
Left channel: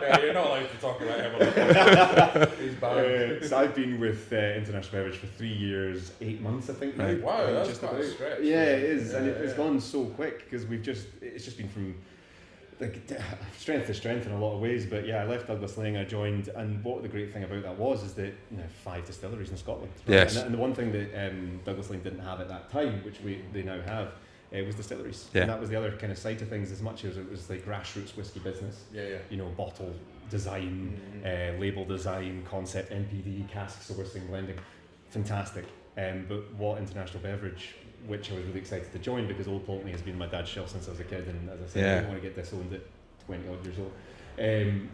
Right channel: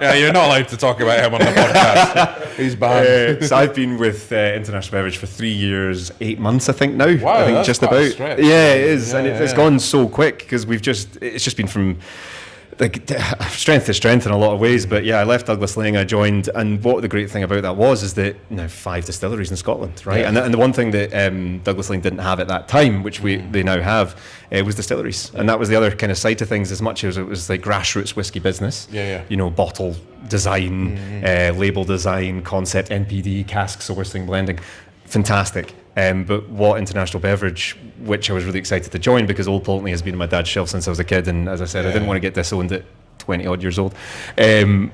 Yeah, you're not allowed to talk about him on the podcast. He's banned. So I've been with International Beverage for 3 years, 8 months, I think now. Wow, I think that's just quite a about. stretch. Yeah, it is, Yeah, and it's gone so quick because it's just been from like strength to strength in a lot of ways. But yeah, I left Douglas Lane, I joined, and what the great thing about that is that now 5 distilleries in Scotland, right? Yes. And the one thing that Douglas Lane didn't have at that time, which they now have, was distilleries, and that was the other kind of side to things. As much as it was like grassroots whiskey business, you know, bottle design, label design, concept, NPD, cask sourcing, blending, fantastic. But what International Beverage, which I was really excited to join because Old Pulteney has been on my dad's shelf since I was a kid, and as I said, I didn't want to get disowned at 20 odd years old,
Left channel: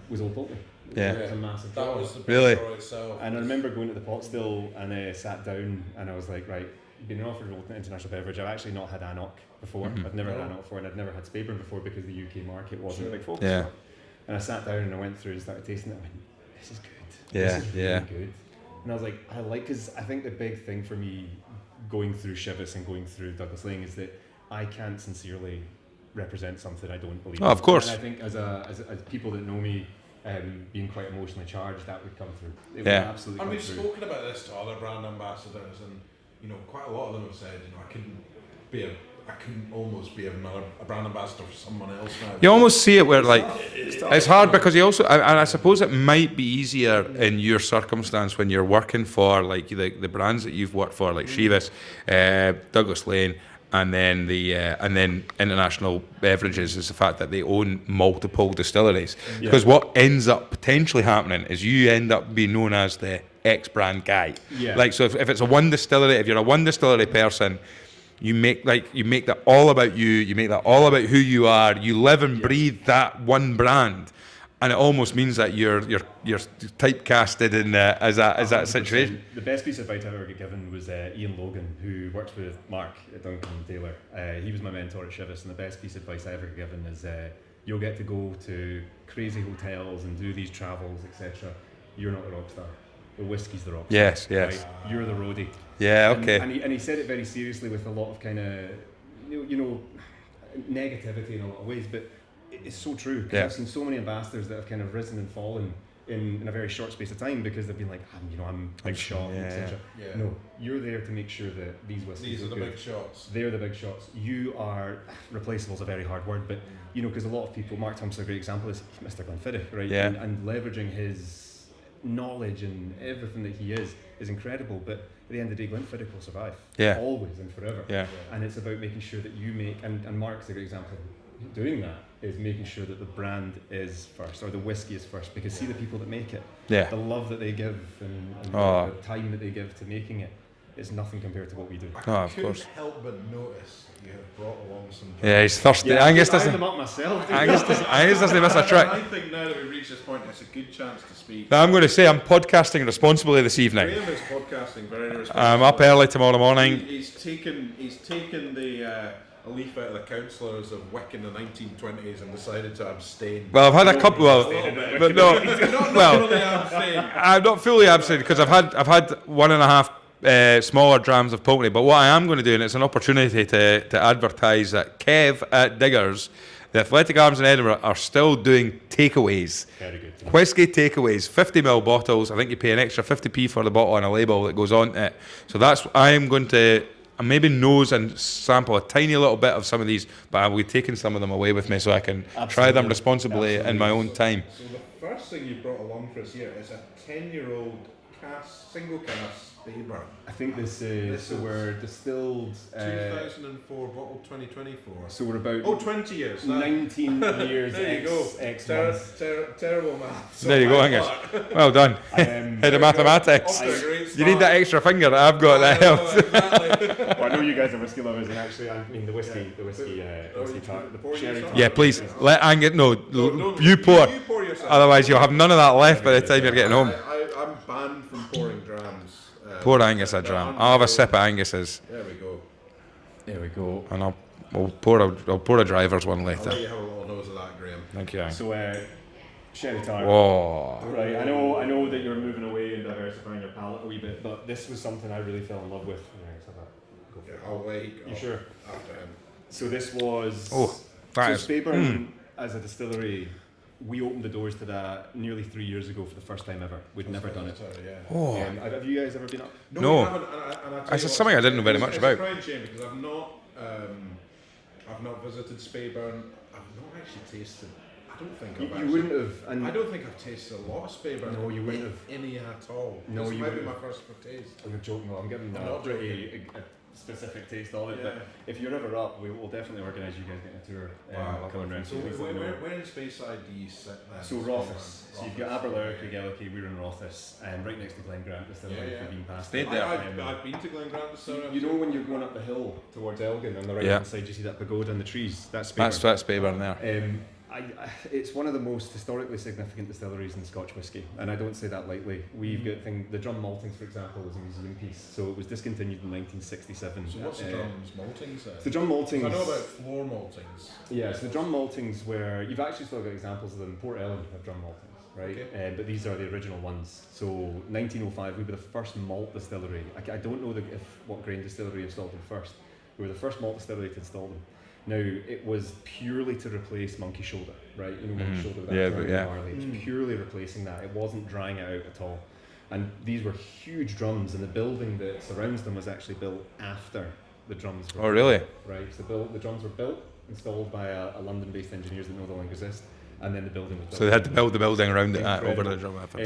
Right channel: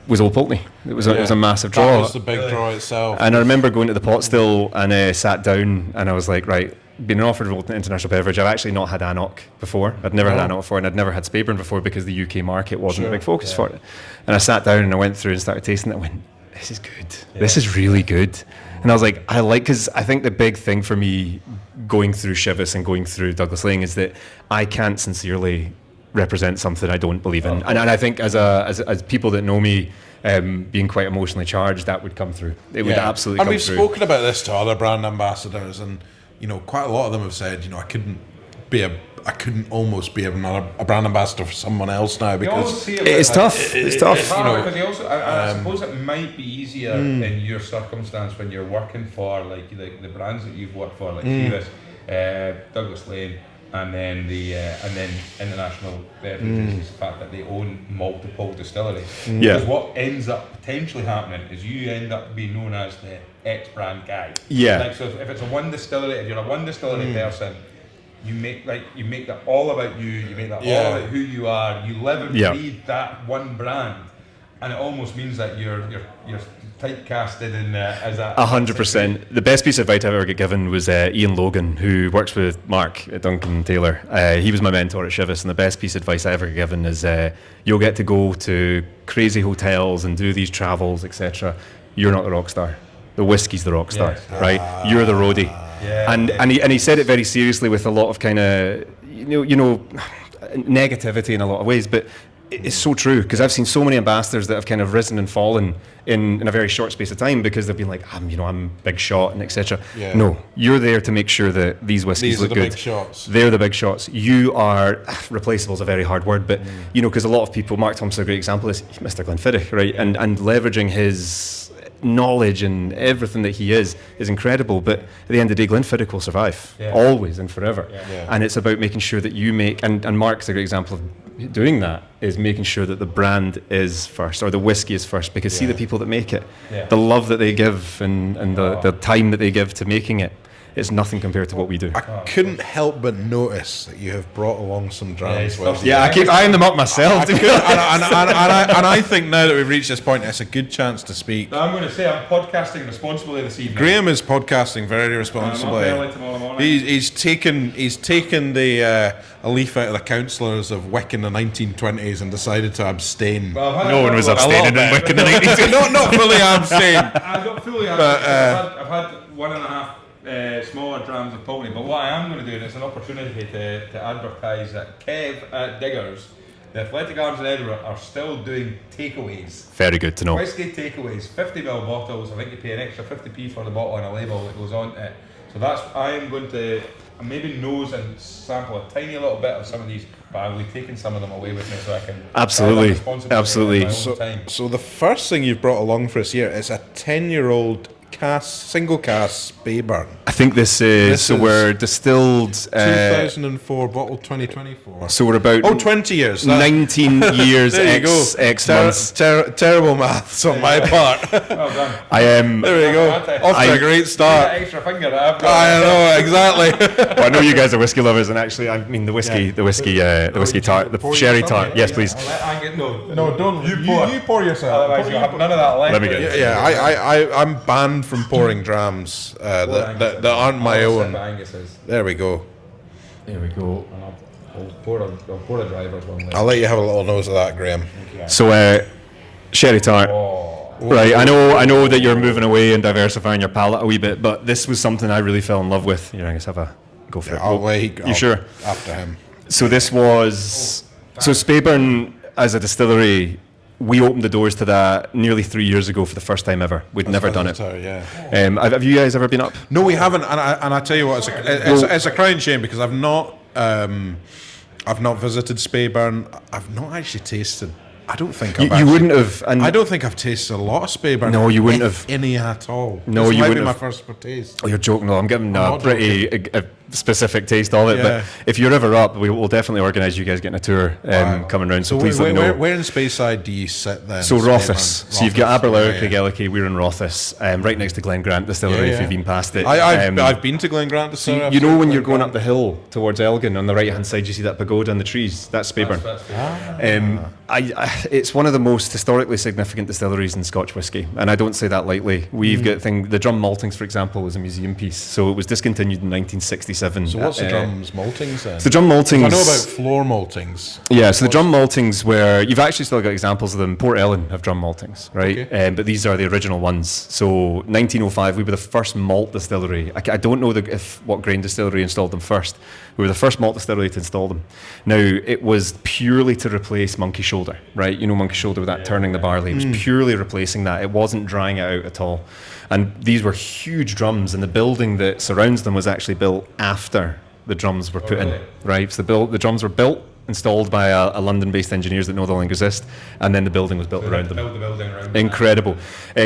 was Old Pulteney. It was a massive draw. That was the big draw itself. And I remember going to the pot still and sat down, and I was like, right, been offered an International Beverage. I've actually not had anCnoc before. I'd never had anCnoc before, and I'd never had Speyburn before because the UK market wasn't a big focus for it. And I sat down and I went through and started tasting it and went, this is good. This is really good. And I was like, because I think the big thing for me going through Chivas and going through Douglas Lane is that I can't sincerely represent something I don't believe in. Of course. And I think as people that know me, being quite emotionally charged, that would come through. It would absolutely and come we've through. spoken about this to other brand ambassadors, and you know, quite a lot of them have said, you know, I couldn't almost be a brand ambassador for someone else now. You almost see it where It's like, tough. It's tough. It's hard because you also, and I suppose it might be easier in your circumstance when you're working for like the brands that you've worked for, like Chivas, Douglas Lane, and then International Beverages is the fact that they own multiple distilleries. Because what ends up potentially happening is you end up being known as the X brand guy. Yeah. Like, so if it's a one distillery, if you're a one distillery person, you make that all about you. You make that all about who you are. You live and breathe that one brand, and it almost means that you're typecasted in as a 100%. The best piece of advice I've ever got given was Ian Logan, who works with Mark at Duncan Taylor. He was my mentor at Chivas, and the best piece of advice I ever got given is you'll get to go to crazy hotels and do these travels, etc. You're not the rock star. The whiskey's the rock star, right? You're the roadie. Yeah, and he said it very seriously with a lot of kind of you know negativity in a lot of ways, but it's so true because I've seen so many ambassadors that have kind of risen and fallen in a very short space of time because they've been like, I'm big shot and etc. No, you're there to make sure that these whiskies look good. Big shots. They're the big shots. You are replaceable is a very hard word, but you know, because a lot of people, Mark Thompson, a great example is Mr. Glenfiddich, right? And leveraging his knowledge and everything that he is incredible, but at the end of the day Glenfiddich will survive always and forever. And it's about making sure that you make, and Mark's a great example of doing that is making sure that the brand is first, or the whiskey is first, because see the people that make it, the love that they give and the time that they give to making it. It's nothing compared to what we do. I couldn't help but notice that you have brought along some drams. Yeah, he's thirsty. I keep eyeing them up myself. And I think now that we've reached this point, it's a good chance to speak. Now, I'm going to say I'm podcasting responsibly this evening. Graham is podcasting very responsibly. I'm up early tomorrow morning. He's taken a leaf out of the councillors of Wick in the 1920s and decided to abstain. Well, I've had No a one couple was of abstaining in Wick in the 1920s. not fully abstain. I'm not fully absent because I've had 1.5 smaller drams of Pulteney, but what I am going to do, and it's an opportunity to advertise that Kev at Diggers, the Athletic Arms in Edinburgh, are still doing takeaways. Very good to know. Whisky takeaways, 50ml bottles. I think you pay an extra 50p for the bottle and a label that goes on it. So I'm going to maybe nose and sample a tiny little bit of some of these, but I'll be taking some of them away with me so I can try them responsibly in my own time. So the first thing you've brought along for us here is a 10-year-old single cask Speyburn. I think this is we're distilled 2004 bottle 2024. So we're about 20 years. 19 years there you X months. Terrible maths on my part. Well done. I am. There we go. Off to a great Need start. that extra finger that I've got. I know exactly. Well, I know you guys are whiskey lovers, and actually, I mean the whiskey tart, the sherry tart. Yes, please. Let Angus. No, don't. You pour. You pour yourself. Otherwise, you'll have none of that left. Let me get by I'm banned from pouring drams. Pour Angus. That aren't my I'll have a own. sip of Angus's. There we go. Here we go. And I'll pour a driver's one later. I'll let you have a little nose of that, Graham. So, sherry tart. Oh. Right, I know that you're moving away and diversifying your palate a wee bit, but this was something I really fell in love with. Here, Angus, have a go for it. I'll wait. You sure? After him. So this was so Speyburn as a distillery. We opened the doors to that nearly 3 years ago for the first time ever. We'd never done it. Have you guys ever been up? No, we haven't. And I tell you what, it's a crying shame because I've not visited Speyburn. I've not actually tasted. I don't think you wouldn't have. And I don't think I've tasted a lot of Speyburn. No, you wouldn't have any at all. No, this you might wouldn't be have. my first taste. Oh, you're joking. No, I'm getting a pretty specific taste of it. Yeah. But if you're ever up, we will definitely organise you guys getting a tour coming round. So please let me know. Where in Speyside do you sit then? So Rothes. So you've got Balblair, yeah. Craigellicky, we're in Rothes, right next to Glen Grant Distillery. If you've been past it, I've been to Glen Grant Distillery. You know when you're going up the hill towards Elgin, on the right hand side, you see that pagoda and the trees. That's Speyburn. That's Speyburn. It's one of the most historically significant distilleries in Scotch whisky, and I don't say that lightly. We've got the drum maltings, for example, was a museum piece, so it was discontinued in 1967. So what's the drums maltings then? So the drum maltings. I know about floor maltings. Yeah, so the drum maltings where you've actually still got examples of them. Port Ellen have drum maltings, right? Okay. But these are the original ones. So 1905, we were the first malt distillery. I don't know what grain distillery installed them first. We were the first malt distillery to install them. Now, it was purely to replace monkey shoulder, right? You know monkey shoulder with that turning the barley. It was purely replacing that. It wasn't drying it out at all. And these were huge drums, and the building that surrounds them was actually built after the drums were put in. Right? So the drums were built, installed by a London-based engineers that no longer exist, and then the building was built So around they them. built the building around them. Incredible.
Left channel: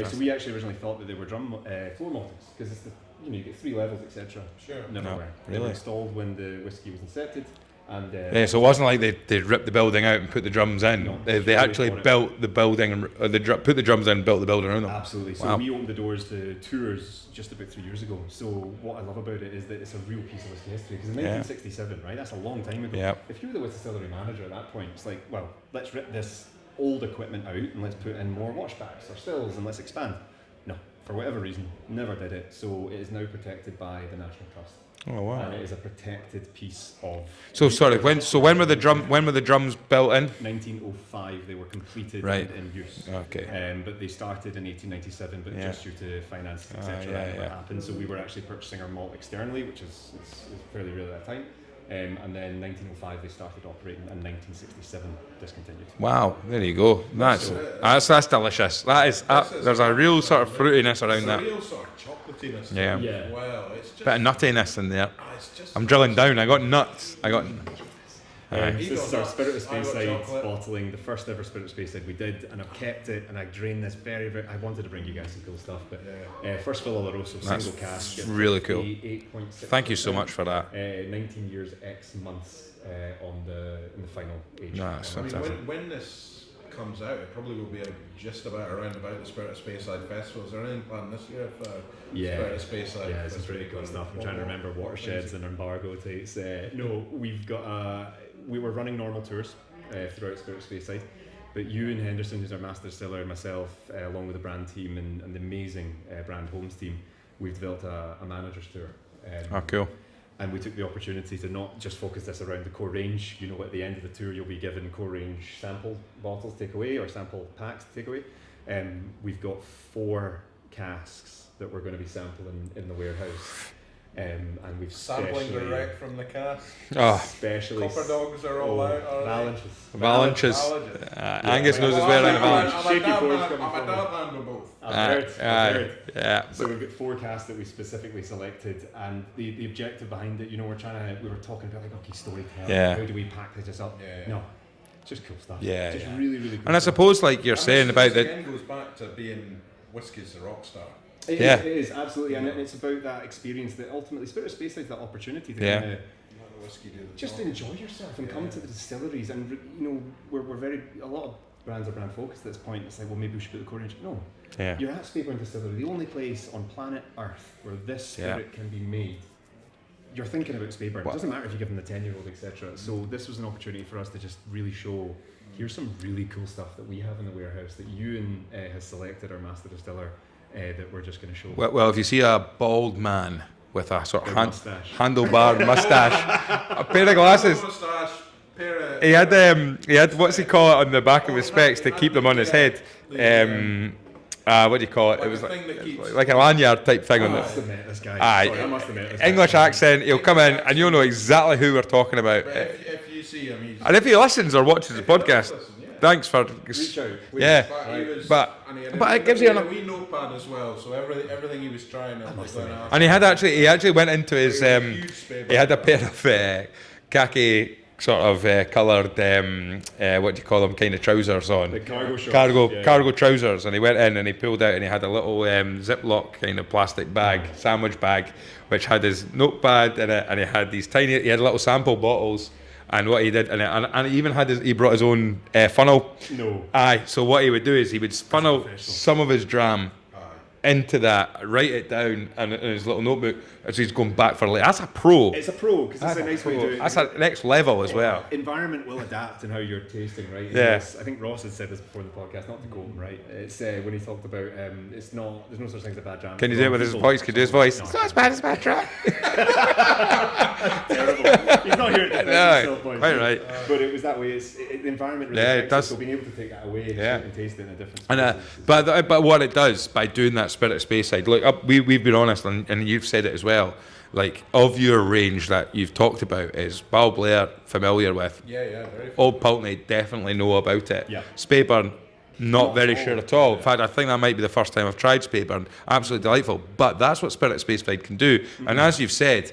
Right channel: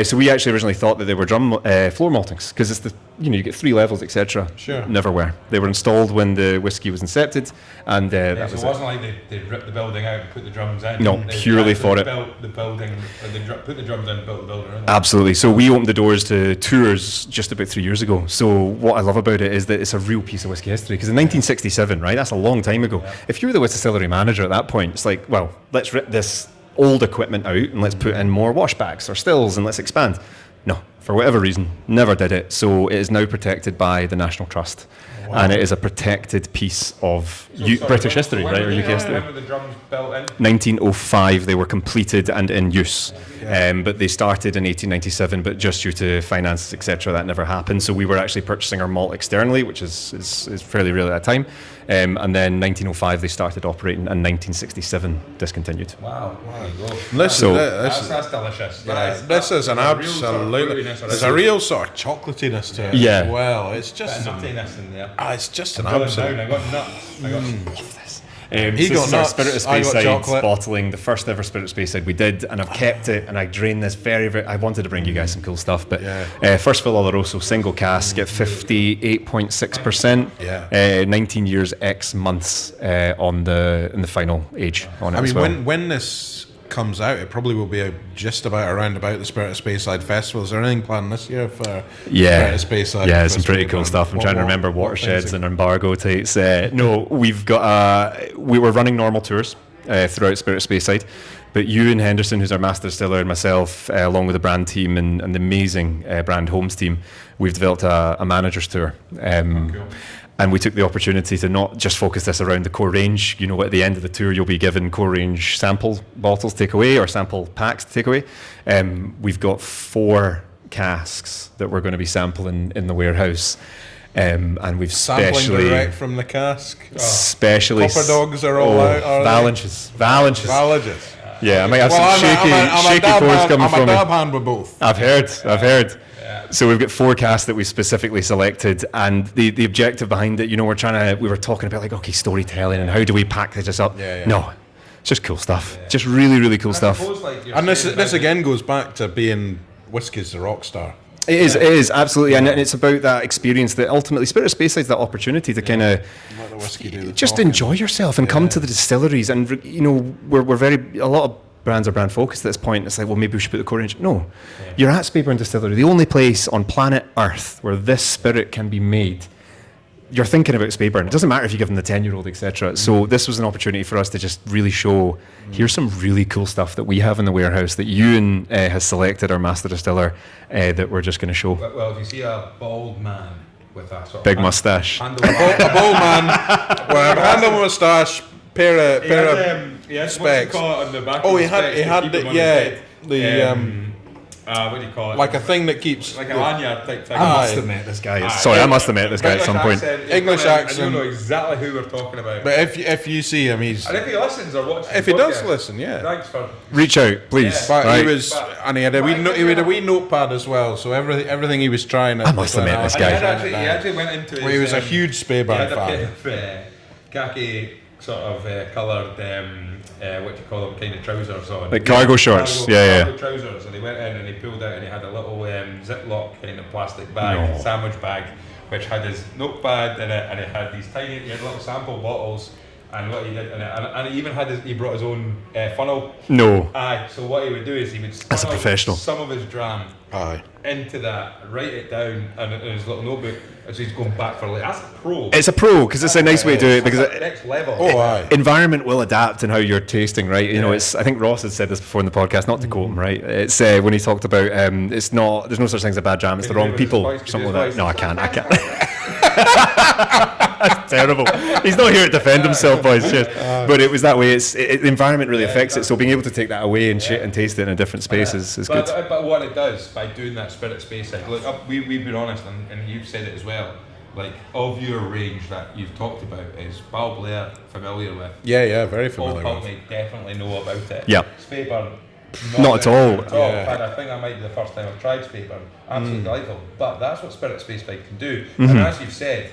So we actually originally thought that they were drum floor maltings because it's you get 3 levels, etc. Sure. Never were. They were installed when the whiskey was incepted, and so it wasn't like they ripped the building out and put the drums in. No, purely for it. Built the building, put the drums in, and built the building around them. Absolutely. So we opened the doors to tours just about 3 years ago. So what I love about it is that it's a real piece of whiskey history. Because in 1967, right, that's a long time ago. Yeah. If you were the distillery manager at that point, it's like, well, let's rip this old equipment out and let's put in more washbacks or stills and let's expand. No, for whatever reason, never did it. So it is now protected by the National Trust, and it is a protected piece of British history. When were the drums built in? 1905 they were completed and in use. Okay. But they started in 1897, but just due to finances, etc., that never happened. So we were actually purchasing our malt externally, which is fairly rare at that time. And then 1905 they started operating, and 1967 discontinued. Wow, there you go. That's delicious. This is a real sort of fruitiness. There's a real sort of chocolatiness to it Yeah. as well. It's just bit of nuttiness in there. It's just I'm an drilling absolute- down. I got nuts. I got. He So got this is our nuts, Spirit of I got Speyside chocolate. bottling, the first ever Spirit of Speyside we did, and I've kept it, and I drained this very, very. I wanted to bring you guys some cool stuff, but first fill Oloroso, single cask at really cool. 58.6%. Thank you so much for that. 19 years X months in the final age on it. I as mean, well. when this comes out, it probably will be just around about the Spirit of Speyside Festival. Is there anything planned this year for Spirit of Speyside? Yeah, some pretty cool stuff. I'm trying to remember watersheds and embargo tights. No, we've got we were running normal tours throughout Spirit of Speyside, but Ewan Henderson, who's our master distiller, and myself, along with the brand team and the amazing brand Homes team, we've developed a manager's tour. Cool. And we took the opportunity to not just focus this around the core range. You know, at the end of the tour, you'll be given core range sample bottles to take away or sample packs to take away. We've got 4 casks that we're going to be sampling in the warehouse. And we've Sampling specially direct from the cask. specially Copper dogs are all out, are Valanches. Yeah, I might have some shaky pours coming from I'm a me. dab hand with both. I've heard. Yeah. So we've got 4 casks that we specifically selected, and the objective behind it, you know, we were talking about like, okay, storytelling, how do we package this up? No, it's just cool stuff. Yeah. Just really, really cool And stuff. I suppose, like you're And saying, this again goes back to being Whiskey's the rock star. It is absolutely, and it's about that experience that ultimately Spirit of Speyside, that opportunity to kind of just enjoy yourself and come to the distilleries, and you know, we're a lot of brands are brand focused at this point. It's like, well, maybe we should put the core range. No, you're at Speyburn Distillery, the only place on planet Earth where this spirit can be made. You're thinking about Speyburn. It doesn't matter if you give them the 10-year-old, etc. So this was an opportunity for us to just really show, here's some really cool stuff that we have in the warehouse that Ewan has selected, our master distiller, that we're just going to show. Well, if you see a bald man with a sort of Big mustache. handlebar, A bold man with a handle moustache, pair of he had what's he call it on the back of the specs to keep him on his head. What do you call it? Like a thing that keeps... Like a lanyard type thing. I must have met this guy. Aye. Sorry, I must have met this guy English at some point. accent, he'll come in and you'll know exactly who we're talking about. But if you see him, he's... And if he listens or watches If the he podcast, does listen, thanks for... Reach out, please. Yeah. But Right. he was... and he had a wee notepad as well, so everything he was trying... I must have met this And guy. he actually went into his... He was a huge Speyburn He had a fan. pair of khaki sort of coloured, what do you call them, kind of trousers on. Like cargo shorts. Cargo trousers. And he went in and he pulled out and he had a little Ziploc kind of plastic bag, sandwich bag, which had his notepad in it, and he had these he had little sample bottles. And what he did, and he even had he brought his own funnel. No. Aye. So what he would do is he would funnel some of his dram into that, write it down in his little notebook, as he's going back for like, that's a pro. It's a pro because it's a nice way to do it, That's because a next level. environment will adapt in how you're tasting, right? You know, it's, I think Ross had said this before in the podcast, not to quote him, right? It's when he talked about there's no such thing as a bad jam, it's the wrong people. No, I can't. That's terrible. He's not here to defend himself, boys. But it was that way. The environment really affects it, so being able to take that away and taste it in a different space is good. But what it does by doing that Spirit of Speyside, look, we've been honest, and you've said it as well. Like, of your range that you've talked about, is Balblair familiar with? Yeah, very familiar. Old Pulteney definitely know about it. Yeah. Speyburn, Not at all. In fact, I think that might be the first time I've tried Speyburn. Absolutely delightful. But that's what Spirit of Speyside can do. And as you've said,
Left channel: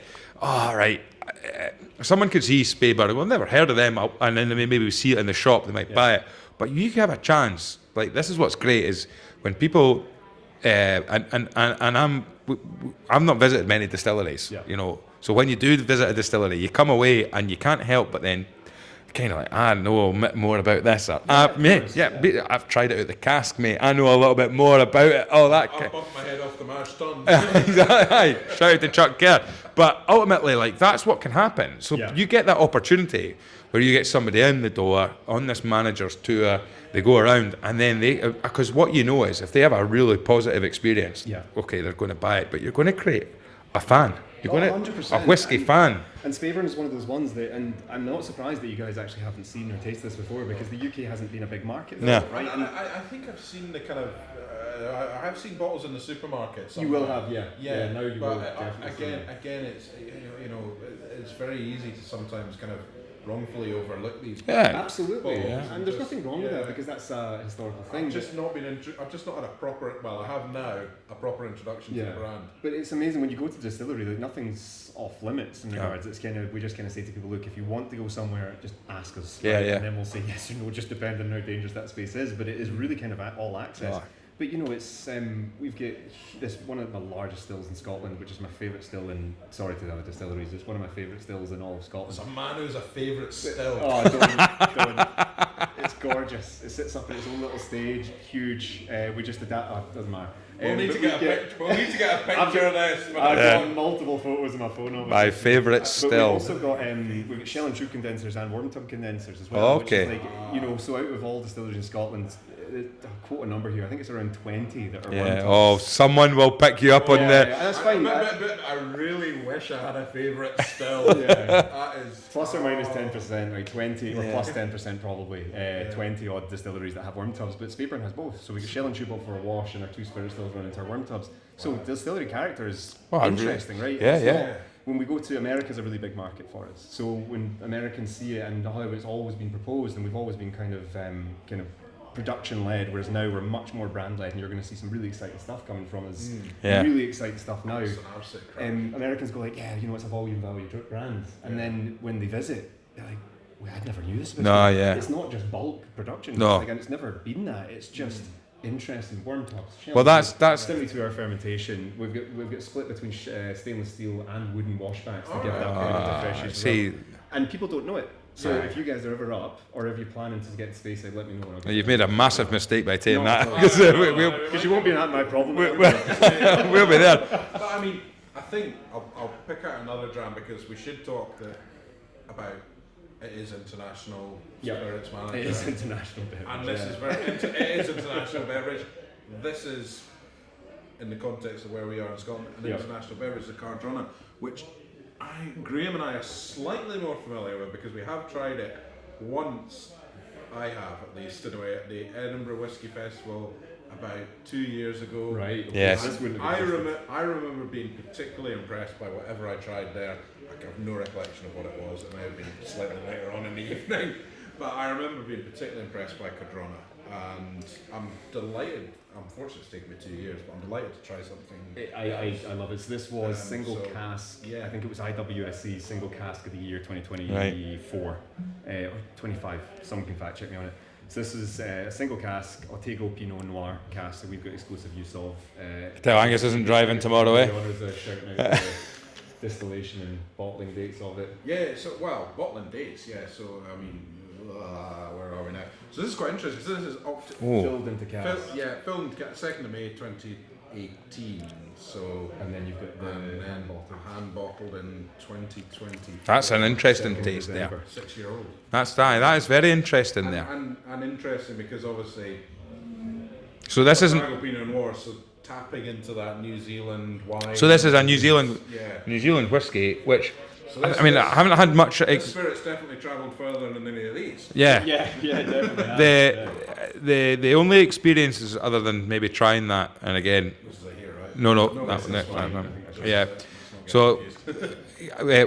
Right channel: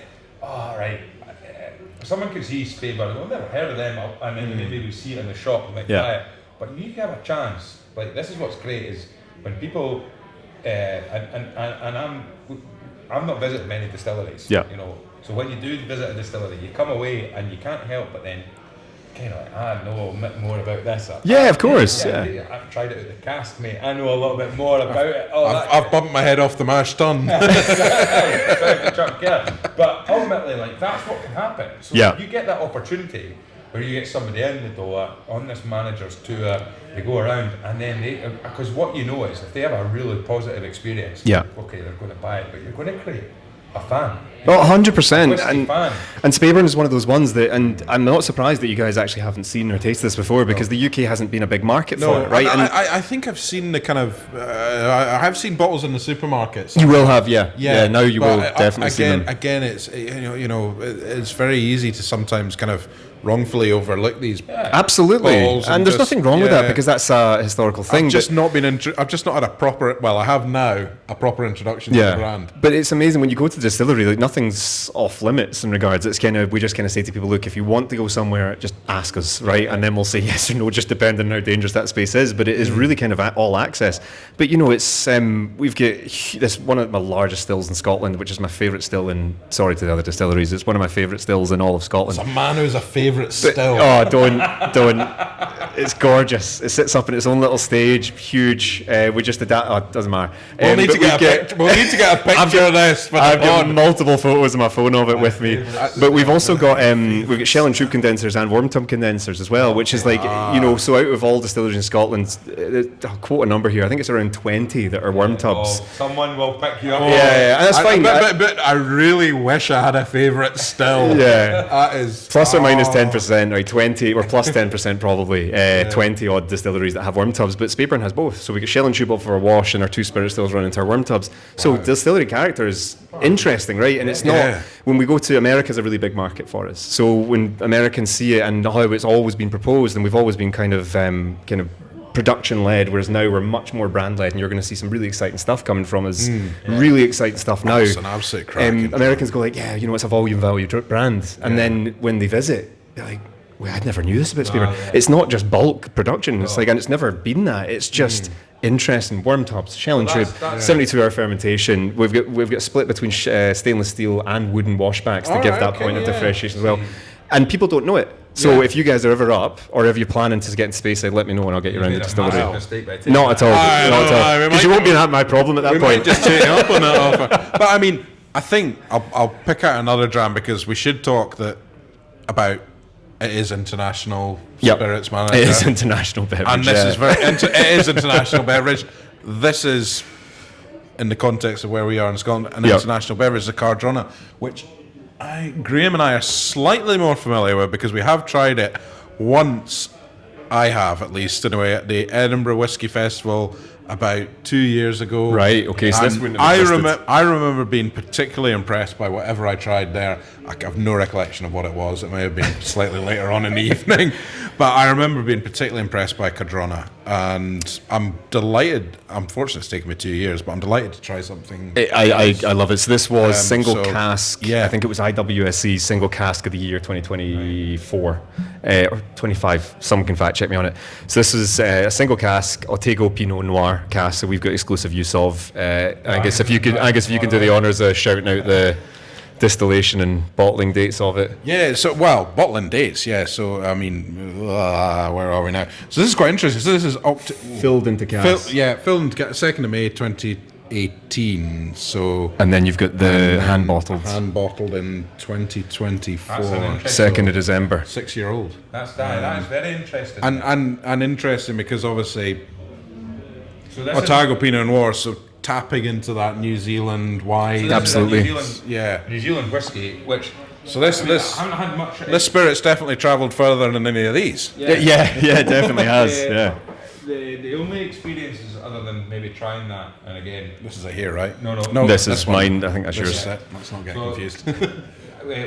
someone could see Speyburn, well, I've never heard of them, and then maybe we see it in the shop, they might buy it. But you have a chance. Like, this is what's great, is when people, I've not visited many distilleries, you know. So when you do visit a distillery, you come away and you can't help but then kind of like, I know a bit more about this. Of course. I've tried it out the cask, mate. I know a little bit more about it. I've bumped my head off the mash tun. Tried to chuck gear. But ultimately, like, that's what can happen. So you get that opportunity where you get somebody in the door on this manager's tour, they go around, and then because what you know is if they have a really positive experience, okay, they're going to buy it, but you're going to create a fan. 100%. A whiskey fan. And Speyburn is one of those ones that, and I'm not surprised that you guys actually haven't seen or tasted this before, because the UK hasn't been a big market for it, right? I think I've seen the kind of, I have seen bottles in the supermarkets. You will have, yeah. Now you will definitely see them. Again, it's it's very easy to sometimes kind of wrongfully overlook these. Absolutely, and there's nothing wrong with that because that's a historical thing. I've just not had a proper. Well, I have now a proper introduction to the brand. But it's amazing when you go to the distillery. Like nothing's off limits in regards. It's we just kind of say to people, look, if you want to go somewhere, just ask us, right? And then we'll say yes or no, just depending on how dangerous that space is. But it is really kind of all access. But it's we've got this one of my largest stills in Scotland, which is my favourite still in. Sorry to the other distilleries, it's one of my favourite stills in all of Scotland. It's a man who's a favourite still. Oh, don't. It's gorgeous. It sits up in its own little stage, huge. We just did that. Oh, it doesn't matter. We'll need to get a picture of this. I've got multiple photos on my phone of it with me. But we've also got we've got shell and troop condensers and worm tub condensers as well, which is like so out of all distilleries in Scotland, I'll quote a number here. I think it's around 20 that are worm tubs. Oh, someone will pick you up on that. And that's fine. But I really wish I had a favourite still. That is plus or minus 10%, right? 20 or plus 10% probably. 20 odd distilleries that have worm tubs, but Speyburn has both. So we get shell and tube up for a wash, and our 2 spirit stills run into our worm tubs. So distillery character is interesting, right? And it's not. When we go to America, is a really big market for us. So when Americans see it and how it's always been proposed, and we've always been kind of production led, whereas now we're much more brand led, and you're going to see some really exciting stuff coming from us. Really exciting stuff now. That's an absolute crack. Americans go like, it's a volume value brand, and then when they visit, they're like, well, I never knew this about Speyburn. It's not just bulk production. It's and it's never been that. It's just interesting worm tubs, shell and tube, 72-hour fermentation. We've got split between stainless steel and wooden washbacks to give that point of differentiation as well. And people don't know it. So if you guys are ever up, or if you're planning to get into Speyside, let me know and I'll get you around. You made a massive mistake by taking Not at all. Not at all. Because you won't be my problem at that point. Just take it up on that. But I mean, I think I'll pick out another dram because we should talk about. It is International Spirits Manager. It is International Beverage. And this is it is International Beverage. This is, in the context of where we are in Scotland, an International Beverage, the Cardrona, which Graham and I are slightly more familiar with because we have tried it once. I have, at least, anyway, at the Edinburgh Whisky Festival about 2 years ago. Right, okay. So this I remember being particularly impressed by whatever I tried there. I have no recollection of what it was. It may have been slightly later on in the evening. But I remember being particularly impressed by Cardrona. And I'm delighted. Unfortunately, it's taken me 2 years, but I'm delighted to try something. I love it. So this was single cask. Yeah. I think it was IWSC's single cask of the year 2024. Or 25. Someone can fact check me on it. So this is a single cask Otago Pinot Noir cask. So we've got exclusive use of. I guess if you could do the honours of shouting out the distillation and bottling dates of it. Yeah, so bottling dates, so I mean, where are we now? So this is quite interesting. So this is filled into cask. Filled into cask, 2nd of May 2018. So and then you've got the hand bottled in 2024. That's an interesting 2nd of December. 6-year-old. That is very interesting. And interesting because obviously, so this is Otago Pinot Noir. So tapping into that New Zealand wine. So this is a New Zealand whiskey, which I haven't had much. This spirit's definitely travelled further than any of these. Yeah, definitely has. The only experiences other than maybe trying that, and again, this is a here, right? No. This is mine. I think that's yours. Let's not get confused.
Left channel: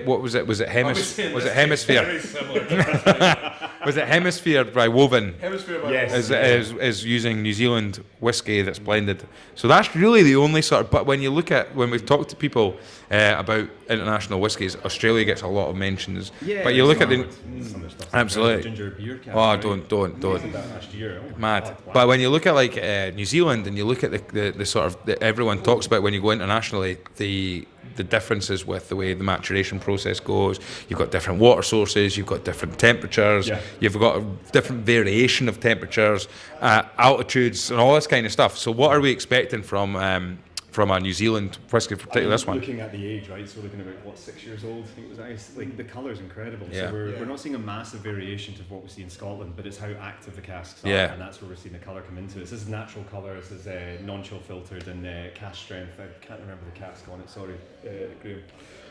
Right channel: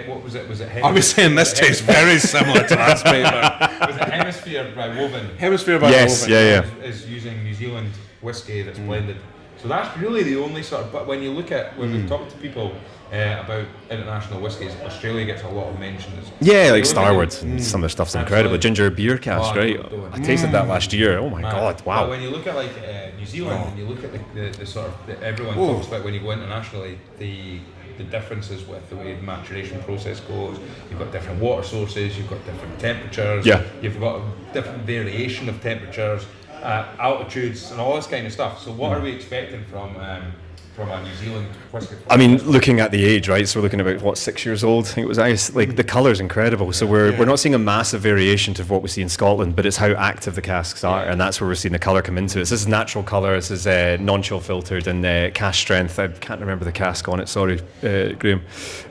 What was it? Was it Hemisphere? I was saying this tastes very similar to that. Was it Hemisphere by Woven? Hemisphere by Woven. Is using New Zealand whiskey that's blended. So that's really the only sort of. But when we've talked to people about international whiskies, Australia gets a lot of mentions. Yeah, like Starward. Some of the stuff's incredible. Ginger beer cask, right? Don't. I tasted that last year. Oh my god! Wow. But when you look at like New Zealand and you look at the sort of everyone talks about when you go internationally, the differences with the way the maturation process goes. You've got different water sources, you've got different temperatures, you've got a different variation of temperatures, altitudes, and all this kind of stuff. So what are we expecting from a New Zealand whiskey? I mean, looking at the age, right? So we're looking about 6 years old. I think it was like the colour's incredible. So we're not seeing a massive variation to what we see in Scotland, but it's how active the casks are, and that's where we're seeing the colour come into it. So this is natural colour. This is non-chill filtered and cask strength. I can't remember the cask on it. Sorry, Graham.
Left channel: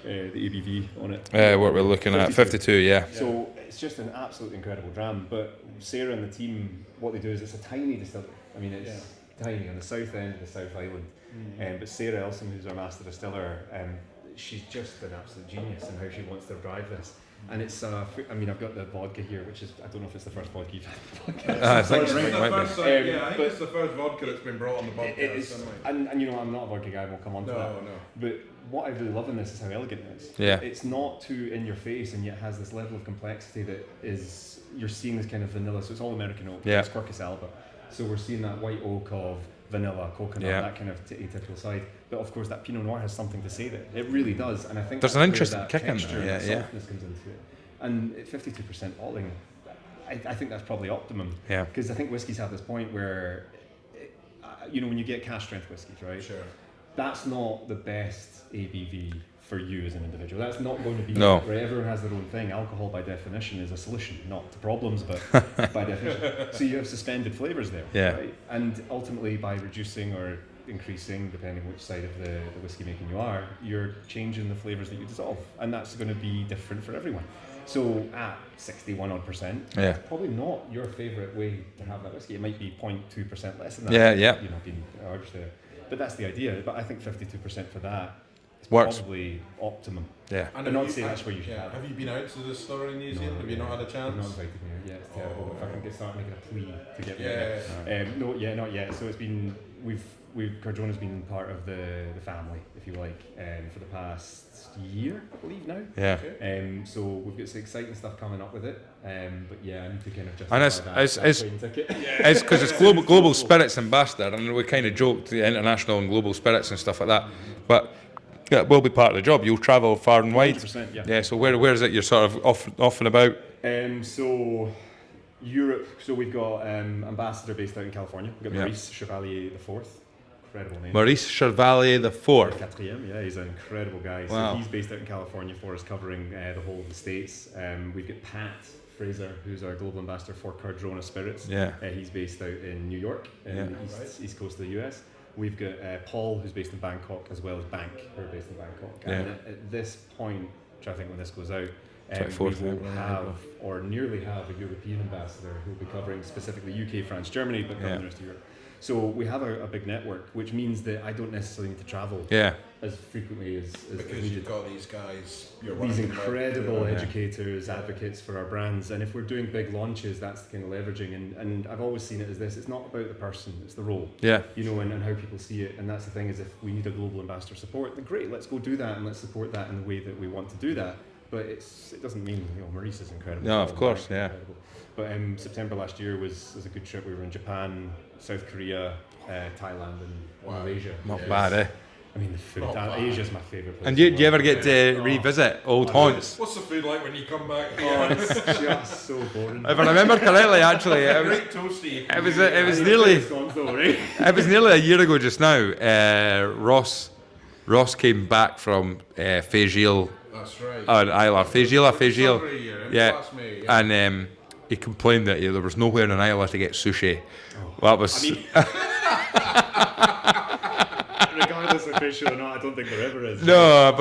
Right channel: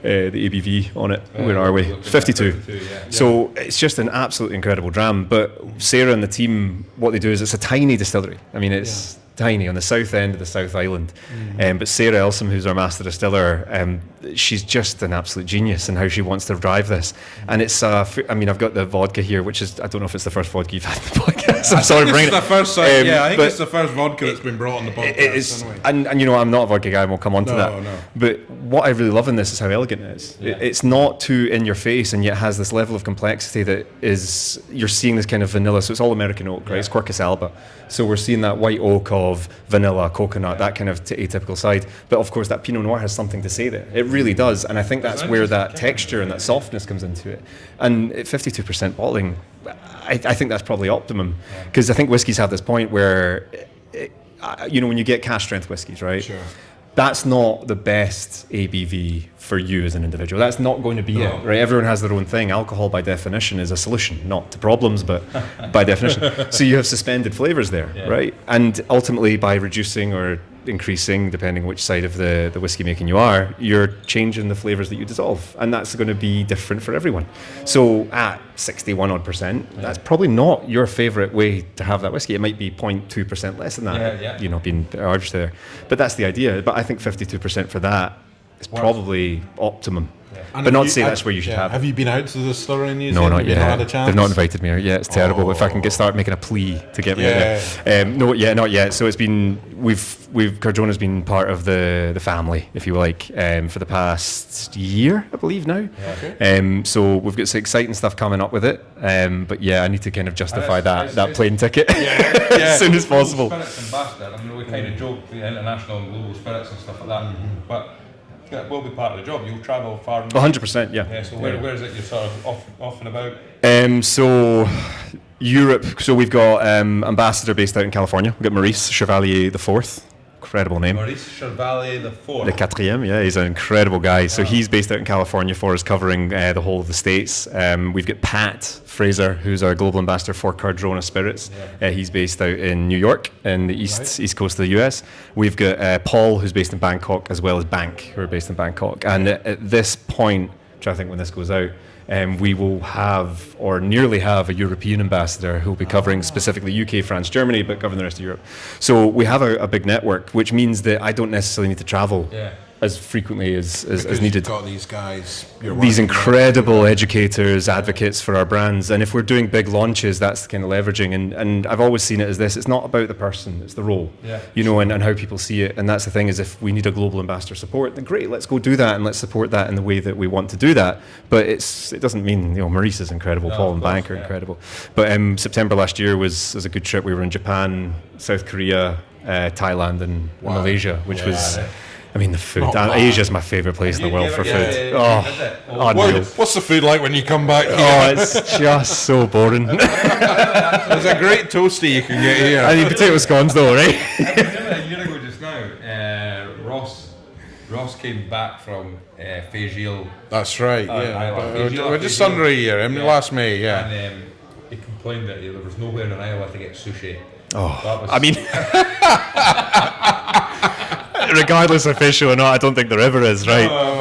The ABV on it. Where are we? 52. 52. Yeah. So it's just an absolutely incredible dram. But Sarah and the team, what they do is it's a tiny distillery. I mean, it's tiny on the south end of the South Island. But Sarah Elsom, who's our master distiller, she's just an absolute genius in how she wants to drive this. And it's, I've got the vodka here, which is, I don't know if it's the first vodka you've had in the podcast. I'm sorry for bringing it. I think it's the first vodka that's been brought on the podcast. And I'm not a vodka guy, and we'll come on to that. No. But what I really love in this is how elegant it is. Yeah. It's not too in your face, and yet has this level of complexity that is, you're seeing this kind of vanilla, so it's all American oak, right? It's Quercus alba. So we're seeing that white oak of vanilla, coconut, that kind of atypical side. But of course, that Pinot Noir has something to say there. It really does. And I think that's where that texture and that softness comes into it. And at 52% bottling, I think that's probably optimum. Because I think whiskies have this point where, when you get cask strength whiskies, right? Sure. That's not the best ABV for you as an individual. That's not going to be it, right? Everyone has their own thing. Alcohol, by definition, is a solution, not to problems, but by definition. So you have suspended flavors there, right? And ultimately, by reducing or increasing, depending which side of the whiskey making you are, you're changing the flavors that you dissolve, and that's going to be different for everyone. So at 61 odd percent, that's probably not your favorite way to have that whiskey. It might be 0.2% less than that. Being arbitrary there, but that's the idea. But I think 52% for that is probably optimum. But not to say that's where you should have it. Have you been out to the distillery in New No, Zealand? not yet. Not had a chance? They've not invited me out yet. It's terrible. But if I can start making a plea to get me out there. Not yet. So it's been, Cardrona's been part of the family, if you like, for the past year, I believe now. So we've got some exciting stuff coming up with it. But I need to kind of justify that plane ticket as soon as Global possible. Spirits Ambassador, and we kind of joked the international and global spirits and stuff like that. But it will be part of the job. You'll travel far and wide. 100%, yeah. So where is it you're sort of off and about? So Europe. So we've got ambassador based out in California. We've got Maurice Chevalier IV. Incredible name. Maurice Chevalier IV. Le Quatrième, he's an incredible guy. So he's based out in California for us, covering the whole of the States. We've got Pat Fraser, who's our global ambassador for Cardrona Spirits. He's based out in New York, in the east coast of the US. We've got Paul, who's based in Bangkok, as well as Bank, who are based in Bangkok. And at this point, which I think when this goes out, we will have, or nearly have, a European ambassador who will be covering specifically UK, France, Germany, but covering the rest of Europe. So we have a big network, which means that I don't necessarily need to travel as frequently as needed. You've got these guys, these incredible educators, advocates for our brands. And if we're doing big launches, that's the kind of leveraging. And I've always seen it as this. It's not about the person, it's the role. And how people see it. And that's the thing, is if we need a global ambassador support, then great, let's go do that and let's support that in the way that we want to do that. But it doesn't mean, Maurice is incredible, Paul and Bank are incredible. But September last year was a good trip. We were in Japan, South Korea, Thailand and Malaysia, which was... the food. Asia's my favourite place in the world for food. To visit? What's the food like when you come back here? It's just so boring. I remember clearly, actually. It's a great toasty you can get here. I need potato scones though, right? It was nearly a year ago just now. Ross came back from Fégil. That's right. Isla. Fégil. Just under a year, last May, And he complained that there was nowhere in Isla to get sushi. Regardless of fish or not, I don't think there ever is, right? No,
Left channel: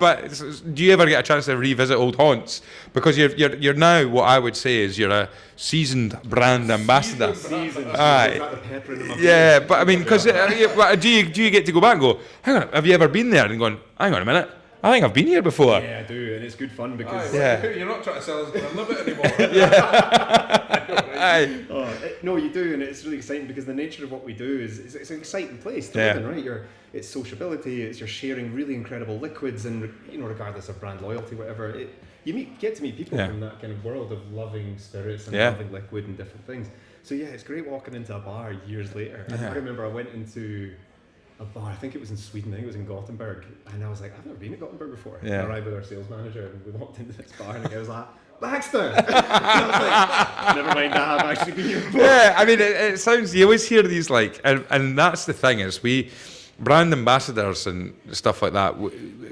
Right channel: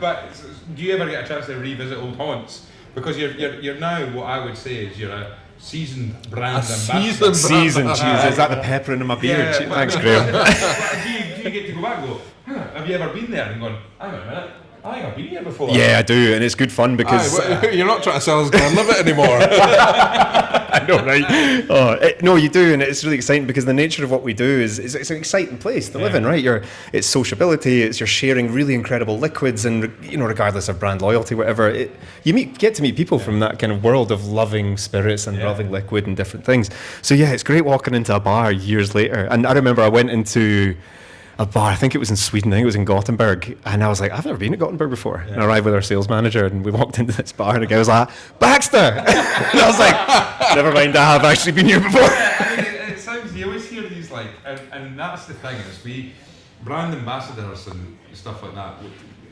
but do you ever get a chance to revisit old haunts? Because you're now, what I would say is, you're a seasoned brand ambassador. Seasoned, is that the pepper in my beard? Yeah, but do you get to go back and go, hang on, have you ever been there? And going, hang on a minute, I think I've been here before. Yeah, I do, and it's good fun because... you're not trying to sell us Glenlivet anymore. I know, right? No, you do, and it's really exciting because the nature of what we do is it's an exciting place to live in, right? It's sociability, you're sharing really incredible liquids, and regardless of brand loyalty, whatever, you get to meet people from that kind of world of loving spirits and loving liquid and different things. So it's great walking into a bar years later. And I remember I went into a bar, I think it was in Sweden, I think it was in Gothenburg, and I was like, I've never been to Gothenburg before. And I arrived with our sales manager, and we walked into this bar, and the guy was like, Baxter! And I was like, never mind, I have actually been here before. It sounds, you always hear these, and that's the thing, is we, brand ambassadors and stuff like that,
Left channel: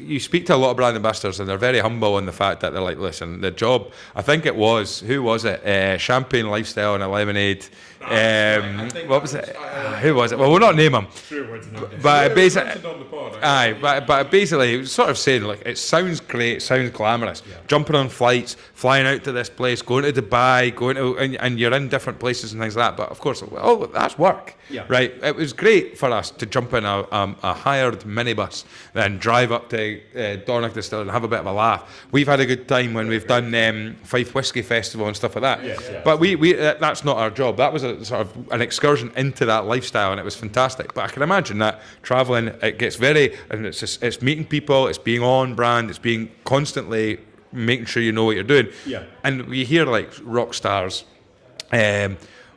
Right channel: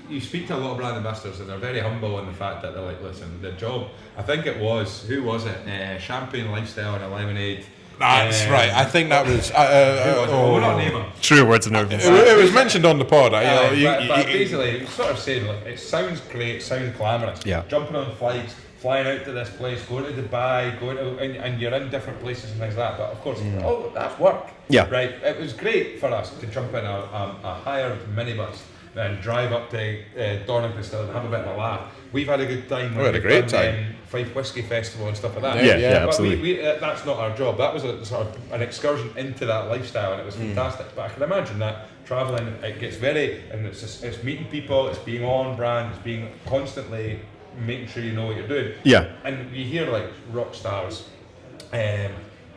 you speak to a lot of brand ambassadors, and they're very humble in the fact that they're like, listen, the job, I think it was, who was it? Champagne Lifestyle and a Lemonade That's right. I think that was... who was it? Well, we'll not name him. True words of nerve. It was mentioned on the pod. But basically, it was sort of saying, like, it sounds great, it sounds glamorous. Yeah. Jumping on flights, flying out to this place, going to Dubai, and you're in different places and things like that. But of course, that's work. Yeah. Right. It was great for us to jump in a hired minibus, then drive up to Dornoch Distillery and have a bit of a laugh. We've had a good time when we've done Fife Whisky Festival and stuff like that. Yeah, but we that's not our job. That was a sort of an excursion into that lifestyle, and it was fantastic. But I can imagine that travelling, it gets and it's meeting people, it's being on brand, it's being constantly making sure you know what you're doing. Yeah. And we hear like rock stars.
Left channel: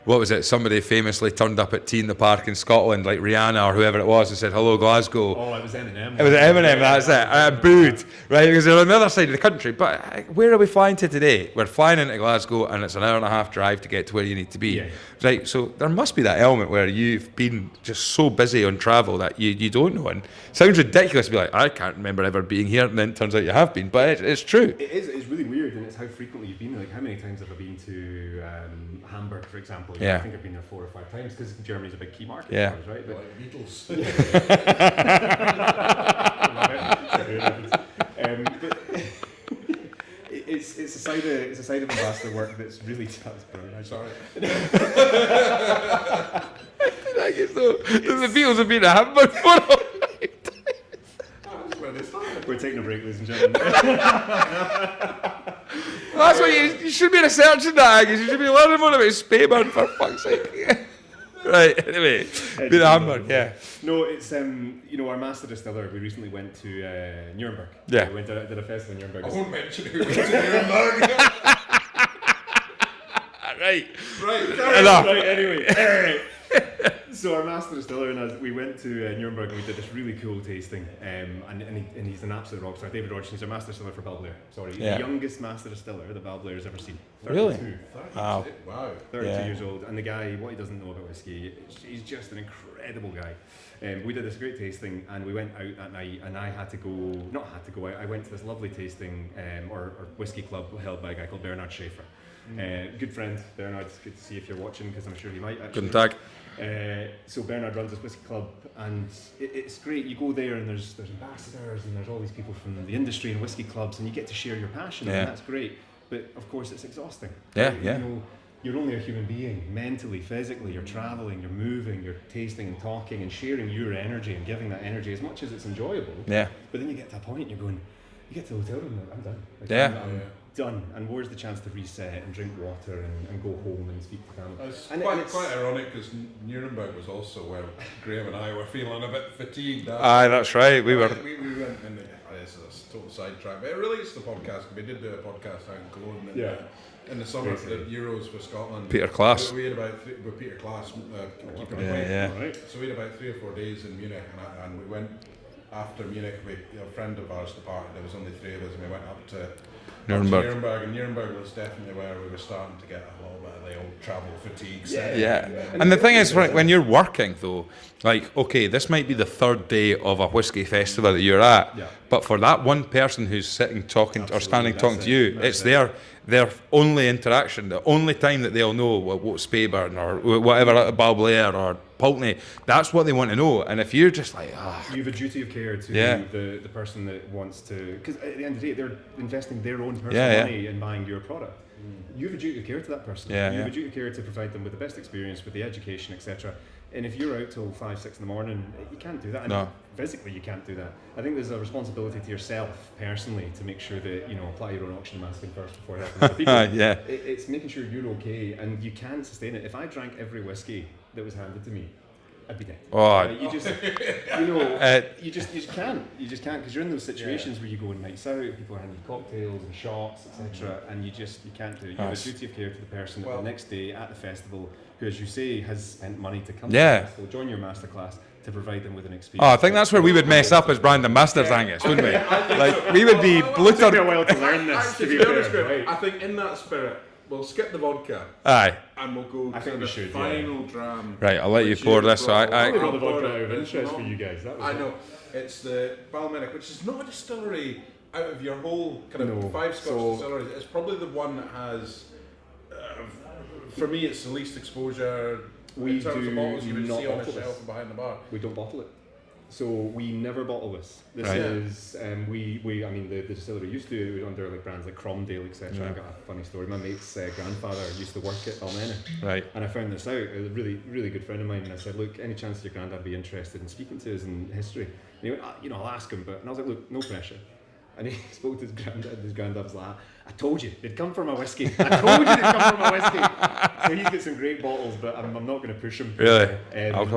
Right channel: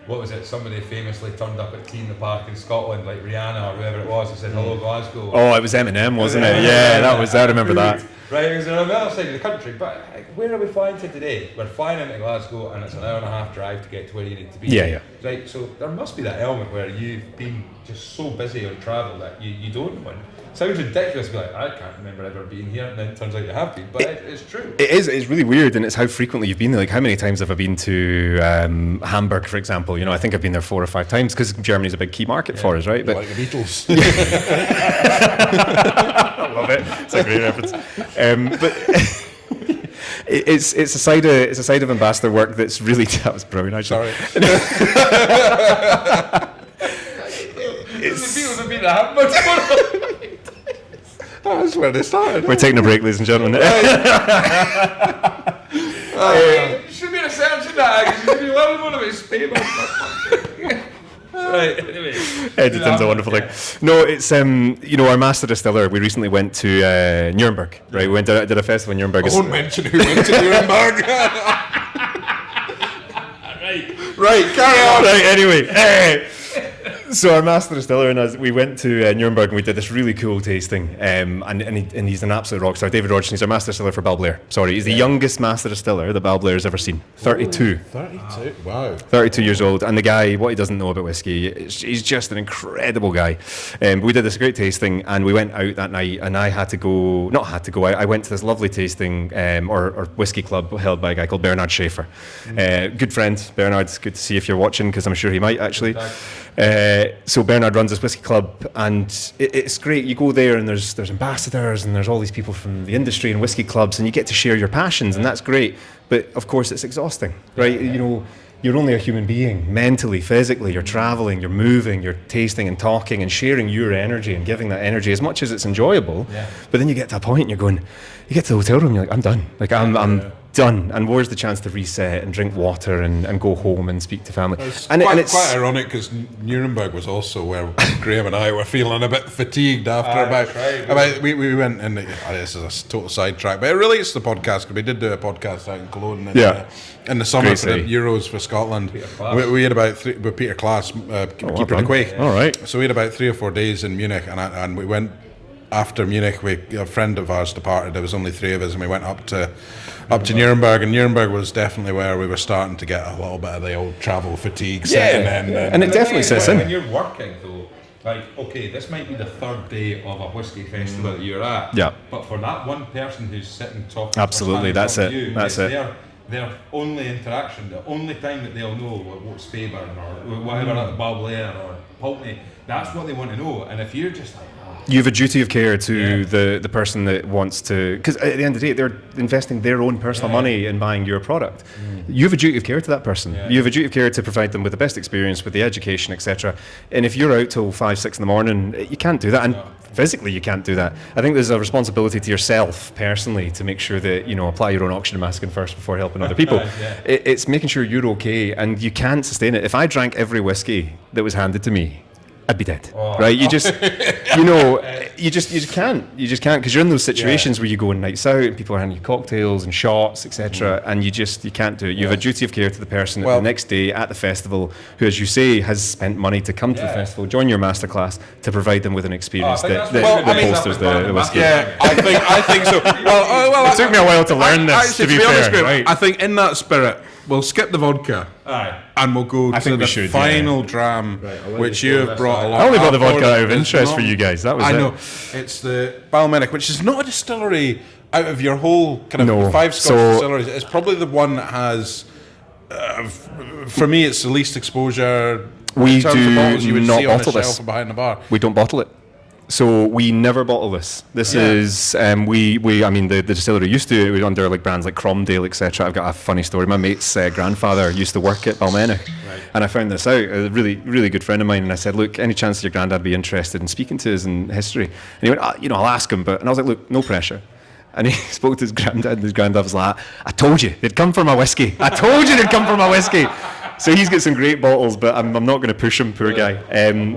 What was it? Somebody famously turned up at Tea in the Park in Scotland, like Rihanna or whoever it was, and said, "Hello, Glasgow." Oh, it was Eminem, wasn't it? Yeah, that was. I remember that. Right, because they're on the other side of the country. But where are we flying to today? We're flying into Glasgow, and it's an hour and a half drive to get to where you need to be. Yeah. Right, so there must be that element where you've been just so busy on travel that you don't know. And it sounds ridiculous to be like, I can't remember ever being here, and then it turns out you have been. But it's true. It is. It's really weird, and it's how frequently you've been there. Like, how many times have I been to Hamburg, for example? You know, I think I've been there 4 or 5 times because Germany's a big key market for us, right? But like the Beatles. Love it. It's a great reference. But it's a side of ambassador work that's really that was brilliant. Actually. Sorry. The Beatles have been a Hamburg. That's where they started. We're taking a break, ladies and gentlemen. You should be researching that. You should be learning more about Speyburn, for fuck's sake. Right, anyway. It's a wonderful thing. No, it's our master distiller. We recently went to Nuremberg. Yeah. Right, we did a festival in Nuremberg. I won't mention who went to Nuremberg. Right, carry on. Right, anyway. So our master distiller and us, we went to Nuremberg and we did this really cool tasting. And he's an absolute rock star. David Rogerson, he's our master distiller for Balblair. Sorry, he's the youngest master distiller that Balblair has ever seen. 32. Really? 32. Wow. 32 years old. And the guy, what he doesn't know about whiskey, he's just an incredible guy. We did this great tasting and we went out that night and I went to this lovely tasting or whiskey club held by a guy called Bernard Schaefer. Good friend, Bernard. Good to see if you're watching because I'm sure he might actually. So Bernard runs this whiskey club and it's great. You go there and there's ambassadors and there's all these people from the industry and whiskey clubs and you get to share your passions and that's great. But of course it's exhausting, right? You know, you're only a human being, mentally, physically. You're traveling, you're moving, you're tasting and talking and sharing your energy and giving that energy as much as it's enjoyable. Yeah. But then you get to a point and you get to the hotel room and you're like, I'm done. Like I'm done. And where's the chance to reset and drink water and go home and speak to family? It's quite ironic because Nuremberg was also where Graham and I were feeling a bit fatigued after. That's right. We went in. This is a total sidetrack, but it relates to the podcast because we did do a podcast out in Cologne in the summer for the Euros for Scotland. Peter Klaas. We had about with Peter Klaas, keeper the Quake. All right. So we had about 3 or 4 days in Munich, and we went after Munich. A friend of ours departed. There was only 3 of us, and we went up to Nuremberg, and Nuremberg was definitely where we were starting to get a little bit of the old travel fatigue setting in. And the thing is, when you're working though, like, okay, this might be the 3rd day of a whiskey festival that you're at, but for that one person who's sitting talking or standing talking to you, it's their only interaction, the only time that they'll know what Speyburn or whatever, Balblair or Pulteney, that's what they want to know. And if you're just like, you have a duty of care to the person that wants to, because at the end of the day, they're investing their own personal money in buying your product. You have a duty of care to that person. You have a duty of care to provide them with the best experience, with the education, etc. And if you're out till 5, 6 in the morning, you can't do that. And physically, you can't do that. I think there's a responsibility to yourself personally to make sure that apply your own oxygen mask in first before helping other people. It's making sure you're okay, and you can't sustain it. If I drank every whiskey that was handed to me, I'd be dead, right? You just, you just can't because you're in those situations where you go on nights out and people are handing you cocktails and shots, etc. And you can't do it. You have a duty of care to the person the next day at the festival who, as you say, has spent money to come to the festival, join your masterclass to provide them with an experience. I think that's what we would mess up as brand ambassador. I think so. It took me a while to learn this. To be fair, right? I think in that spirit, we'll skip the vodka. And we'll go to the final dram. Right, I'll let which you pour this. I only brought the vodka out of interest for you guys. That was I know. It's the Balmenic, which is not a distillery out of your whole kind of 5 Scotch distilleries. It's probably the one that has for me, it's the least exposure. We in terms do of bottles you would not see on the bottle this. shelf behind the bar. We don't bottle it. So we never bottle this. This is I mean the distillery used to, it was under like brands like Cromdale, etc. I've got a funny story. My mate's grandfather used to work at Balblair, and I found this out. A really good friend of mine, and I said, look, any chance your granddad would be interested in speaking to us in history? And he went, I'll ask him, and I was like, look, no pressure. And he spoke to his granddad, and his granddad was like, I told you, they'd come for my whiskey. I told you they'd come for my whiskey. So he's got some great bottles, but I'm not going to push him, poor guy.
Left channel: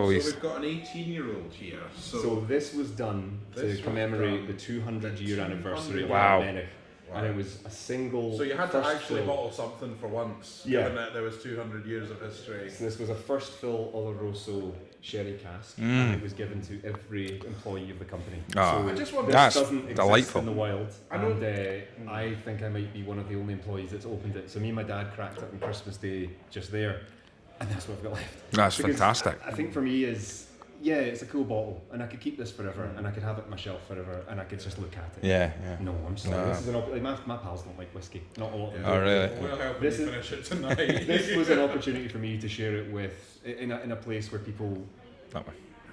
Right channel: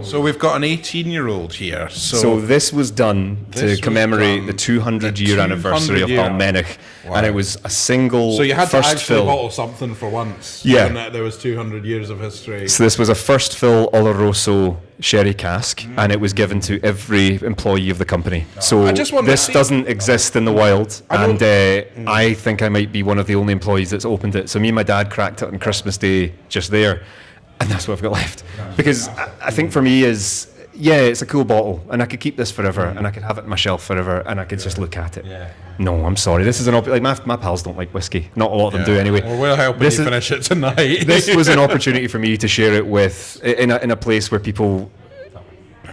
So we've got an 18-year-old here. So this was done to commemorate the 200-year anniversary of Balblair. Wow. And it was a single So you had first to actually fill. bottle something for once. Yeah. Given that there was 200 years of history. So this was a first fill Oloroso sherry cask, and it was given to every employee of the company. So I just wonder, this doesn't exist in the wild, and I think I might be one of the only employees that's opened it. So me and my dad cracked it on Christmas Day just there, and that's what I've got left. That's because fantastic. I think for me is, it's a cool bottle, and I could keep this forever, and I could have it on my shelf forever, and I could just look at it. No, I'm sorry. This is like my pals don't like whiskey. Not a lot of them do anyway. Well, we'll help you finish it tonight. This was an opportunity for me to share it with in a place where people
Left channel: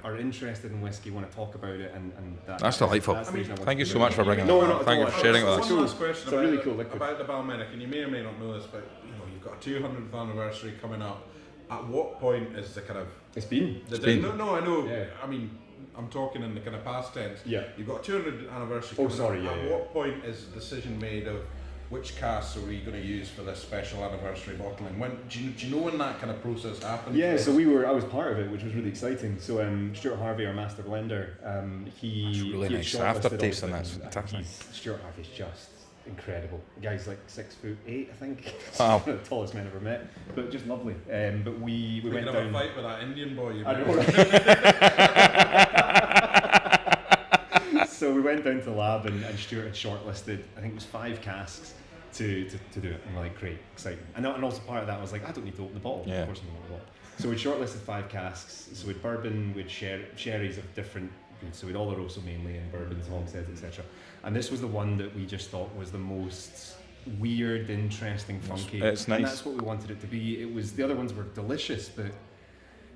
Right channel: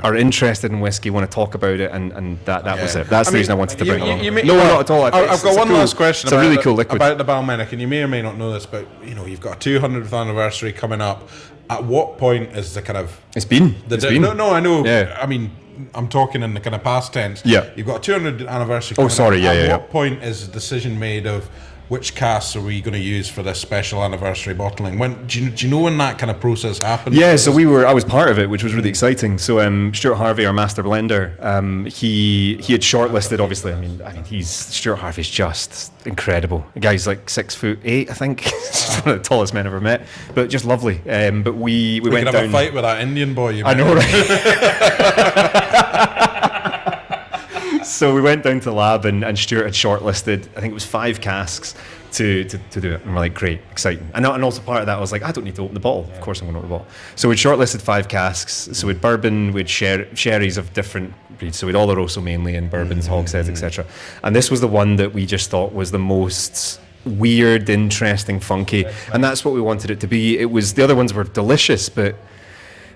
are interested in whiskey, want to talk about it, and that was it. That's the reason I wanted to bring it on. No, not at all. I've got one last question about a really cool liquid. About the Balblair, and you may or may not know this, but you've got a 200th anniversary coming up. At what point is the kind of... It's been. No, I know. Yeah. I mean, I'm talking in the kind of past tense. Yeah. You've got a 200th anniversary coming up. At what point is the decision made of which casks are we going to use for this special anniversary bottling? When do you know when that kind of process happened? Yeah, so I was part of it, which was really exciting. So Stuart Harvey, our master blender, he had shortlisted. Obviously, I mean, Stuart Harvey's just incredible. The guy's like 6'8", I think. One of the tallest men I've ever met, but just lovely. But we went could down. have a fight with that Indian boy. I know, right? So we went down to the lab, and Stuart had shortlisted, I think it was 5 casks to do it. And we're like, great, exciting. And also part of that, I was like, I don't need to open the bottle. Of course I'm going to open the bottle. So we'd shortlisted 5 casks. So we'd bourbon, we'd sherries of different breeds. So we'd Oloroso mainly, and bourbons, hogsheads, etc. And this was the one that we just thought was the most weird, interesting, funky. Nice. And that's what we wanted it to be. The other ones were delicious, but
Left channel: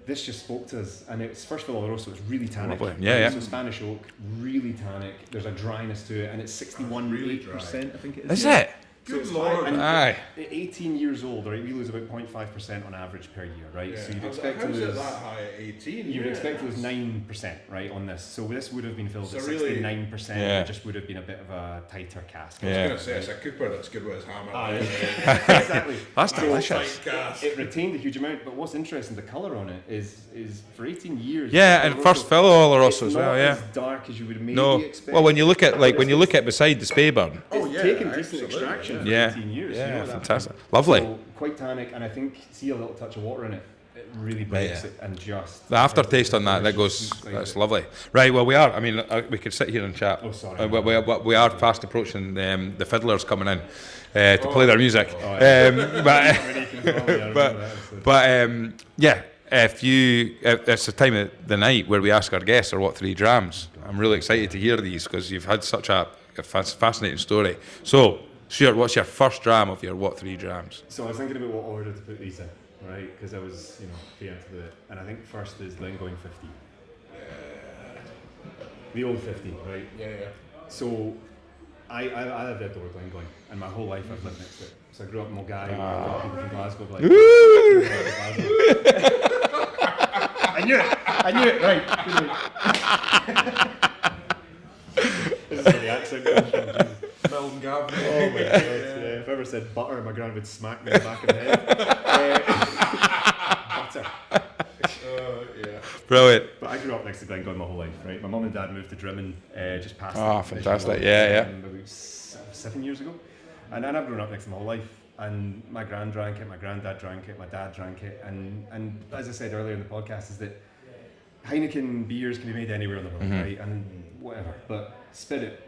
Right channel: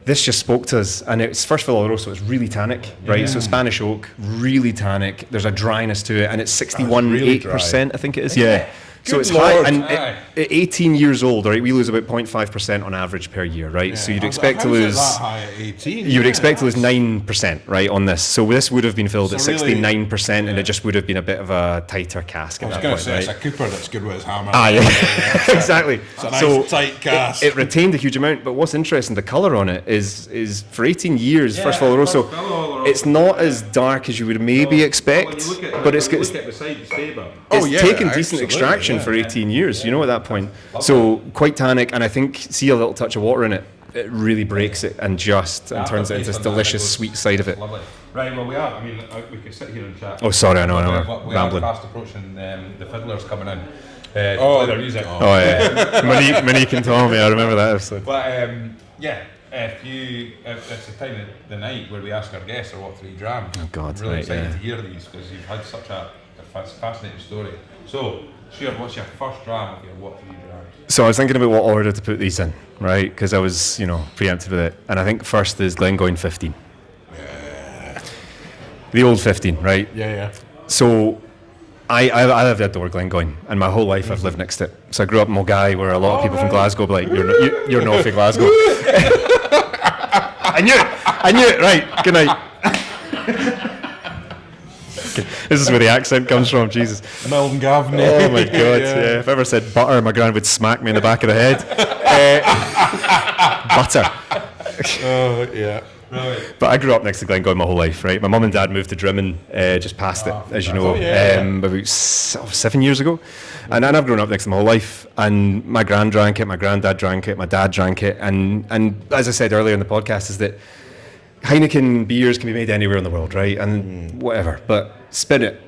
this just spoke to us, and it's first of all Oloroso. It's really tannic, right? So Spanish oak, really tannic. There's a dryness to it, and it's 61.8%, I think it is. So it's high, and at 18 years old, right, we lose about 0.5% on average per year, right? So you'd expect to lose. That high at 18? You would expect to lose 9%, right, on this. So this would have been filled at 69%, and it just would have been a bit of a tighter cask. I was going to say, it's a Cooper that's good with his hammer. Exactly. So tight cask. It retained a huge amount, but what's interesting, the colour on it is for 18 years. First Oloroso, it's not as dark as you would maybe expect. Well, when you look at beside the Speyburn, it's taken decent extraction for 18 years, at that point. So quite tannic, and I think see a little touch of water in it. It really breaks it and just turns into this delicious sweet side of it. Lovely. Right, well, we are. I mean, we could sit here and chat. Oh, sorry, I know. We are fast approaching the fiddlers coming in to play their music. Monique and Tommy, I remember that episode. But if it's the time of the night where we ask our guests, what 3 drams? I'm really excited to hear these, because you've had such a fascinating story. So, Stuart, what's your first dram of your what 3 drams? So I was thinking about what order to put these in, right? Because I was, preempted with it. And I think first is Glengoyne 15. Yeah. The old 15, right? Yeah. So I live at Glengoyne, and my whole life I've lived next to it. So I grew up in Mulgai, where a lot of people from Glasgow be like, you're not from Glasgow. I knew it, right, good night. This is where the accent comes from, Jesus. Melvin Gavin. Oh my God, If I ever said butter, my gran would smack me in the back of the head. Butter. Oh, yeah. Brilliant. But I grew up next to Glengoyne my whole life, right? My mum and dad moved to Drimmen just past it, as you know, about 7 years ago. And I've grown up next to them my whole life. And my gran drank it, my granddad drank it, my dad drank it. And as I said earlier in the podcast, is that Heineken beers can be made anywhere in the world, right? And whatever. But Spirit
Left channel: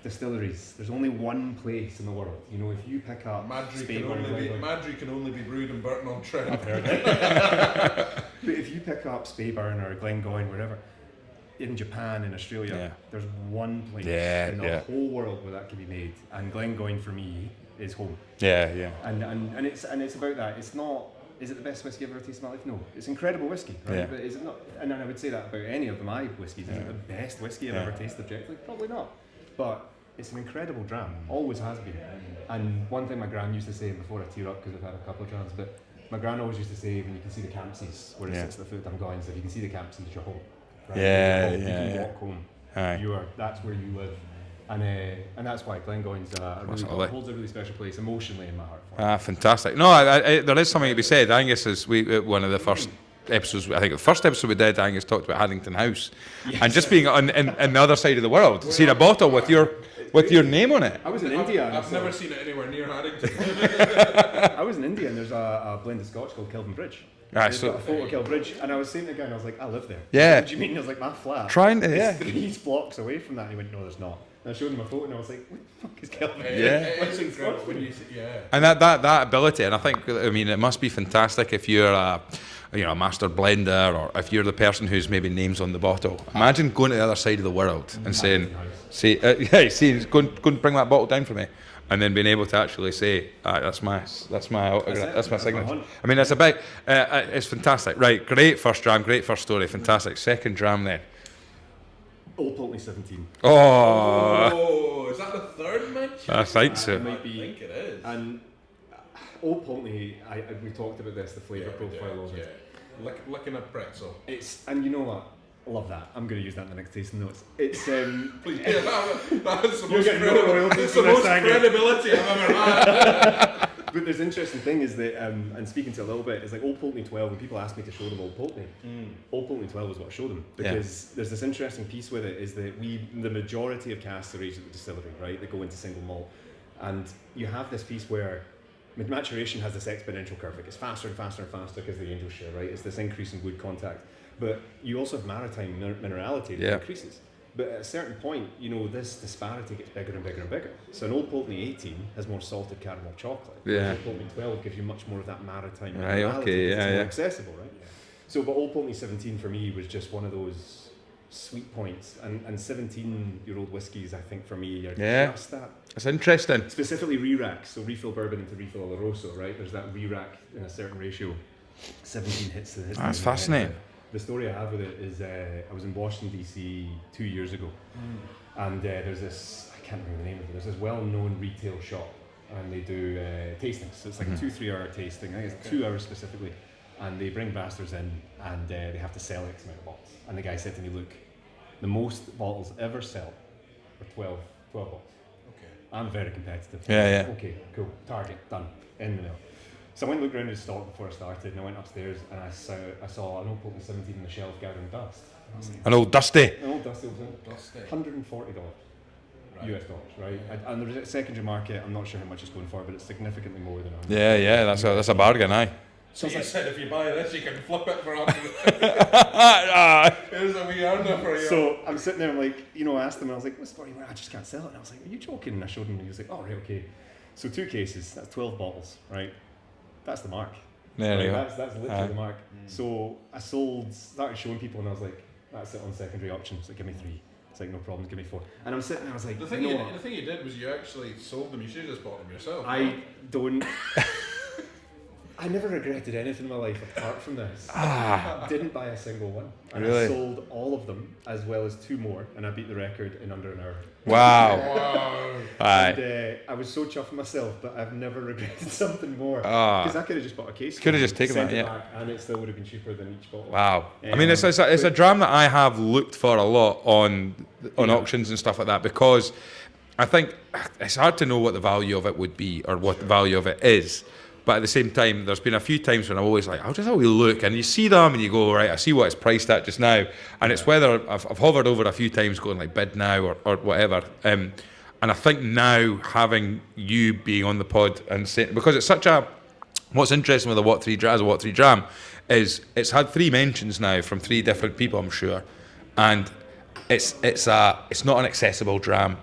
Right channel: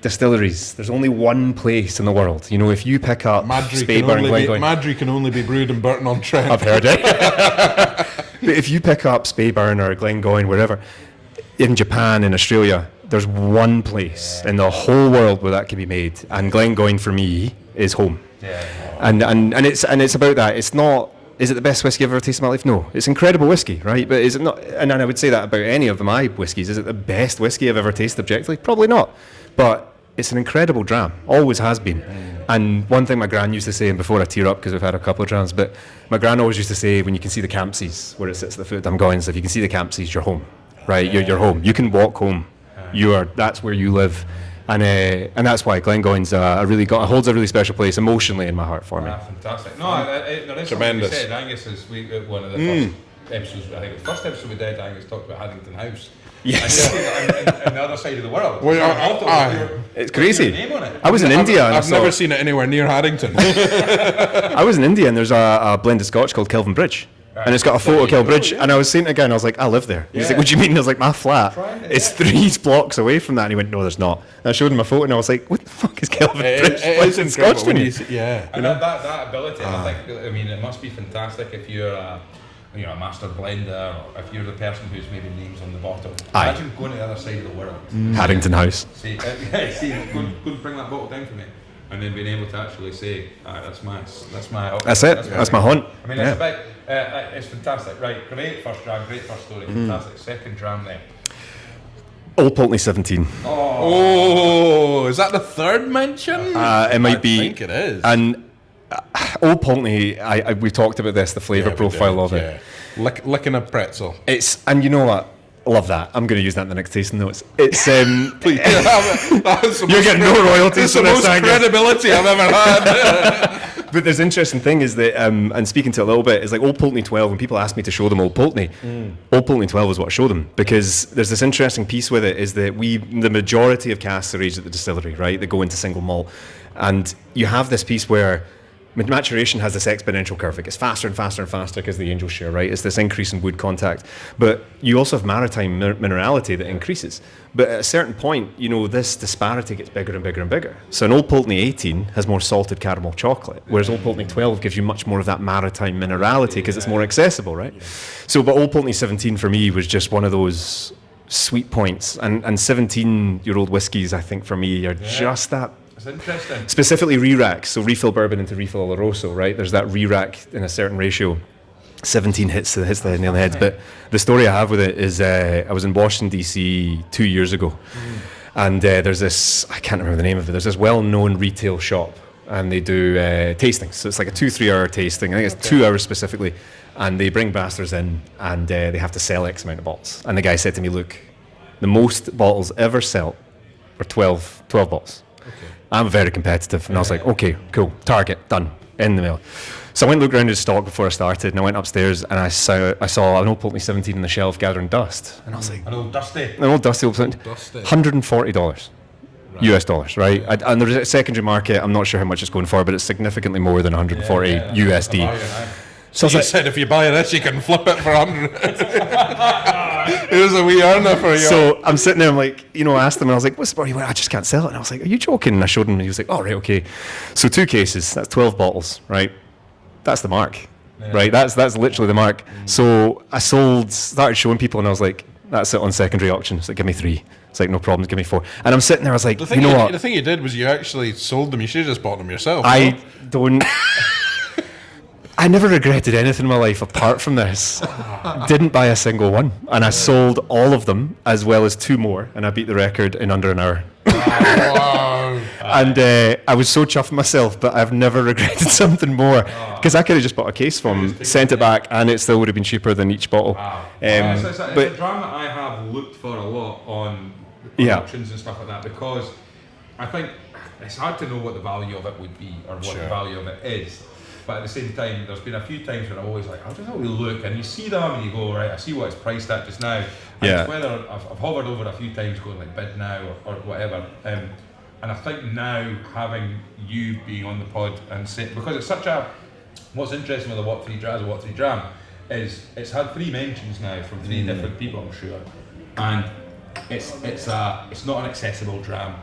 distilleries, there's only one place in the world. If you pick up Speyburn, Glengoyne, Madry can only be brewed in Burton-on-Trent. I've heard it. But if you pick up Speyburn or Glengoyne, wherever, in Japan, in Australia, there's one place in the whole world where that can be made. And Glengoyne, for me, is home. Yeah. And it's about that. It's not. Is it the best whiskey I've ever tasted in my life? No. It's incredible whiskey, right? But is it not? And I would say that about any of my whiskies. Is it the best whiskey I've ever tasted objectively? Probably not. But it's an incredible dram. Always has been. And one thing my gran used to say, and before I tear up because we've had a couple of drams, but my gran always used to say, when you can see the Campsies where it sits at the foot of Dungoynes, if you can see the Campsies, you're home, right? You're home. You can walk home. That's where you live. And that's why Glengoyne's holds a really special place emotionally in my heart for me. Fantastic. No, there is something we said. Angus is one of the first episodes. I think the first episode we did, Angus talked about Haddington House. Yes. And just being on the other side of the world. See a bottle with your name on it. I was in India. I've never seen it anywhere near Haddington. I was in India and there's a blended Scotch called Kelvin Bridge. And it's got a photo of Kelvin Bridge, and I was saying it again, I was like, I live there. He's like, what do you mean? I was like, my flat. It's 3 blocks away from that. And he went, no, there's not. And I showed him a photo, and I was like, what the fuck is Kelvin Bridge? It's in Scotch to me. And that ability, and I think, it must be fantastic if you're a master blender, or if you're the person who's maybe names on the bottle. Imagine going to the other side of the world. And Haddington House. Go and bring that bottle down for me. And then being able to actually say, that's my That's it. That's my hunt. I mean, it's about. It's fantastic. Right, great first dram, great first story, fantastic. Second dram then. Old Pulteney 17. Oh, is that the third mention? It might be. I think it is. And Old Pulteney, we talked about this, the flavour profile of it. Licking a pretzel. And you know what? Love that. I'm going to use that in the next tasting notes. It's please. You're getting no royalties for this. That's the most credibility I've ever had. But there's an interesting thing is that, and speaking to it a little bit, is like Old Pulteney 12. When people ask me to show them Old Pulteney, Old Pulteney 12 is what I show them, because there's this interesting piece with it is that the majority of casks are aged at the distillery, right? They go into single malt, and you have this piece where maturation has this exponential curve. It gets faster and faster and faster because of the angel share, right? It's this increase in wood contact. But you also have maritime minerality that increases. But at a certain point, this disparity gets bigger and bigger and bigger. So an Old Pulteney 18 has more salted caramel chocolate, whereas Old Pulteney 12 gives you much more of that maritime minerality because it's more accessible, right? Yeah. So, but Old Pulteney 17 for me was just one of those sweet points. And 17-year-old whiskies, I think, for me, are just that. That's interesting. Specifically re-racks, so refill bourbon into refill Oloroso, right? There's that re-rack in a certain ratio. 17 hits the nail on the head. But the story I have with it is I was in Washington, D.C. 2 years ago. And there's this, I can't remember the name of it, there's this well-known retail shop. And they do tastings. So it's like a 2-3 hour tasting. I think it's 2 hours specifically. And they bring brasters in and they have to sell X amount of bottles. And the guy said to me, look, the most bottles ever sell are 12 bottles. I'm very competitive, and I was like, okay, cool, target, done, in the mail. So I went and looked around his stock before I started, and I went upstairs, and I saw an Old Pulteney 17 on the shelf gathering dust, and I was like, an old dusty Old Pulteney, $140 US dollars, right? And there's a secondary market, I'm not sure how much it's going for, but it's significantly more than 140 USD. That's a bargain, aye. So you said if you buy this, you can flip it for 100. Here's a wee earner for you. So I'm sitting there, I'm like, I asked him, and I was like, what's the story? I just can't sell it. And I was like, are you joking? And I showed him, and he was like, oh, right, okay. So 2 cases, that's 12 bottles, right? That's the mark, right? That's literally the mark. So I started showing people, and I was like, that's it on secondary auction. It's like, give me 3. It's like, no problem, give me 4. And I'm sitting there, I was like, what? The thing you did was you actually sold them. You should have just bought them yourself. I never regretted anything in my life apart from this. Didn't buy a single one. And I sold all of them, as well as 2 more, and I beat the record in under an hour. Wow. And I was so chuffed with myself, but I've never regretted something more. Because I could have just bought a case from them, sent it back, and it still would have been cheaper than each bottle. Wow. It's a dram that I have looked for a lot on auctions and stuff like that, because I think it's hard to know what the value of it would be, or what the value of it is. But at the same time, there's been a few times when I'm always like, I'll just have a look, and you see them and you go, right, I see what it's priced at just now. And it's whether I've hovered over a few times going like bid now or whatever. And I think now having you being on the pod and saying, because it's such a, what's interesting with the What 3 Dram is it's had 3 mentions now from 3 different people, I'm sure. And it's not an accessible dram.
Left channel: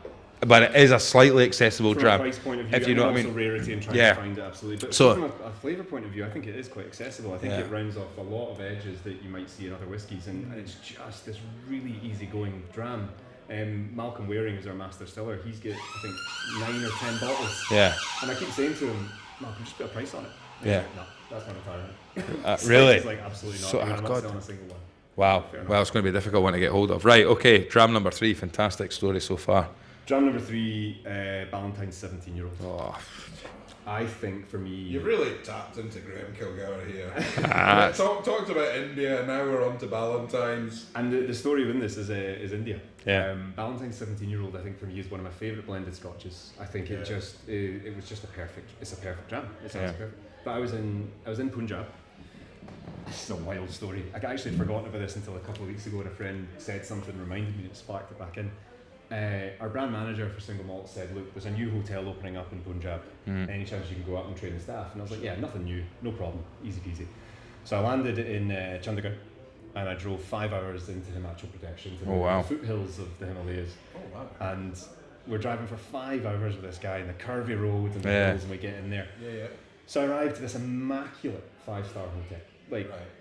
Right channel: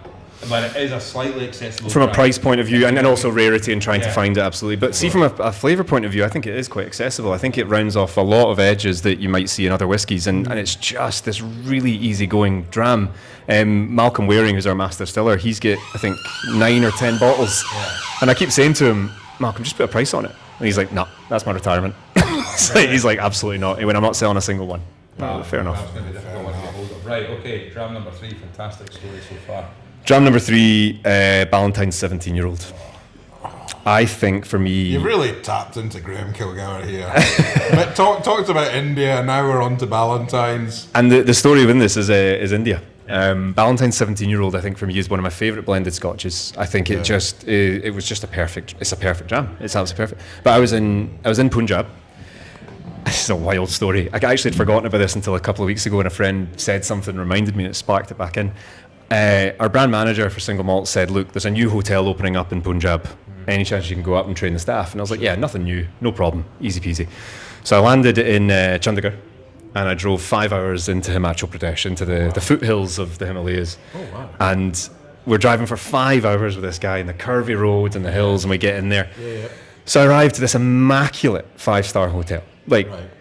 but it is a slightly accessible from dram. a price point of view, and also me. rarity and trying to find it, absolutely. But see, from a flavour point of view, I think it is quite accessible. I think it rounds off a lot of edges that you might see in other whiskies, and it's just this really easygoing dram. Malcolm Waring, who's our master distiller, he's got, I think, 9 or 10 bottles. Yeah. And I keep saying to him, Malcolm, just put a price on it. And he's like, no, that's my retirement. Really? He's like, absolutely not. He went, I'm not selling a single one. Wow, fair enough. That's going to be a difficult one to get hold of. Right, okay, dram number 3, fantastic story so far. Dram number 3, Ballantyne's 17-year-old. I think for me... You've really tapped into Graham Kilgour here. Talked about India, now we're on to Ballantyne's. And the story within this is India. Yeah. Ballantyne's 17-year-old, I think for me, is one of my favourite blended scotches. I think it was just a perfect dram. It sounds perfect. But I was in Punjab. This is a wild story. I actually had forgotten about this until a couple of weeks ago, and a friend said something, reminded me, and it sparked it back in. Our brand manager for Single Malt said, look, there's a new hotel opening up in Punjab. Any chance you can go up and train the staff? And I was like, yeah, nothing new, no problem, easy peasy. So I landed in Chandigarh, and I drove 5 hours into Himachal Pradesh, into the foothills of the Himalayas. Oh, wow. And we're driving for 5 hours with this guy in the curvy roads and the hills, and we get in there. Yeah. So I arrived to this immaculate 5-star hotel.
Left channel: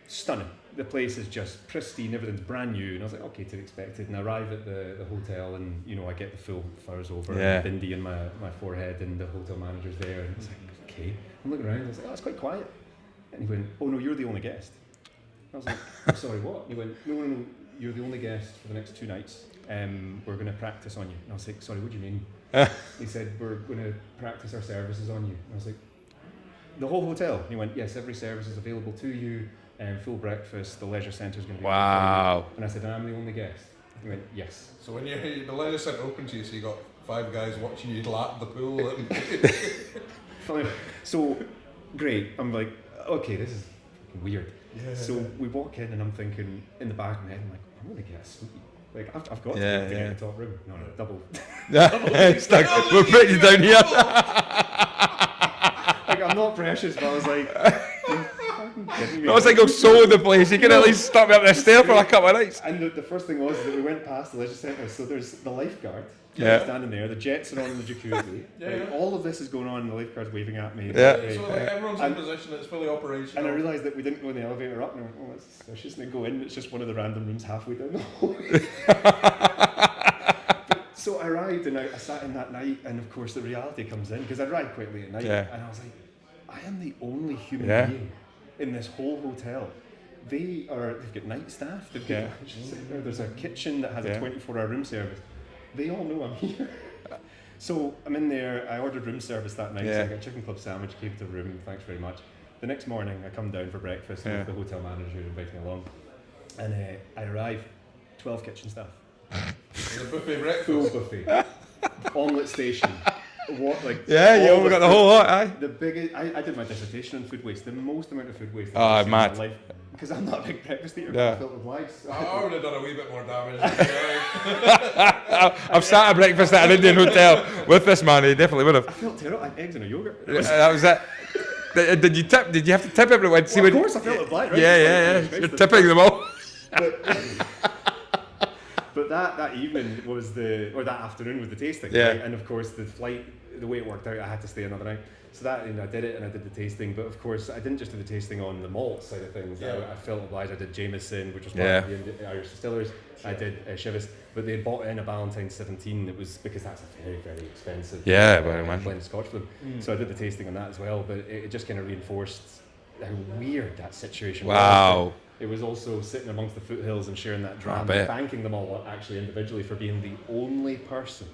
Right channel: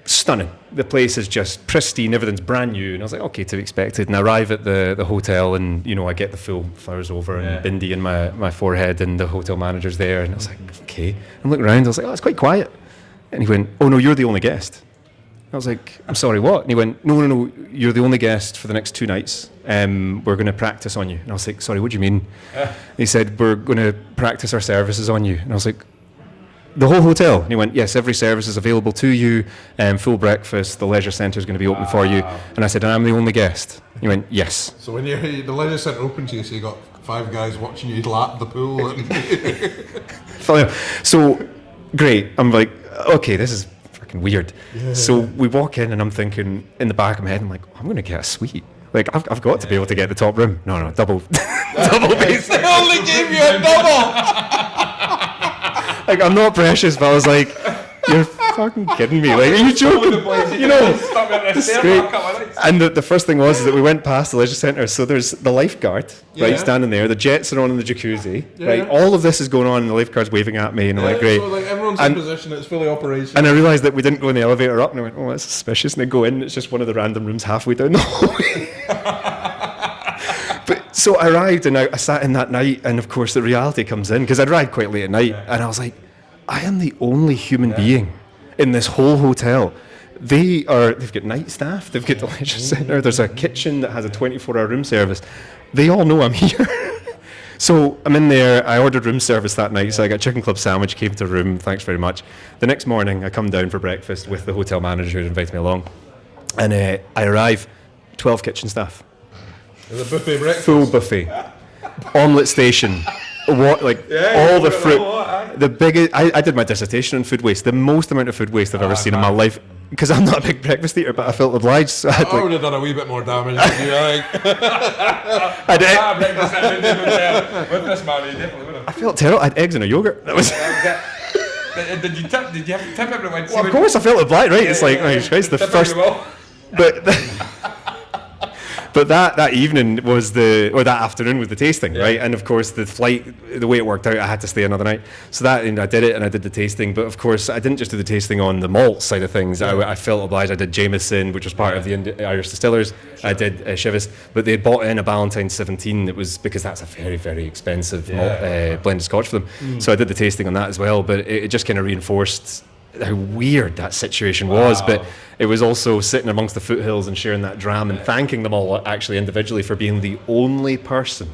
Stunning. The place is just pristine, everything's brand new, and I was like, okay, to be expected. And I arrive at the hotel, and I get the full flowers over and bindi in my forehead, and the hotel manager's there, and I was like, okay. I'm looking around, I was like, oh, it's quite quiet. And he went, oh no, you're the only guest. I was like, I'm sorry, what? And he went, no, you're the only guest for the next 2 nights. We're going to practice on you. And I was like, sorry, what do you mean? He said, we're going to practice our services on you. And I was like, the whole hotel? And he went, yes, every service is available to you, full breakfast, the leisure centre is going to be open for you. And I said, and I'm the only guest? He went, yes. So when the leisure centre opened to you, so you got 5 guys watching you lap the pool. So, great. I'm like, okay, this is freaking weird. Yeah. So we walk in, and I'm thinking, in the back of my head, I'm like, I'm going to get a suite. Like, I've got to be able to get the top room. No, double. Double base. Like, we're putting you down here. Like, I'm not precious, but I was like, you're fucking kidding me. I was like, you joking the place. You know, stuck me up in a stair for a couple of nights. And the first thing was that we went past the leisure centre, so there's the lifeguard, right, standing there. The jets are on in the jacuzzi, right? All of this is going on, and the lifeguard's waving at me, and I'm like, great. So, like, everyone's in position, it's fully operational. And I realised that we didn't go in the elevator up, and I went, oh, that's suspicious. And they go in, it's just one of the random rooms halfway down the hallway. So I arrived, and I sat in that night, and of course the reality comes in, because I'd arrived quite late at night, and I was like, I am the only human being in this whole hotel. They've got night staff, they've got the leisure centre, there's a kitchen that has a 24-hour room service. They all know I'm here. So I'm in there, I ordered room service that night, so I got a chicken club sandwich, came to the room, thanks very much. The next morning I come down for breakfast with the hotel manager who invited me along, and I arrive, 12 kitchen staff. The buffet breakfast. Full buffet. Omelette station. What, like, all the fruit. The biggest. I did my dissertation on food waste. The most amount of food waste I've ever seen in my life. Because I'm not a big breakfast eater, but I felt obliged. So I would have done a wee bit more damage. I sat at breakfast at an Indian hotel with this man. He definitely would have. I felt terrible. I had eggs and a yogurt. That was it. Did you have to tip everyone? Well, of course, I felt obliged, right? It's like, Christ, the first. Them all. But that evening that afternoon was the tasting, right? And of course, the flight, the way it worked out, I had to stay another night. So I did it, and I did the tasting. But of course, I didn't just do the tasting on the malt side of things. I felt obliged. I did Jameson, which was part of the Irish Distillers. I did Chivas, but they bought in a Ballantyne's 17. It was because that's a very, very expensive blended Scotch for them. So I did the tasting on that as well. But it just kind of reinforced how weird that situation was. But it was also sitting amongst the foothills and sharing that dram and thanking them all actually individually for being the only person,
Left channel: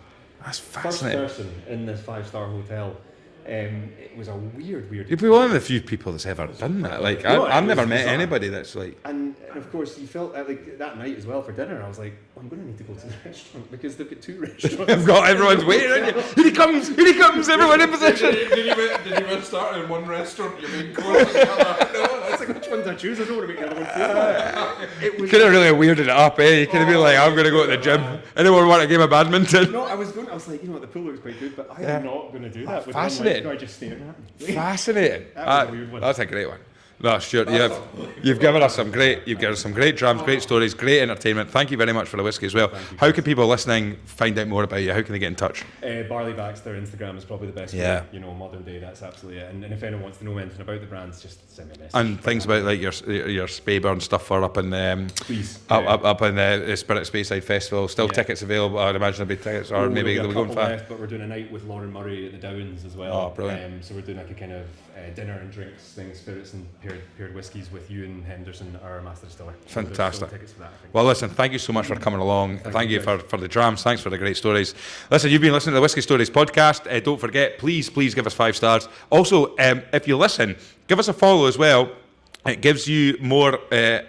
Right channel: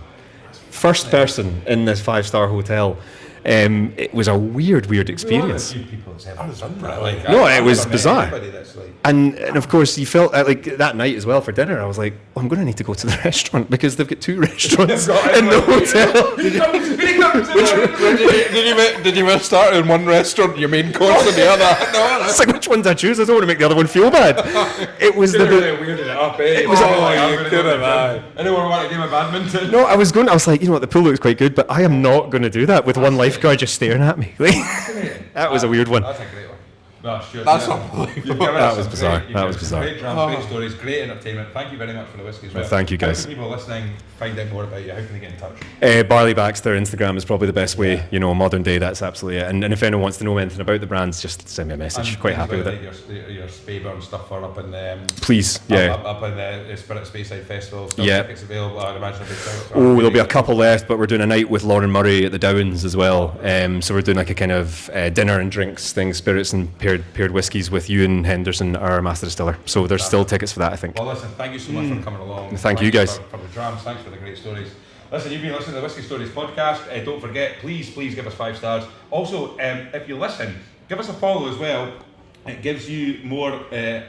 first person in this 5-star hotel. It was a weird experience. You're one of the few people that's ever done that. Like, it was bizarre. That's like, and of course, you felt like that night as well for dinner. I was like, I'm going to need to go to the restaurant because they've got 2 restaurants in the hotel. Did you start in one restaurant, your main course, and the other? No. It's like, which one do I choose? I don't want to make the other one feel bad. It was really weirded it up. It was like, I'm going to go to the gym. Anyone want a game of badminton? No, I was like, you know what, the pool looks quite good, but I am not going to do that with one lifeguard just staring at me. Fascinating. That was a weird one. That's a great one. No, Stuart, That's you've given us some bizarre. great, you've given us some great drams, great stories, great entertainment. Thank you very much for the whiskey as well. Thank you, How guys. can people listening find out more about you? How can they get in touch? Barley Baxter Instagram is probably the best way. Yeah. You know, modern day, that's absolutely it. And if anyone wants to know anything about the brands, just send me a message. And Quite things happy about with like it. your Speyburn stuff for up in Please, yeah. up in the Spirit Speyside Festival. Still Yeah. tickets available. I'd imagine there'll be tickets. Oh, there'll be a couple left, but we're doing a night with Lauren Murray at the Downs as well. So we're doing like a kind of dinner and drinks thing, spirits and paired whiskies with Ewan Henderson, our master distiller. So there's still tickets for that, I think. Well, listen, thank you so much for coming along. Thank you guys. for the drams. Thanks for the great stories. Listen, you've been listening to the Whiskey Stories podcast. Don't forget, please give us 5 stars. Also, if you listen, give us a follow as well. It gives you more a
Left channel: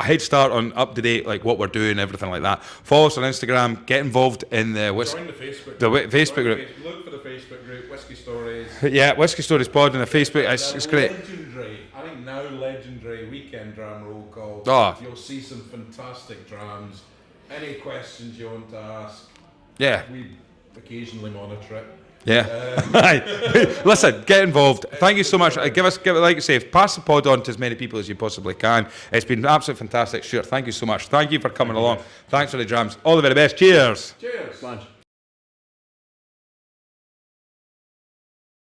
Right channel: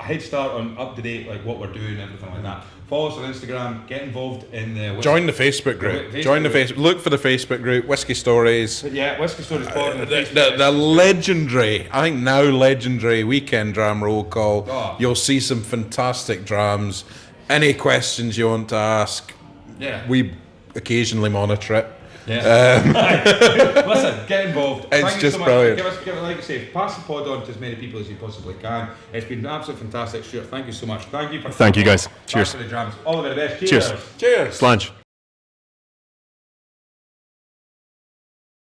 head start on up to date, like what we're doing, everything like that. Follow us on Instagram. Get involved in the join the Facebook group. Look for the Facebook group, Whiskey Stories. Yeah, Whiskey Stories Pod on the Facebook. The legendary, I think now legendary weekend dram roll call. Oh. You'll see some fantastic drams. Any questions you want to ask? Yeah, we occasionally monitor it. Yeah. Listen, get involved. Thank you so much. brilliant. Give it, like I say, pass the pod on to as many people as you possibly can. It's been absolutely fantastic. Stuart, thank you so much. Thank you for coming. Thank you, guys. Thanks Cheers. for the drams. All the very best. Cheers. Cheers. Slange.